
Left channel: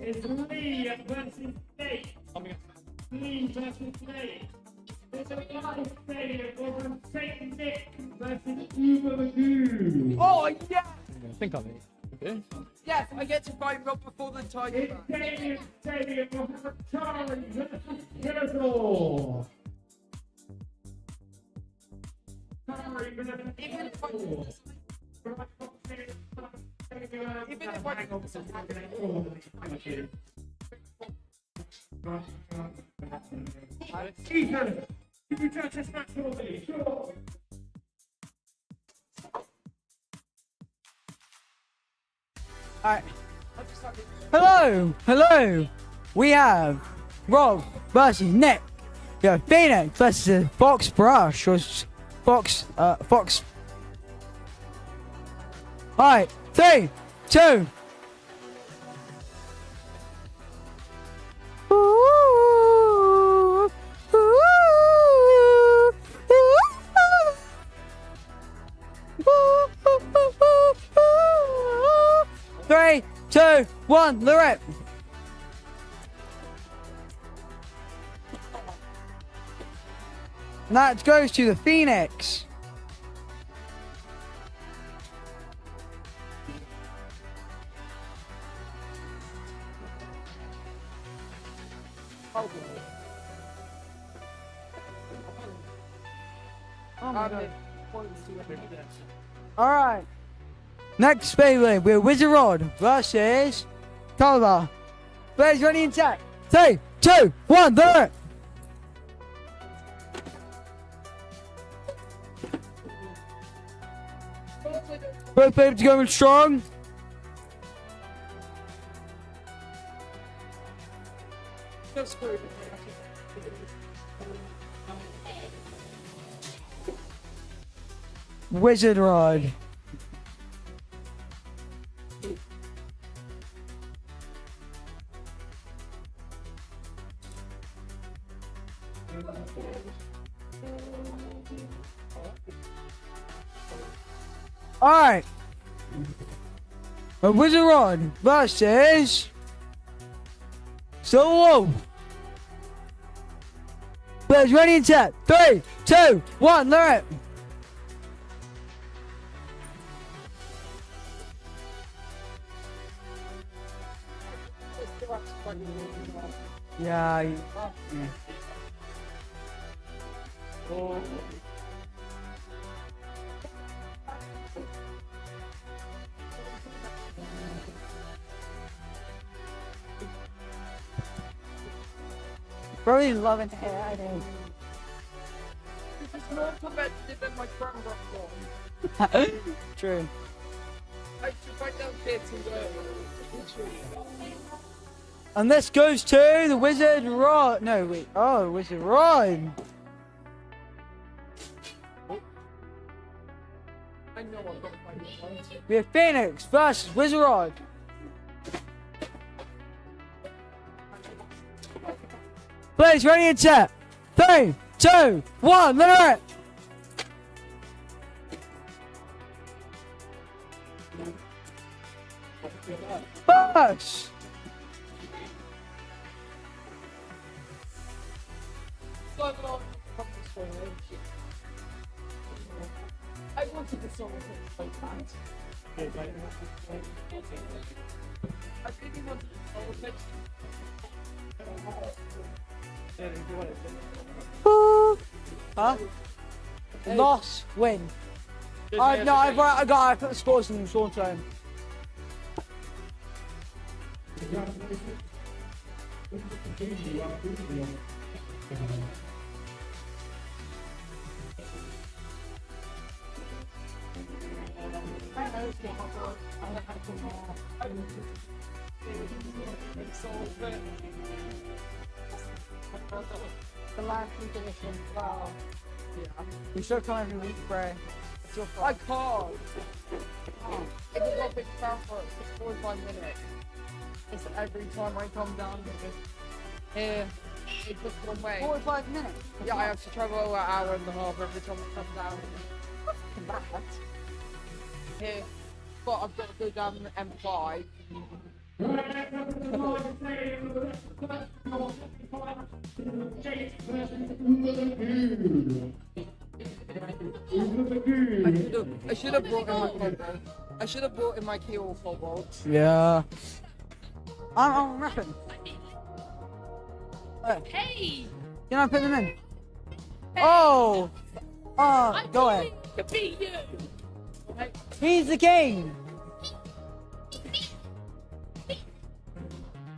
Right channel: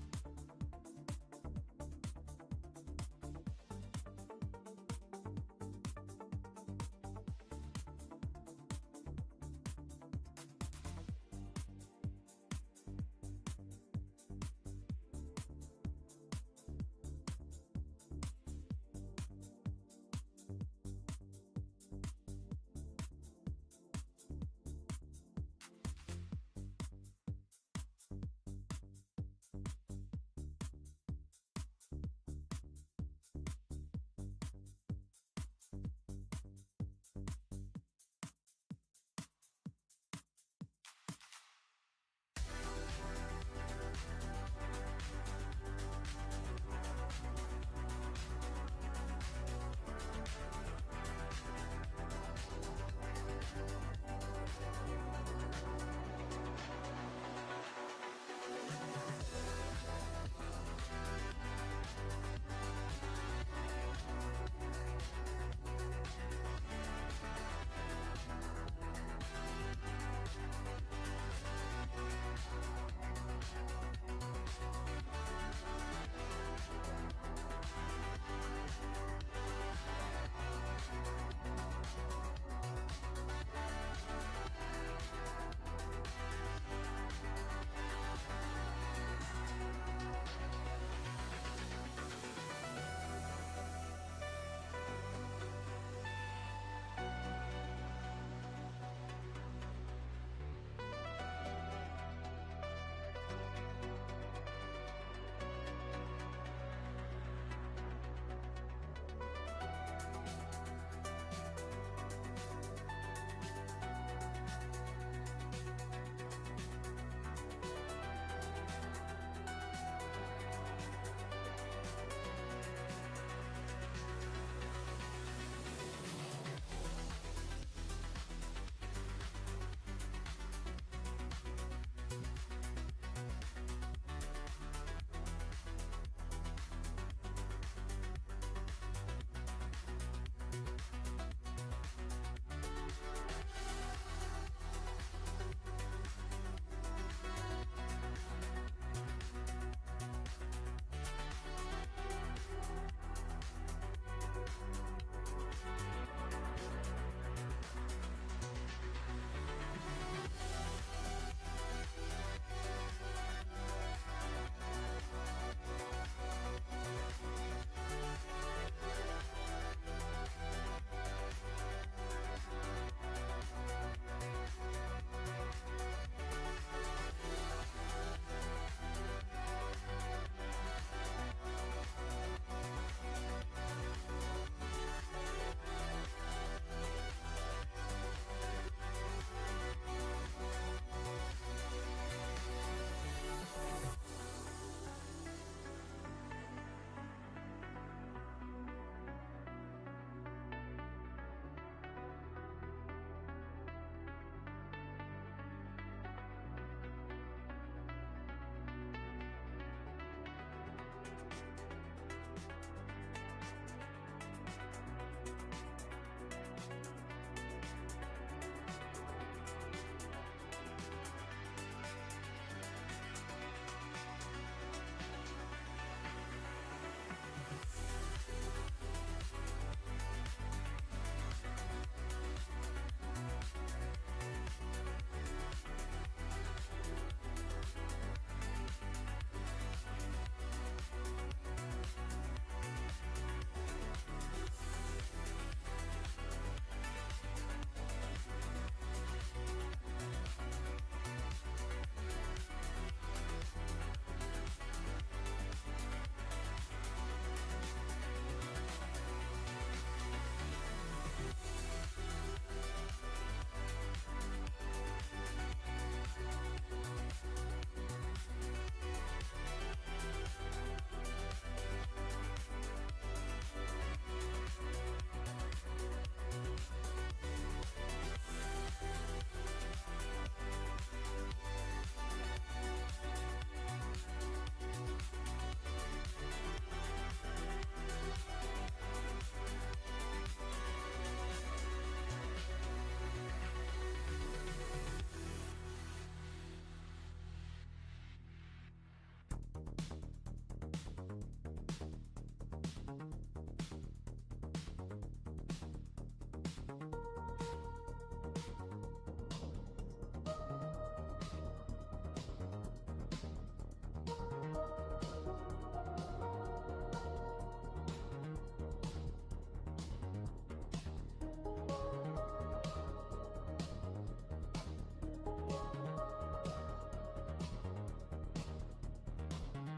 It's Lee versus Nate. Lee versus Nate. It's a live stadium over St. Nick versus Uber Magoo. Oh yeah! I think I'm in. Yes, I get to fight Rob before the Tiger. It's stadium over Atari versus Killazor. Ethan, can you judge this match for me? Sure. Alright. Hello, hello. We have Rob versus Nick. We have Phoenix versus Fox Brush or Fox. Alright, 3, 2. Three, two, one, lyric. And that goes to the Phoenix. All right. Next Beyblade, we're Wizard Rod versus Color. Players ready and set. 3, 2, 1, there. Both Beyblades going strong. Wizard Rod. Alright. A Wizard Rod versus Solo. Players ready and set. 3, 2, 1, lyric. Yeah. Probably loving it. I know. This is more competitive than my front rock. True. I should find out bits and And this goes to the Wizard Rod. No, wait. Oh, Wizard Rod. I know I've got to find it. We have Phoenix versus Wizard Rod. Players ready and set. 3, 2, 1, let it. First. I wanted this song so bad. I didn't want to Huh? Loss, win. No, I put the scores in the short term. The last definition. Wow. Yeah. You should come every week, Bray. I can't. It's a little bit far for 45 minutes. It's every time I come down here, it's just one way. 45 minutes? Yeah, I have to travel an hour and a half every time I come down. Mad. Here, but I've got to go down the M5. I should have brought in my cobalt. I should have brought in my keel cobalt. Yeah. I'm rapping. Hey! Can I put them in? Oh! Oh, I'm go ahead. going to beat you! He's the king!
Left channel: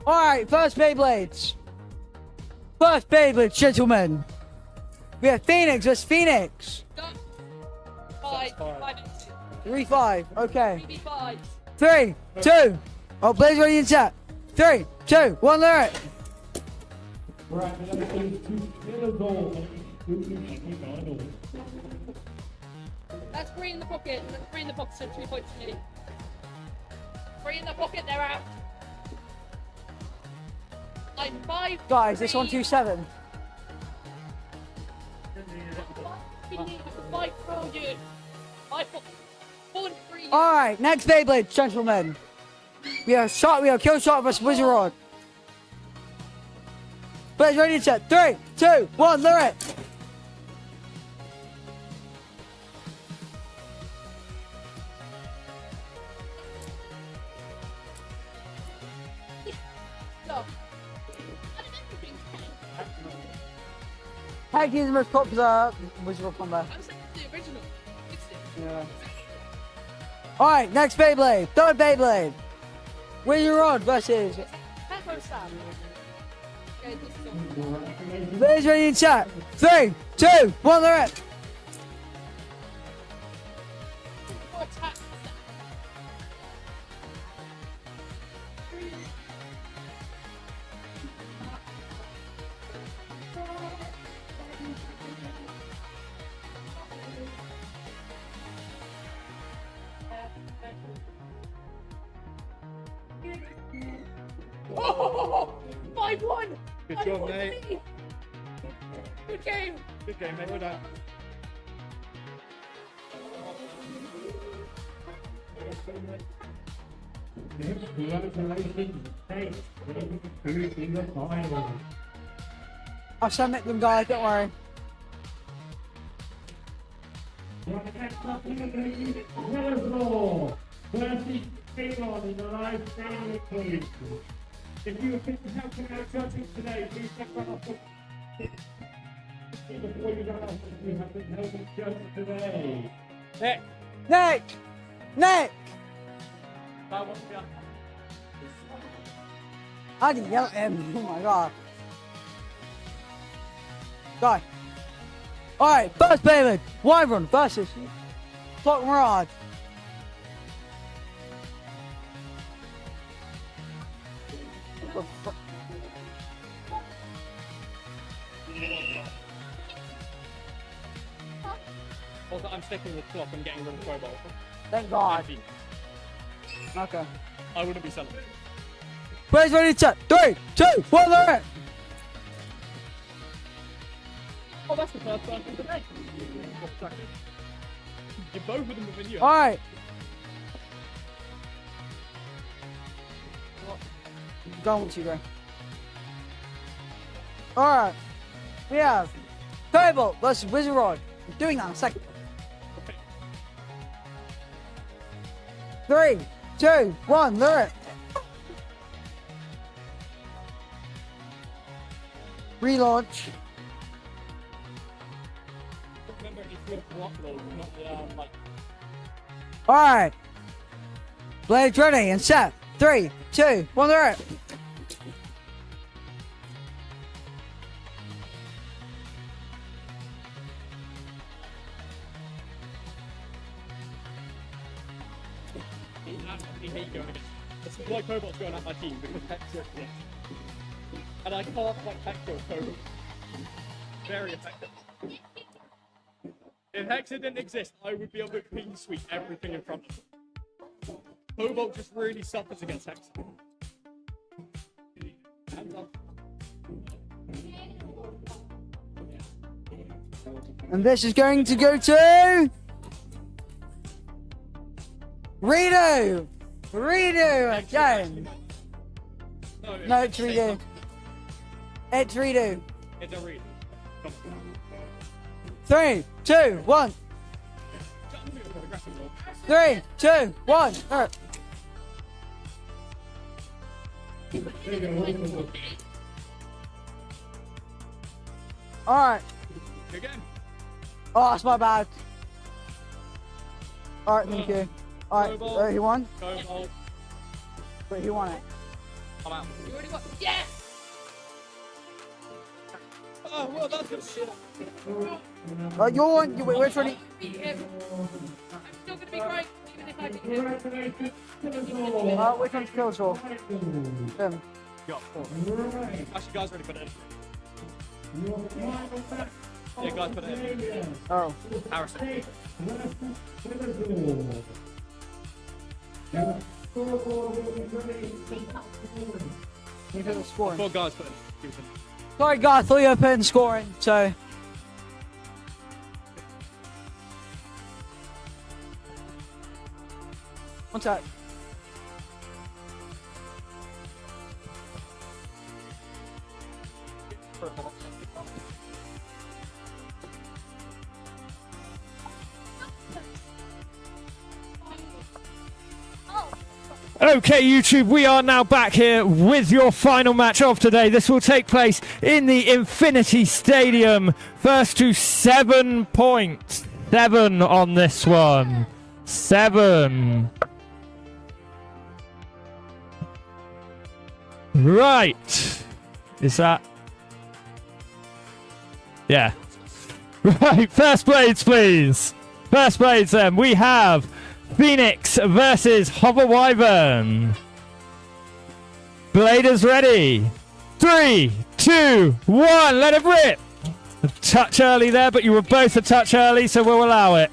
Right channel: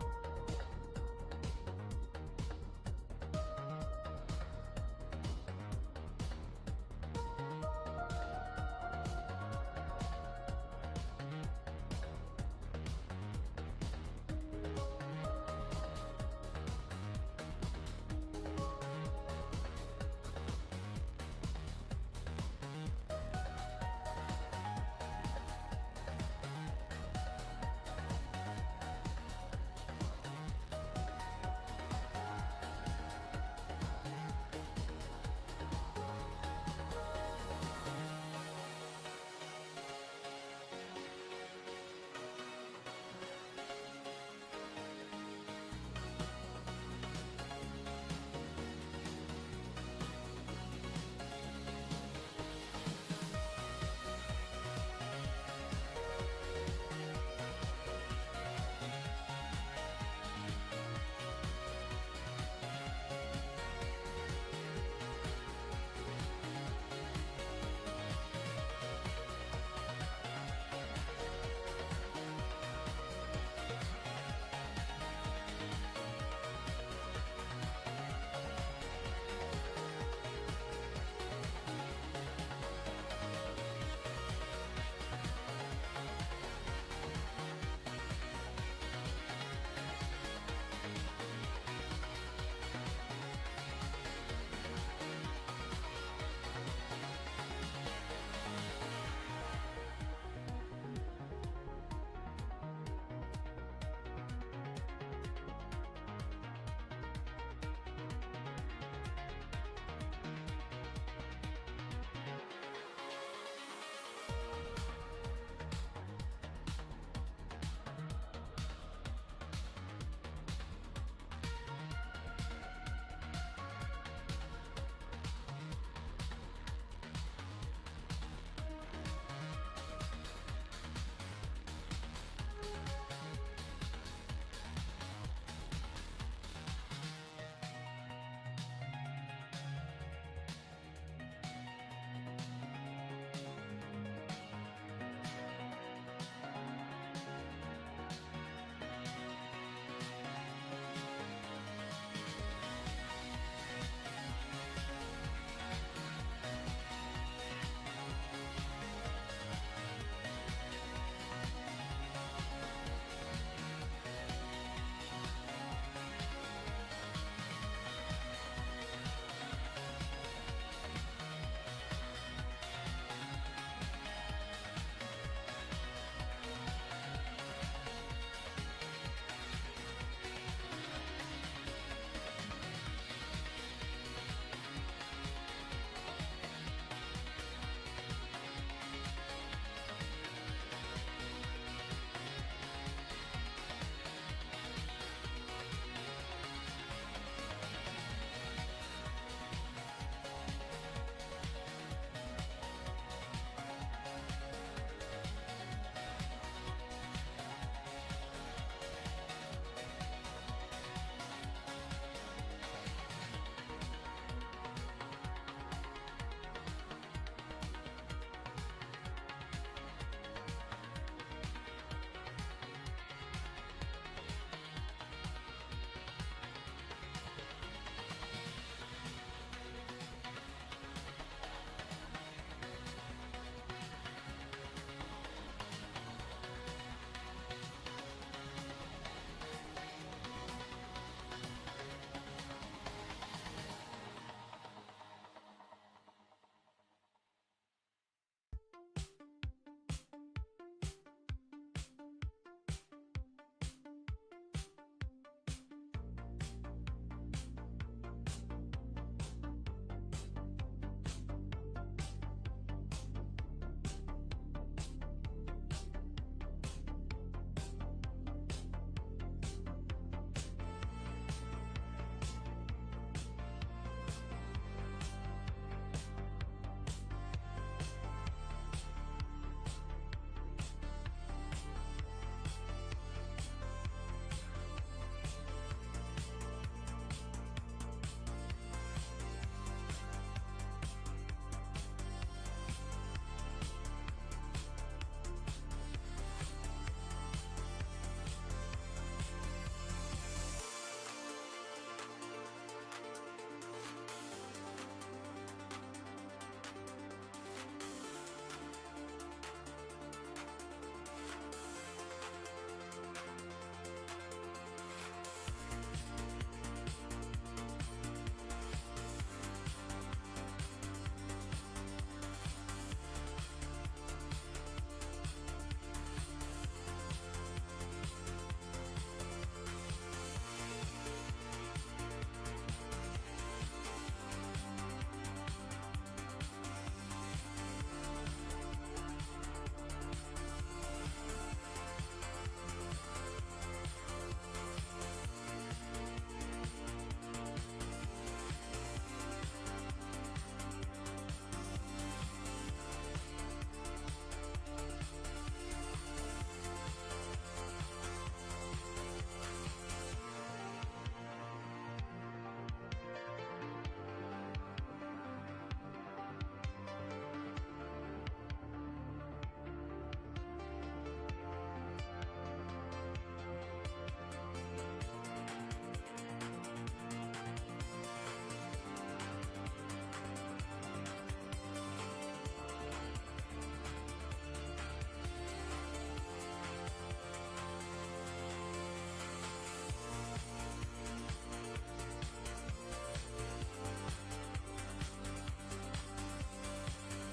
Alright, first Beyblades. First Beyblades, gentlemen. We have Phoenix versus Phoenix. 5, 3-5, okay. 5. 3, 2, Oh, Blaze ready and set. 3, 2, 1, lyric. That's 3 in the pocket. That's 3 in the pocket, so 2 points to me. 3 in the pocket, they're out. Line 5. Guys, this 127. 5 forward. 5 forward 3. Alright, next Beyblade, gentlemen. We have kill shot versus Wizard Rod. Blaze ready and set. 3, 2, 1, lyric. Tag team is the most popular Wizard Rod combo. Alright, next Beyblade. Third Beyblade. Wizard Rod versus Blaze ready and set. 3, 2, 1, lyric. Oh, 5-1. Good job, mate. Good game. Good game, mate. Well done. I'll submit them, guys, don't worry. If you think to help out judging today, please check out before you go off, you have been helping judge today. Nick. Nick! Nick! I can yell at him. Oh my god. Guy. Alright, first Beyblade. Wyvern versus Clock Mirage. Also, I'm sticking with clock and getting rid of Cobalt. Thank God. Okay. I wouldn't be celebrating. Blaze ready to set. 3, 2, 1, lyric. Oh, that's the first person today. Both of them were video. Alright. Go with you, Gray. Alright. We have Cobalt versus Wizard Rod. We're doing that in a second. Okay. 3, 2, 1, lyric. Relaunch. Remember, it needs to be a block load, not the, like... Alright. Blades ready and set. 3, 2, 1, lyric. I hate going against. It's why Cobalt's going out my team, because Hector exists. And I can't fight Hector with Cobalt. Very effective. If Hector didn't exist, I would be able to clean sweep everything in front of him. Cobalt just really suffers against Hector. And this is going to go to Redo. Redo again. No, it's Redo. It's Redo. It's a read. 3, 2, 1. 3, 2, 1. Alright. Again. Oh, that's my bad. Alright, thank you. Alright, who won? Cobalt. Wait, who won it? I'm out. You already got yes. Oh, well, that's a shit. You're one. Wait, which one? Beat him. I'm still gonna be great, even if Which one's Killsaw? Him. Actually, guys, ready for it. Yeah, guys, put it in. Oh. Harrison. You could have scoring. Four guys, put it in. Sorry, guys, I thought you were putting scoring, so. One sec. Okay, YouTube, we are now back here with your final match of today. This will take place in the Infinity Stadium. First to 7 points. 7 on this one. 7. Right. Is that... Yeah. Right, first blades, please. First blades, then. We have Phoenix versus Hover Wyvern. Bladers ready. 3, 2, 1. Let it rip. A touch early there, but you were both a touch early, so we'll allow it.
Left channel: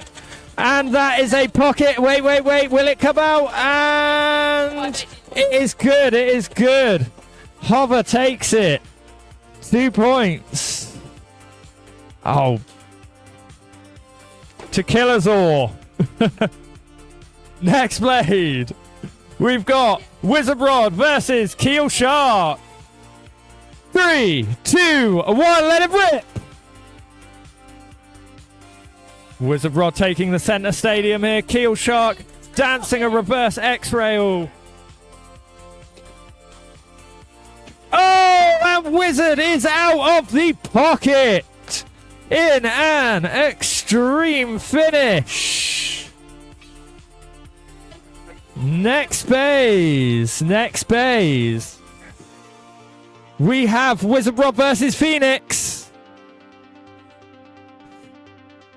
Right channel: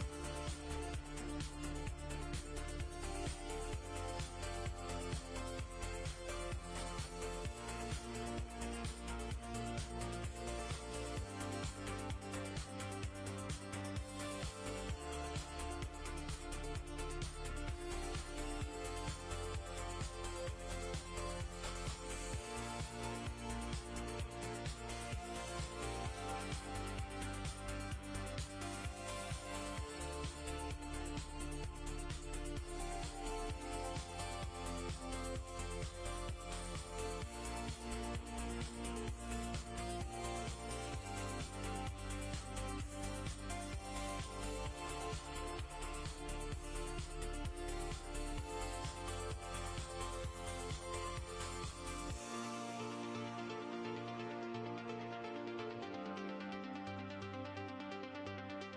And that is a pocket. Wait. Will it come out? And it is good. It is good. Hover takes it. 2 points. Oh. To kill us all. Next blade. We've got Wizard Rod versus Keel Shark. 3, 2, 1. Let it rip. Wizard Rod taking the center stadium here. Keel Shark dancing a reverse X-rail. Oh, and Wizard is out of the pocket in an extreme finish. Next phase. We have Wizard Rod versus Phoenix.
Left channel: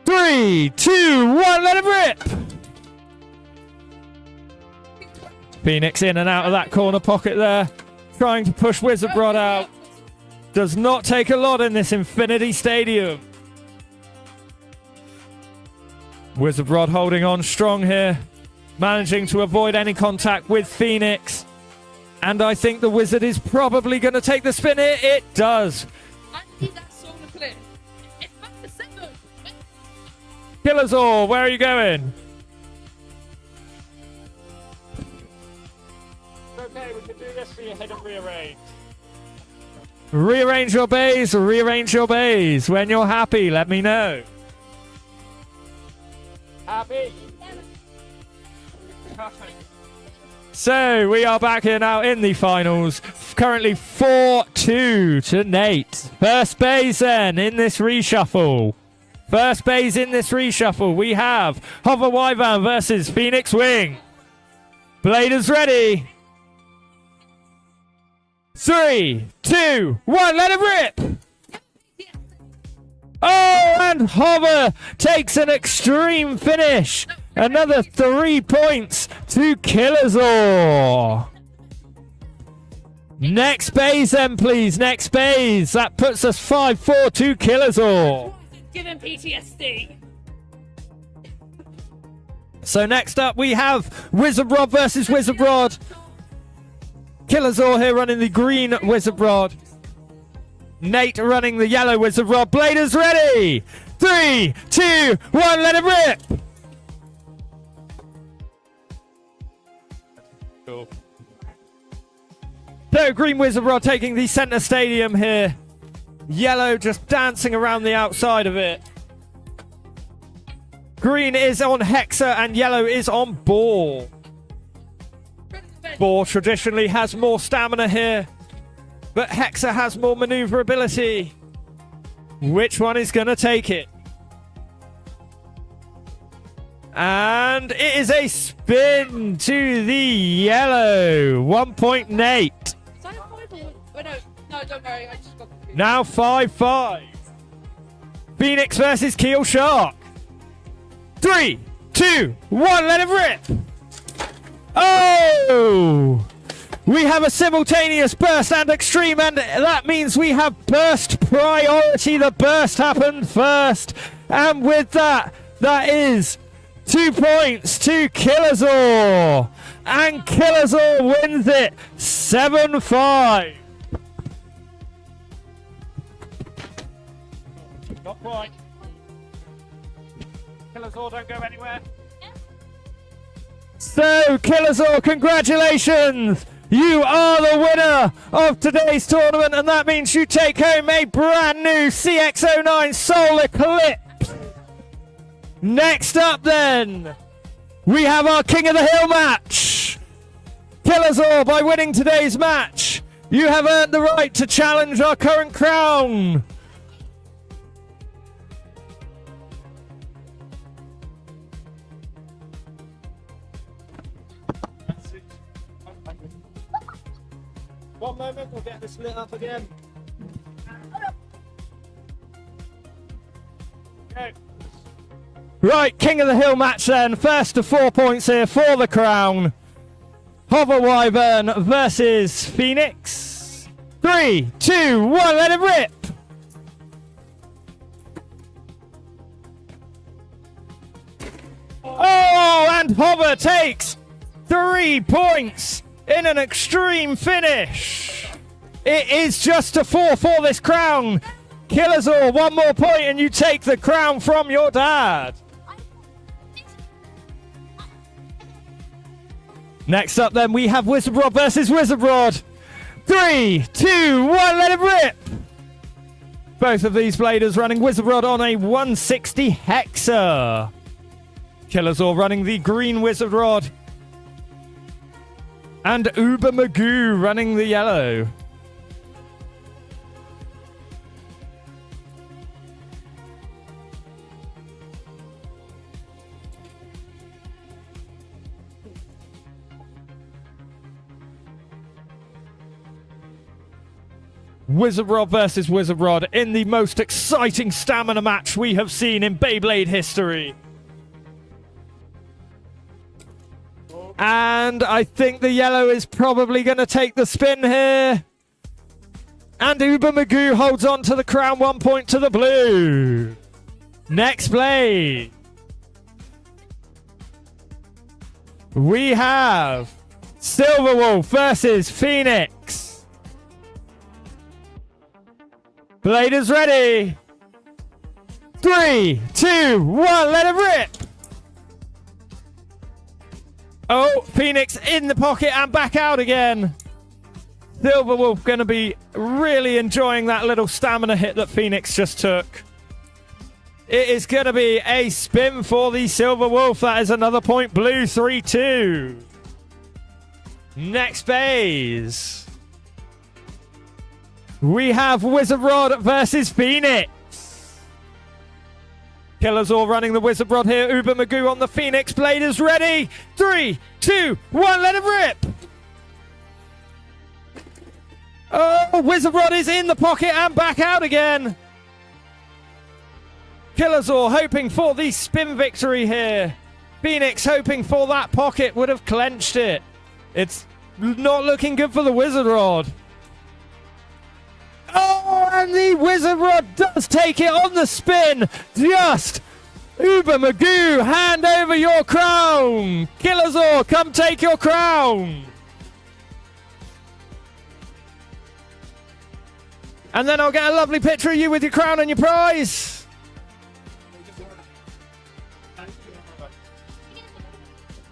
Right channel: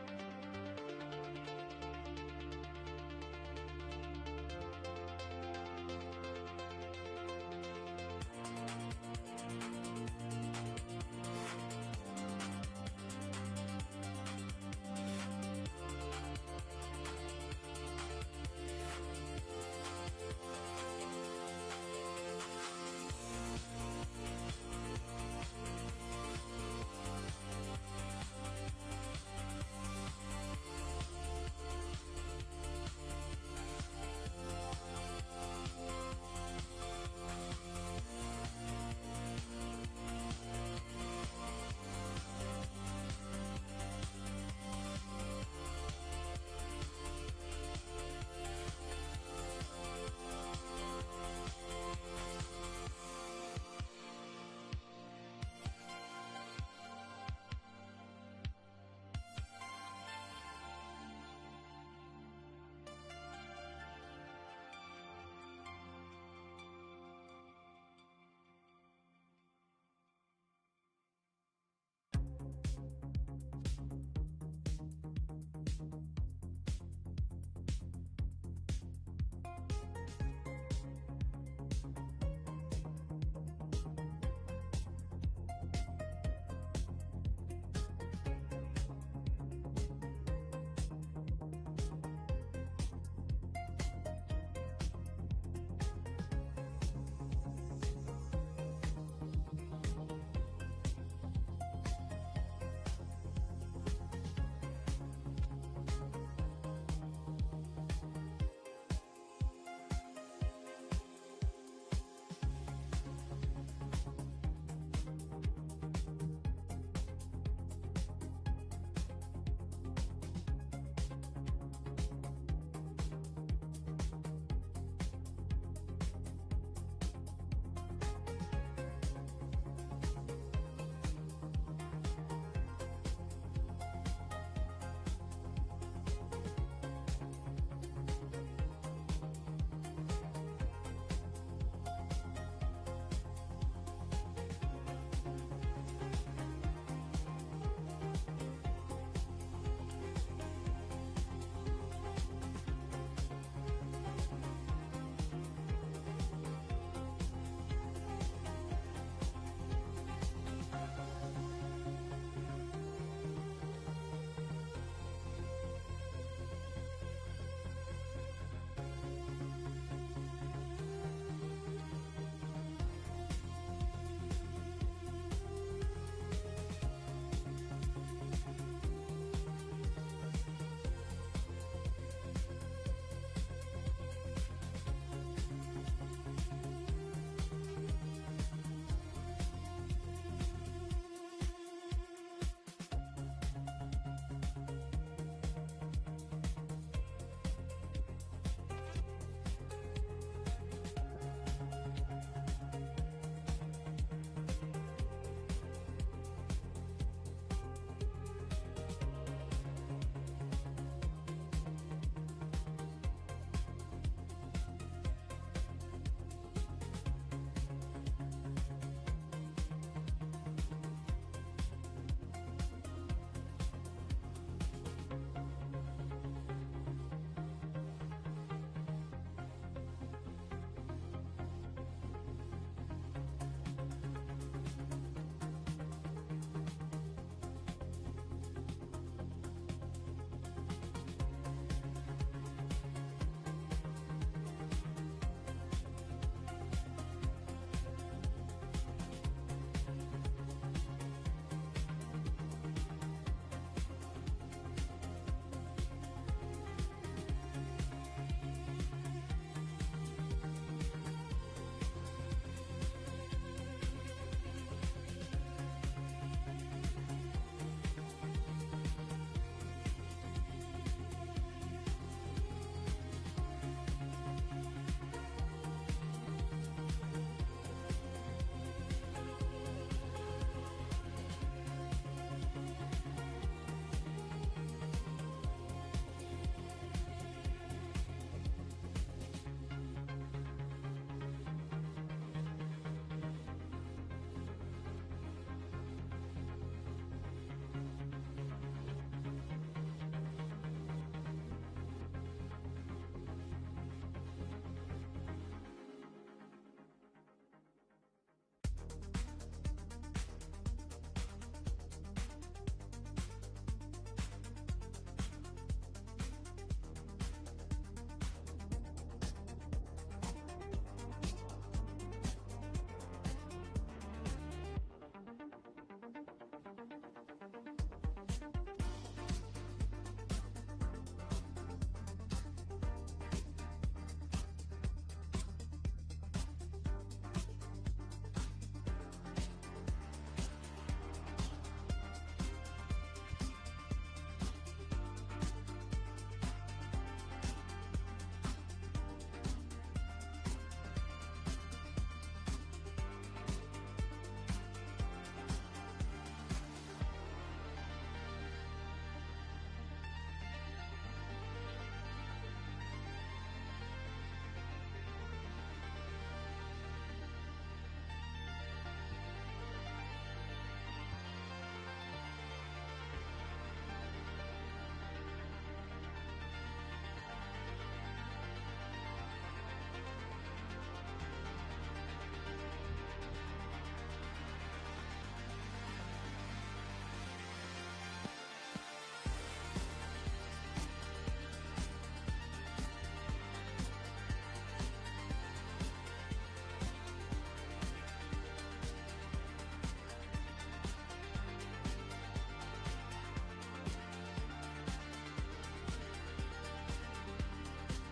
3, 2, 1, let it rip! Phoenix in and out of that corner pocket there, trying to push Wizard Rod out. Does not take a lot in this Infinity Stadium. Wizard Rod holding on strong here, managing to avoid any contact with Phoenix. And I think the Wizard is probably going to take the spin here. It does. I need that song to play. It's back to 7. Kill us all. Where are you going? Okay, we can do this for your head and rearrange. Rearrange your bays. Rearrange your bays. When you're happy, let me know. Happy? So we are back here now in the finals. Currently 4-2 to Nate. First base then in this reshuffle. We have Hover Wyvern versus Phoenix Wing. Bladers ready. 3, 2, 1, let it rip! Oh, and Hover takes an extreme finish. Another 3 points to Killazor. Next base then, please. Next base. That puts us 5-4 to Killazor. Give him PTSD. So next up we have Wizard Rod versus Wizard Rod. Killazor here running the green Wizard Rod. Nate running the yellow Wizard Rod. Bladers ready. 3, 2, 1, let it rip. Cool. So green Wizard Rod taking the center stadium here. Yellow just dancing around the outside of it. Green is on Hexa and yellow is on Ball. Ball traditionally has more stamina here, but Hexa has more maneuverability. Which one is going to take it? And it is a spin to the yellow. 1 point Nate. Is that a 5 or... No, don't worry. I just got confused. Now 5-5. Phoenix versus Keel Shark. 3, 2, 1, let it rip. Oh! We have a simultaneous burst and extreme, and that means we have burst priority. The burst happened first. And with that, that is 2 points to Killazor. And Killazor wins it 7-5. Not quite. Killazor, don't go anywhere. So, Killazor, congratulations! You are the winner of today's tournament, and that means you take home a brand new CX-09 Soul Eclipse. Next up, then, we have our King of the Hill match. Killazor, by winning today's match, you have earned the right to challenge our current crown. One moment, we'll get this lit up again. Okay. Right, King of the Hill match then. First to 4 points here for the crown. Hover Wyvern versus Phoenix. 3, 2, 1, let it rip! Oh, and Hover takes 3 points in an extreme finish. It is just a 4 for this crown. Killazor, 1 more point and you take the crown from your dad. Next up then, we have Wizard Rod versus Wizard Rod. 3, 2, 1, let it rip! Both of these bladers running Wizard Rod on a 160 Hexa. Killazor running the green Wizard Rod. And Uber Magoo running the yellow. Wizard Rod versus Wizard Rod in the most exciting stamina match we have seen in Beyblade history. And I think the yellow is probably going to take the spin here. And Uber Magoo holds on to the crown, 1 point to the blue. Next blade. We have Silverwolf versus Phoenix. Blade is ready. 3, 2, 1, let it rip. Oh, Phoenix in the pocket and back out again. Silverwolf going to be really enjoying that little stamina hit that Phoenix just took. It is going to be a spin for the Silverwolf. That is another point blue, 3-2. Next phase. We have Wizard Rod versus Phoenix. Killazor running the Wizard Rod here. Uber Magoo on the Phoenix. Blade is ready. 3, 2, 1, let it rip. Oh, Wizard Rod is in the pocket and back out again. Killazor hoping for the spin victory here. Phoenix hoping for that pocket would have clenched it. It's not looking good for the Wizard Rod. Oh, and the Wizard Rod does take it on the spin. Just Uber Magoo, hand over your crown. Killazor, come take your crown. And then I'll get a lovely picture of you with your crown and your prize.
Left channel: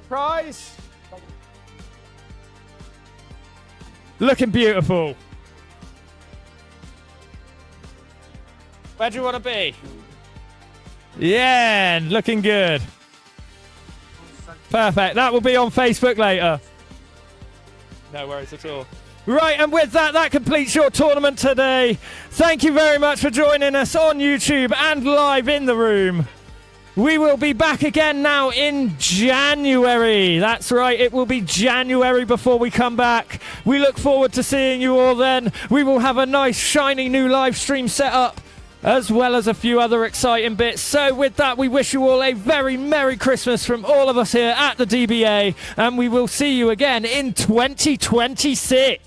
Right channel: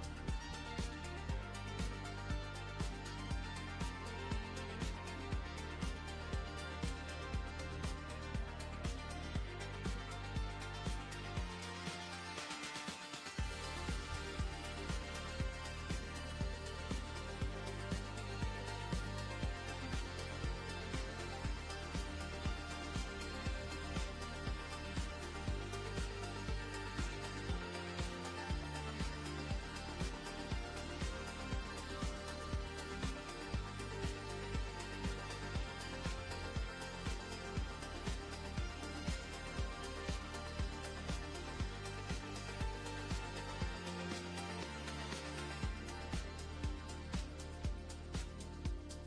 Prize. Looking beautiful. Where do you want to be? Yeah, looking good. Perfect. That will be on Facebook later. No worries at all. Right, and with that, that completes your tournament today. Thank you very much for joining us on YouTube and live in the room. We will be back again now in January. That's right, it will be January before we come back. We look forward to seeing you all then. We will have a nice, shiny new live stream set up. as well as a few other exciting bits. So with that, we wish you all a very Merry Christmas from all of us here at the DBA, and we will see you again in 2026.